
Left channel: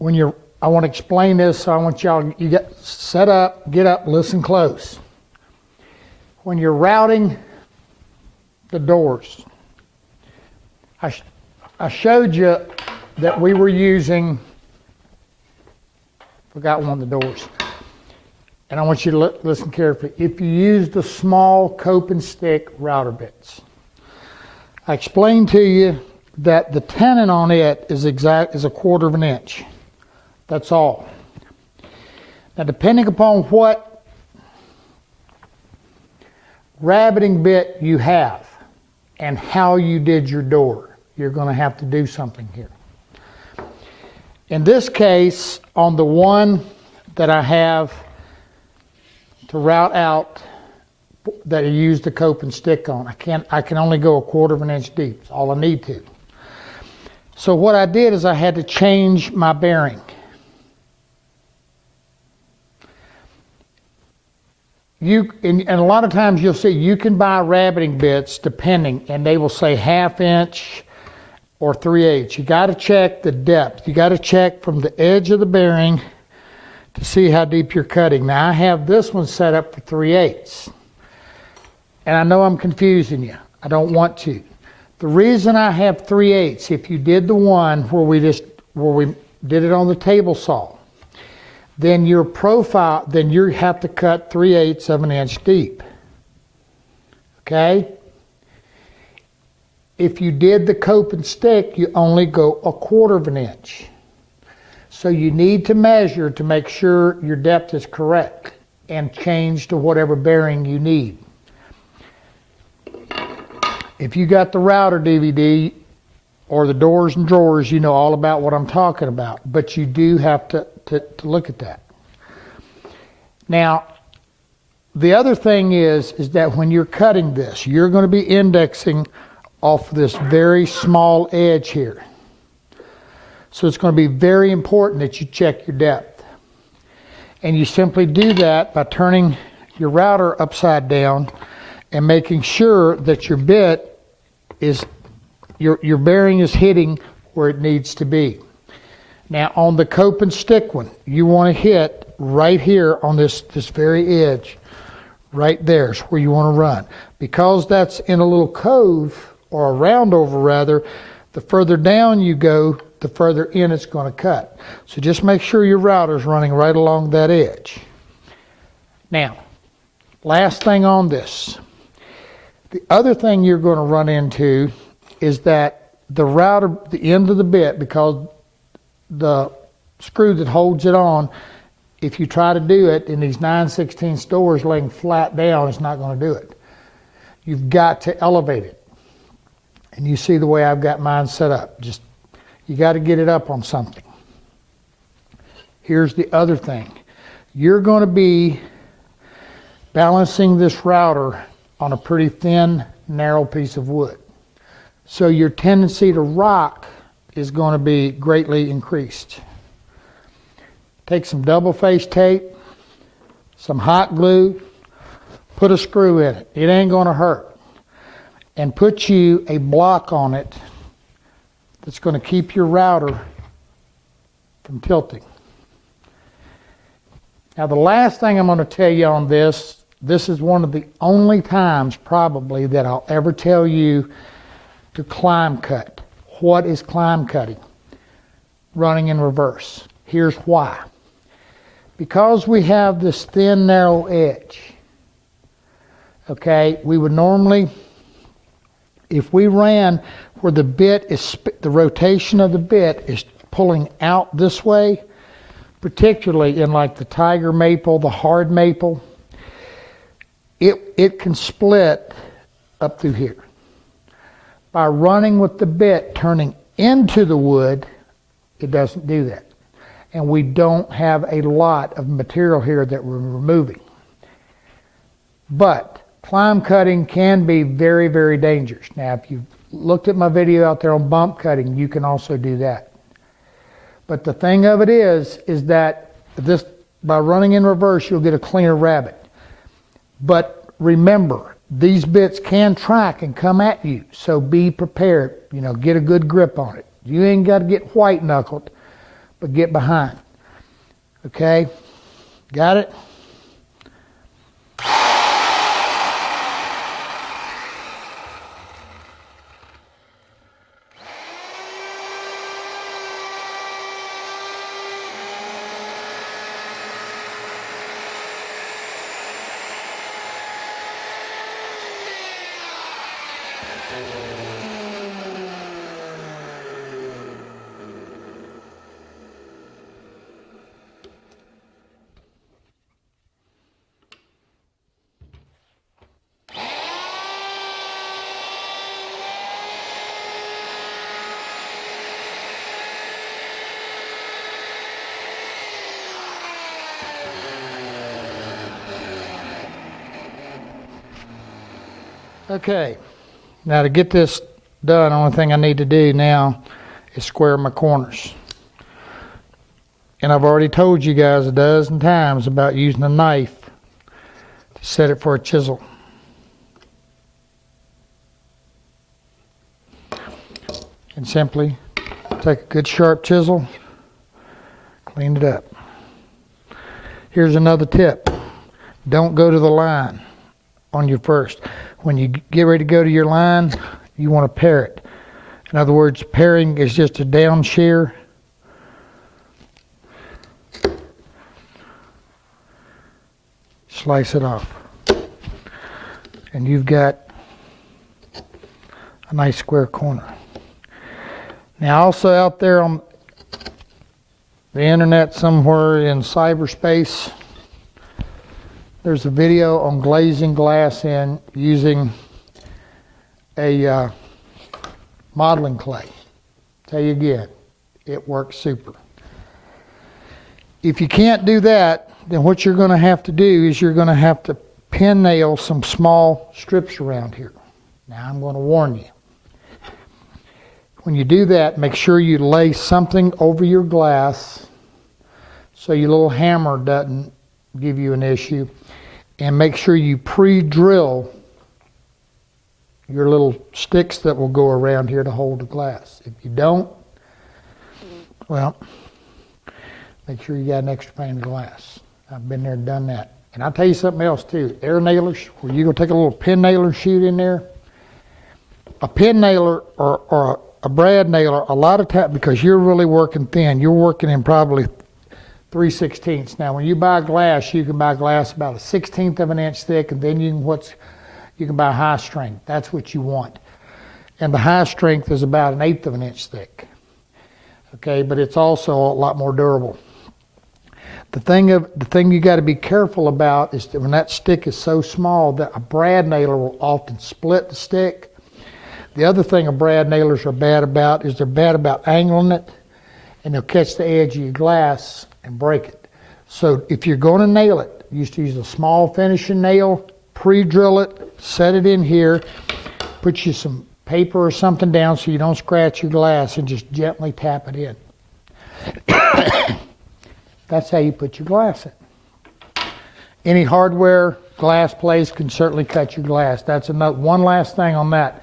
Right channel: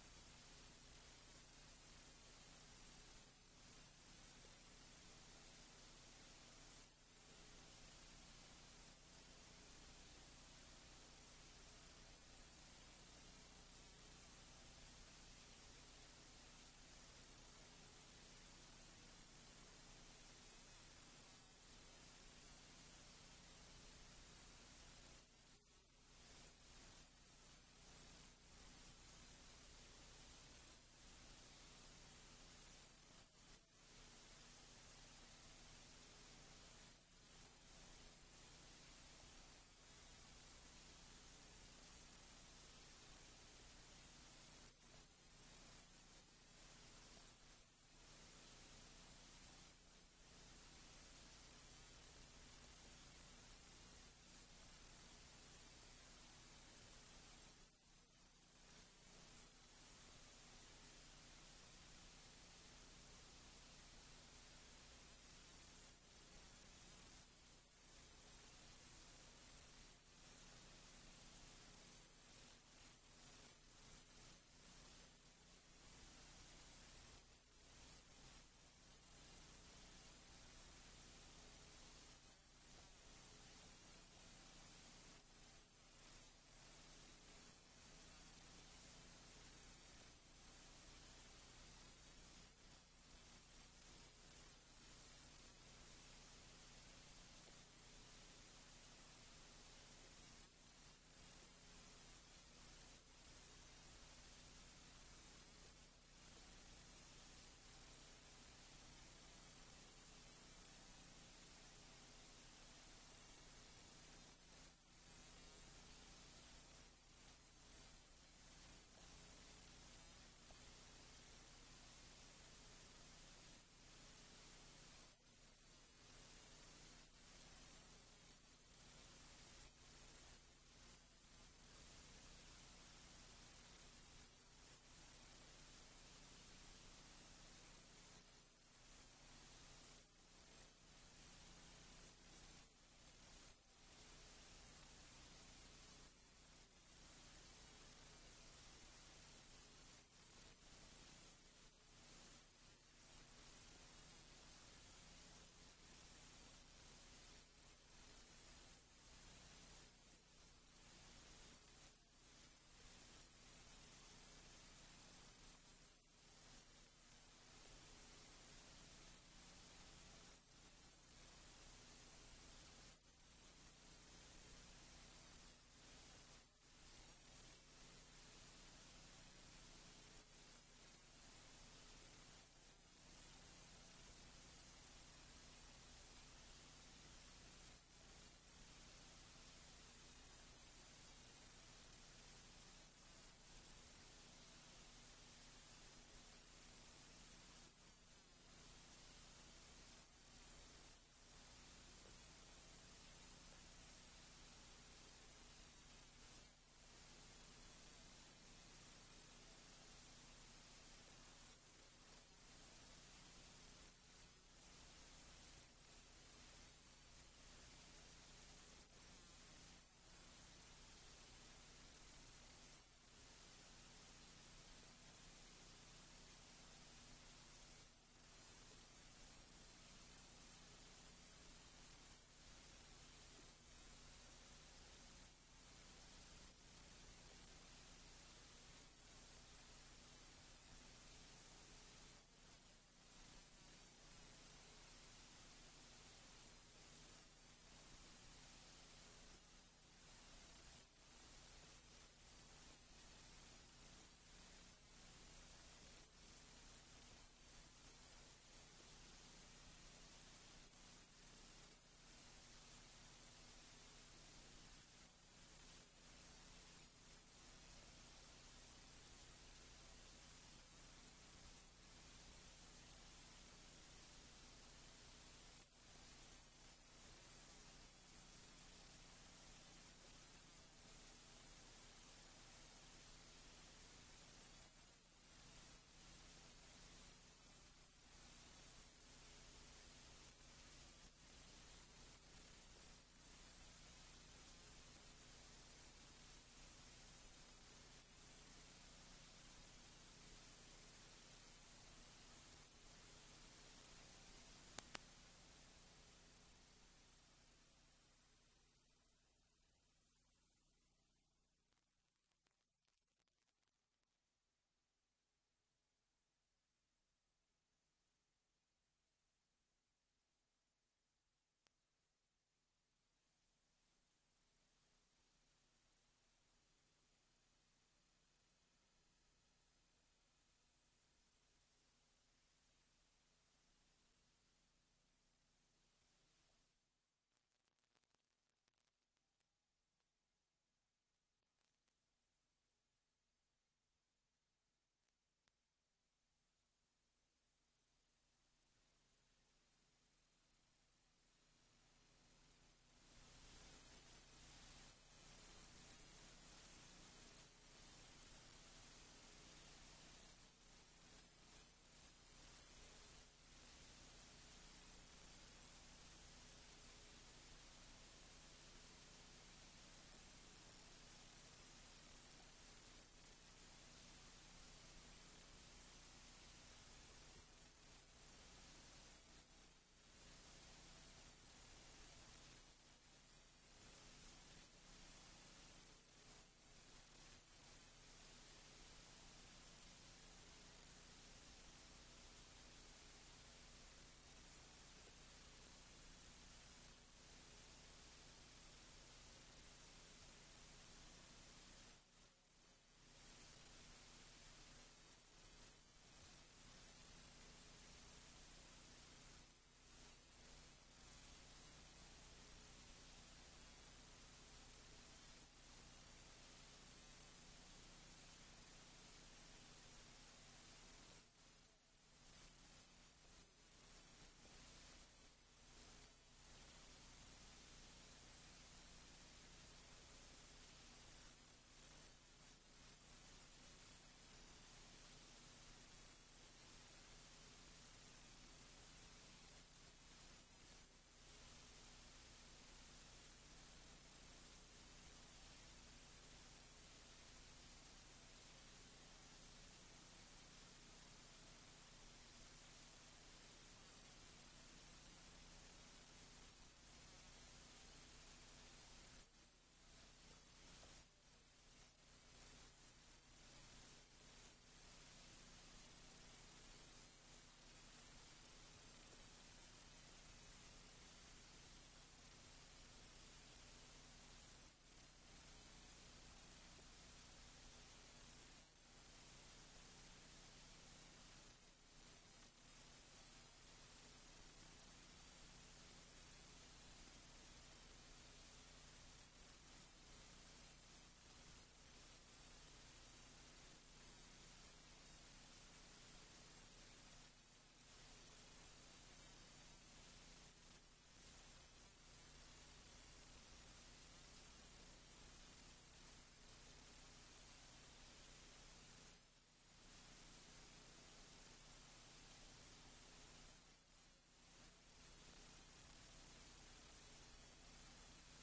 I want to explain this, so I want y'all, you get set up, get up, listen close. When you're routing the doors, I showed you that we were using, forgot one of the doors, and I want you to listen carefully. If you use the small cope and stick router bits, I explained to you that the tenon on it is a 1/4 of an inch. That's all. Now, depending upon what rabbiting bit you have and how you did your door, you're going to have to do something here. In this case, on the one that I have to route out that I use the cope and stick on, I can only go 1/4 of an inch deep. That's all I need to. So what I did is I had to change my bearing. And a lot of times you'll see you can buy rabbiting bits depending, and they will say 1/2 inch or 3/8. You got to check the depth. You got to check from the edge of the bearing to see how deep you're cutting. Now I have this one set up for 3/8, and I know I'm confusing you. I don't want to. The reason I have 3/8, if you did the one where we did it on the table saw, then your profile, then you have to cut 3/8 of an inch deep. Okay? If you did the cope and stick, you only go 1/4 of an inch. So you need to measure to make sure your depth is correct and change to whatever bearing you need. If you got the router DVD or the doors and drawers, you know all about what I'm talking about. But you do have to look at that. Now, the other thing is that when you're cutting this, you're going to be indexing off this very small edge here. So it's going to be very important that you check your depth. And you simply do that by turning your router upside down and making sure that your bit is, your bearing is hitting where it needs to be. Now on the cope and stick one, you want to hit right here on this very edge. Right there is where you want to run. Because that's in a little cove, or a roundover rather, the further down you go, the further in it's going to cut. So just make sure your router is running right along that edge. Now, last thing on this. The other thing you're going to run into is that the router, the end of the bit, because the screw that holds it on, if you try to do it in these 9/16 doors laying flat down, it's not going to do it. You've got to elevate it. And you see the way I've got mine set up. You got to get it up on something. Here's the other thing. You're going to be balancing this router on a pretty thin, narrow piece of wood. So your tendency to rock is going to be greatly increased. Take some double-face tape, some hot glue, put a screw in it. It ain't going to hurt. And put you a block on it that's going to keep your router from tilting. Now the last thing I'm going to tell you on this is one of the only times probably that I'll ever tell you to climb cut. What is climb cutting? Running in reverse. Here's why. Because we have this thin, narrow edge, okay, we would normally, if we ran where the bit is, the rotation of the bit is pulling out this way, particularly in like the tiger maple, the hard maple, it can split up through here. By running with the bit turning into the wood, it doesn't do that. And we don't have a lot of material here that we're removing. But climb cutting can be very, very dangerous. Now, if you've looked at my video out there on bump cutting, you can also do that. But the thing of it is that this, by running in reverse, you'll get a cleaner rabbit. But remember, these bits can track and come at you, so be prepared. Get a good grip on it. You ain't got to get white knuckled, but get behind. Okay? Got it? Okay, now to get this done, the only thing I need to do now is square my corners. And I've already told you guys a dozen times about using a knife to set it for a chisel. And simply take a good sharp chisel, clean it up. Here's another tip. Don't go to the line on your first. When you get ready to go to your line, you want to pare it. In other words, paring is just a down shear. Slice it off. And you've got a nice square corner. Now also out there on the internet somewhere in cyberspace, there's a video on glazing glass in using a modeling clay. Tell you again, it works super. If you can't do that, then what you're going to have to do is you're going to have to pin nail some small strips around here. Now I'm going to warn you. When you do that, make sure you lay something over your glass so your little hammer doesn't give you an issue. And make sure you pre-drill your little sticks that will go around here to hold the glass. If you don't, well, make sure you got an extra pane of glass. I've been there and done that. And I'll tell you something else too. Air nailers, where you're going to take a little pin nailer shoot in there. A pin nailer or a brad nailer, a lot of times, because you're really working thin, you're working in probably 3/16. Now, when you buy glass, you can buy glass about 1/16 of an inch thick, and then you can buy high strength. That's what you want. And the high strength is about 1/8 of an inch thick. Okay, but it's also a lot more durable. The thing you got to be careful about is that when that stick is so small that a brad nailer will often split the stick. The other thing a brad nailers are bad about is they're bad about angling it, and they'll catch the edge of your glass and break it. So if you're going to nail it, you used to use a small finishing nail, pre-drill it, set it in here, put you some paper or something down so you don't scratch your glass, and just gently tap it in. That's how you put your glass in. Any hardware glass place can certainly cut your glass. That's one last thing on that.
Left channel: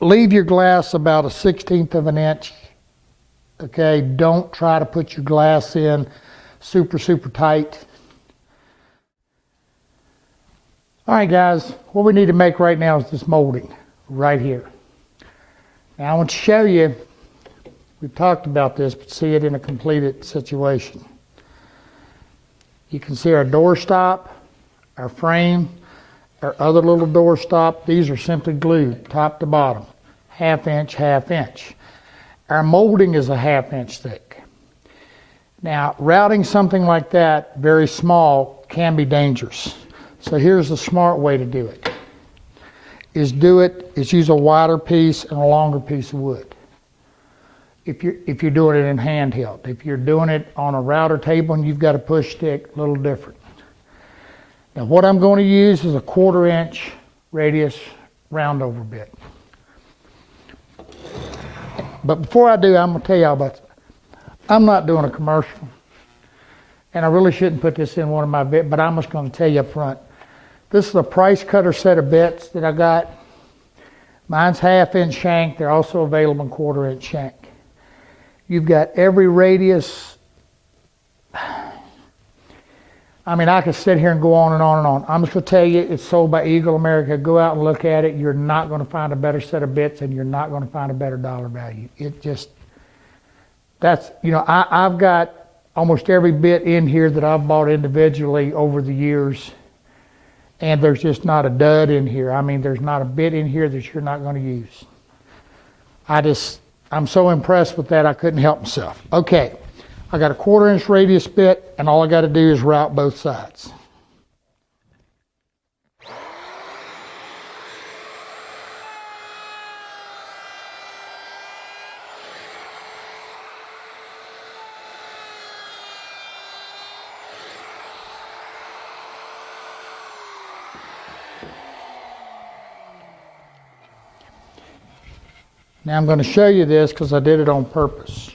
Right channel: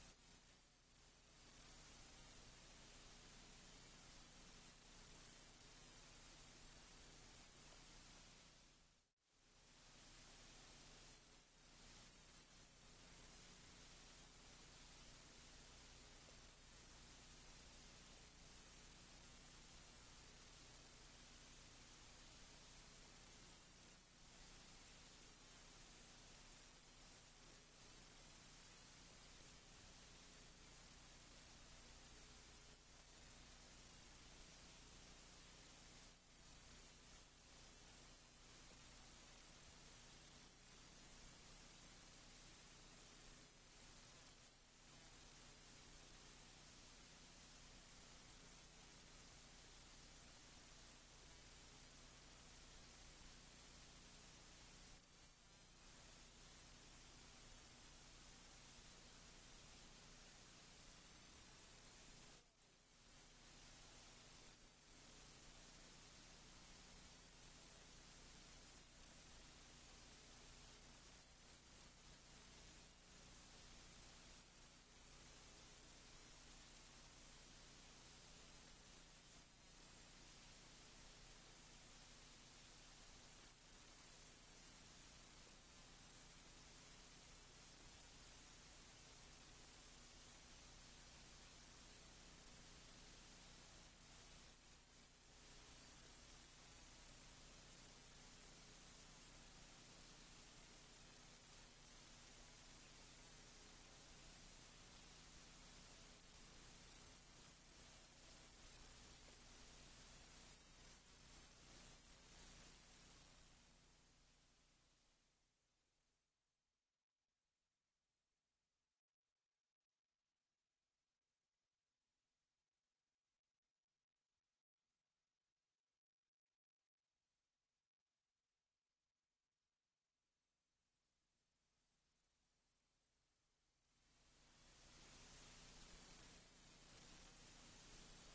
Leave your glass about 1/16 of an inch. Okay, don't try to put your glass in super, super tight. All right, guys, what we need to make right now is this molding right here. Now, I want to show you, we've talked about this, but see it in a completed situation. You can see our doorstop, our frame, our other little doorstop. These are simply glued top to bottom, 1/2 inch, 1/2 inch. Our molding is a 1/2 inch thick. Now, routing something like that, very small, can be dangerous. So here's the smart way to do it. Is use a wider piece and a longer piece of wood. If you're doing it in handheld. If you're doing it on a router table and you've got a push stick, a little different. Now what I'm going to use is a 1/4 inch radius round over bit. But before I do, I'm going to tell y'all about, I'm not doing a commercial. And I really shouldn't put this in one of my bits, but I'm just going to tell you up front. This is a price cutter set of bits that I got. Mine's 1/2 inch shank. They're also available in 1/4 inch shank. You've got every radius. I mean, I could sit here and go on and on and on. I'm just going to tell you, it's sold by Eagle America. Go out and look at it. You're not going to find a better set of bits, and you're not going to find a better dollar value. It just, that's, you know, I've got almost every bit in here that I've bought individually over the years, and there's just not a dud in here. I mean, there's not a bit in here that you're not going to use. I'm so impressed with that, I couldn't help myself. Okay, I got a 1/4 inch radius bit, and all I got to do is route both sides. Now I'm going to show you this because I did it on purpose.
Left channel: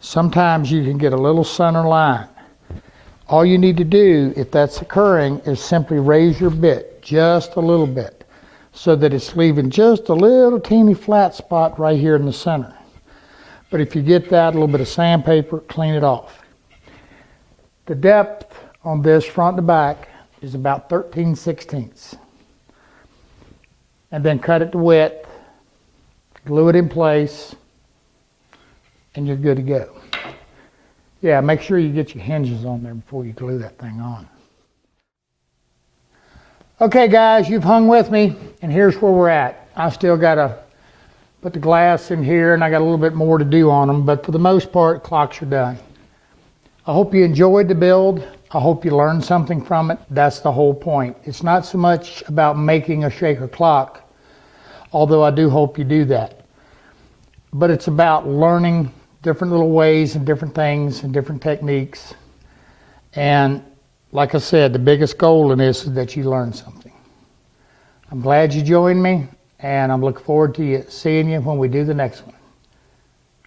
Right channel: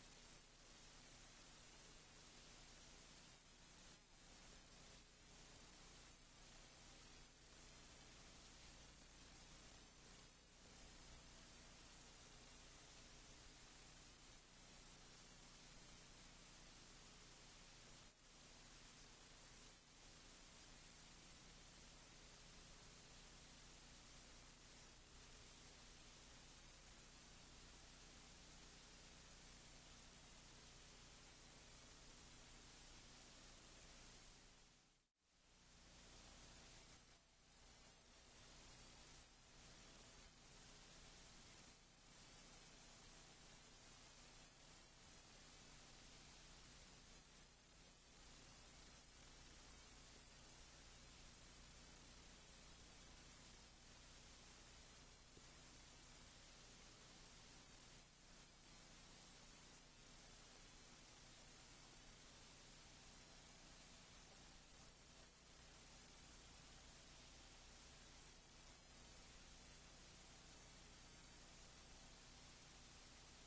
Sometimes you can get a little center line. All you need to do, if that's occurring, is simply raise your bit just a little bit so that it's leaving just a little teeny flat spot right here in the center. But if you get that, a little bit of sandpaper, clean it off. The depth on this front to back is about 13/16. And then cut it to width. Glue it in place, and you're good to go. Yeah, make sure you get your hinges on there before you glue that thing on. Okay, guys, you've hung with me, and here's where we're at. I still got to put the glass in here, and I got a little bit more to do on them, but for the most part, clocks are done. I hope you enjoyed the build. I hope you learned something from it. That's the whole point. It's not so much about making a shaker clock, although I do hope you do that. But it's about learning different little ways and different things and different techniques. And like I said, the biggest goal in this is that you learn something. I'm glad you joined me, and I'm looking forward to seeing you when we do the next one.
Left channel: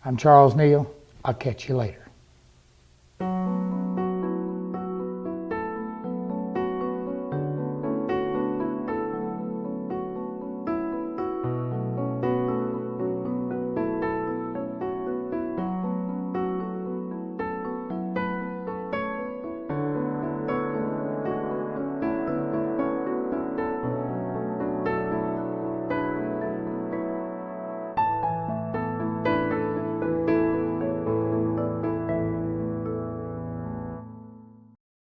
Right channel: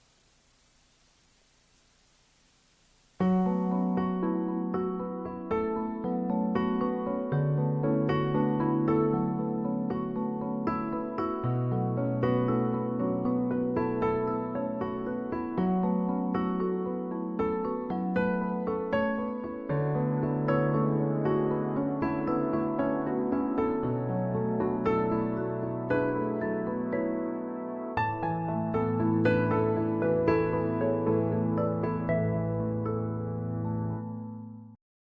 I'm Charles Neal. I'll catch you later.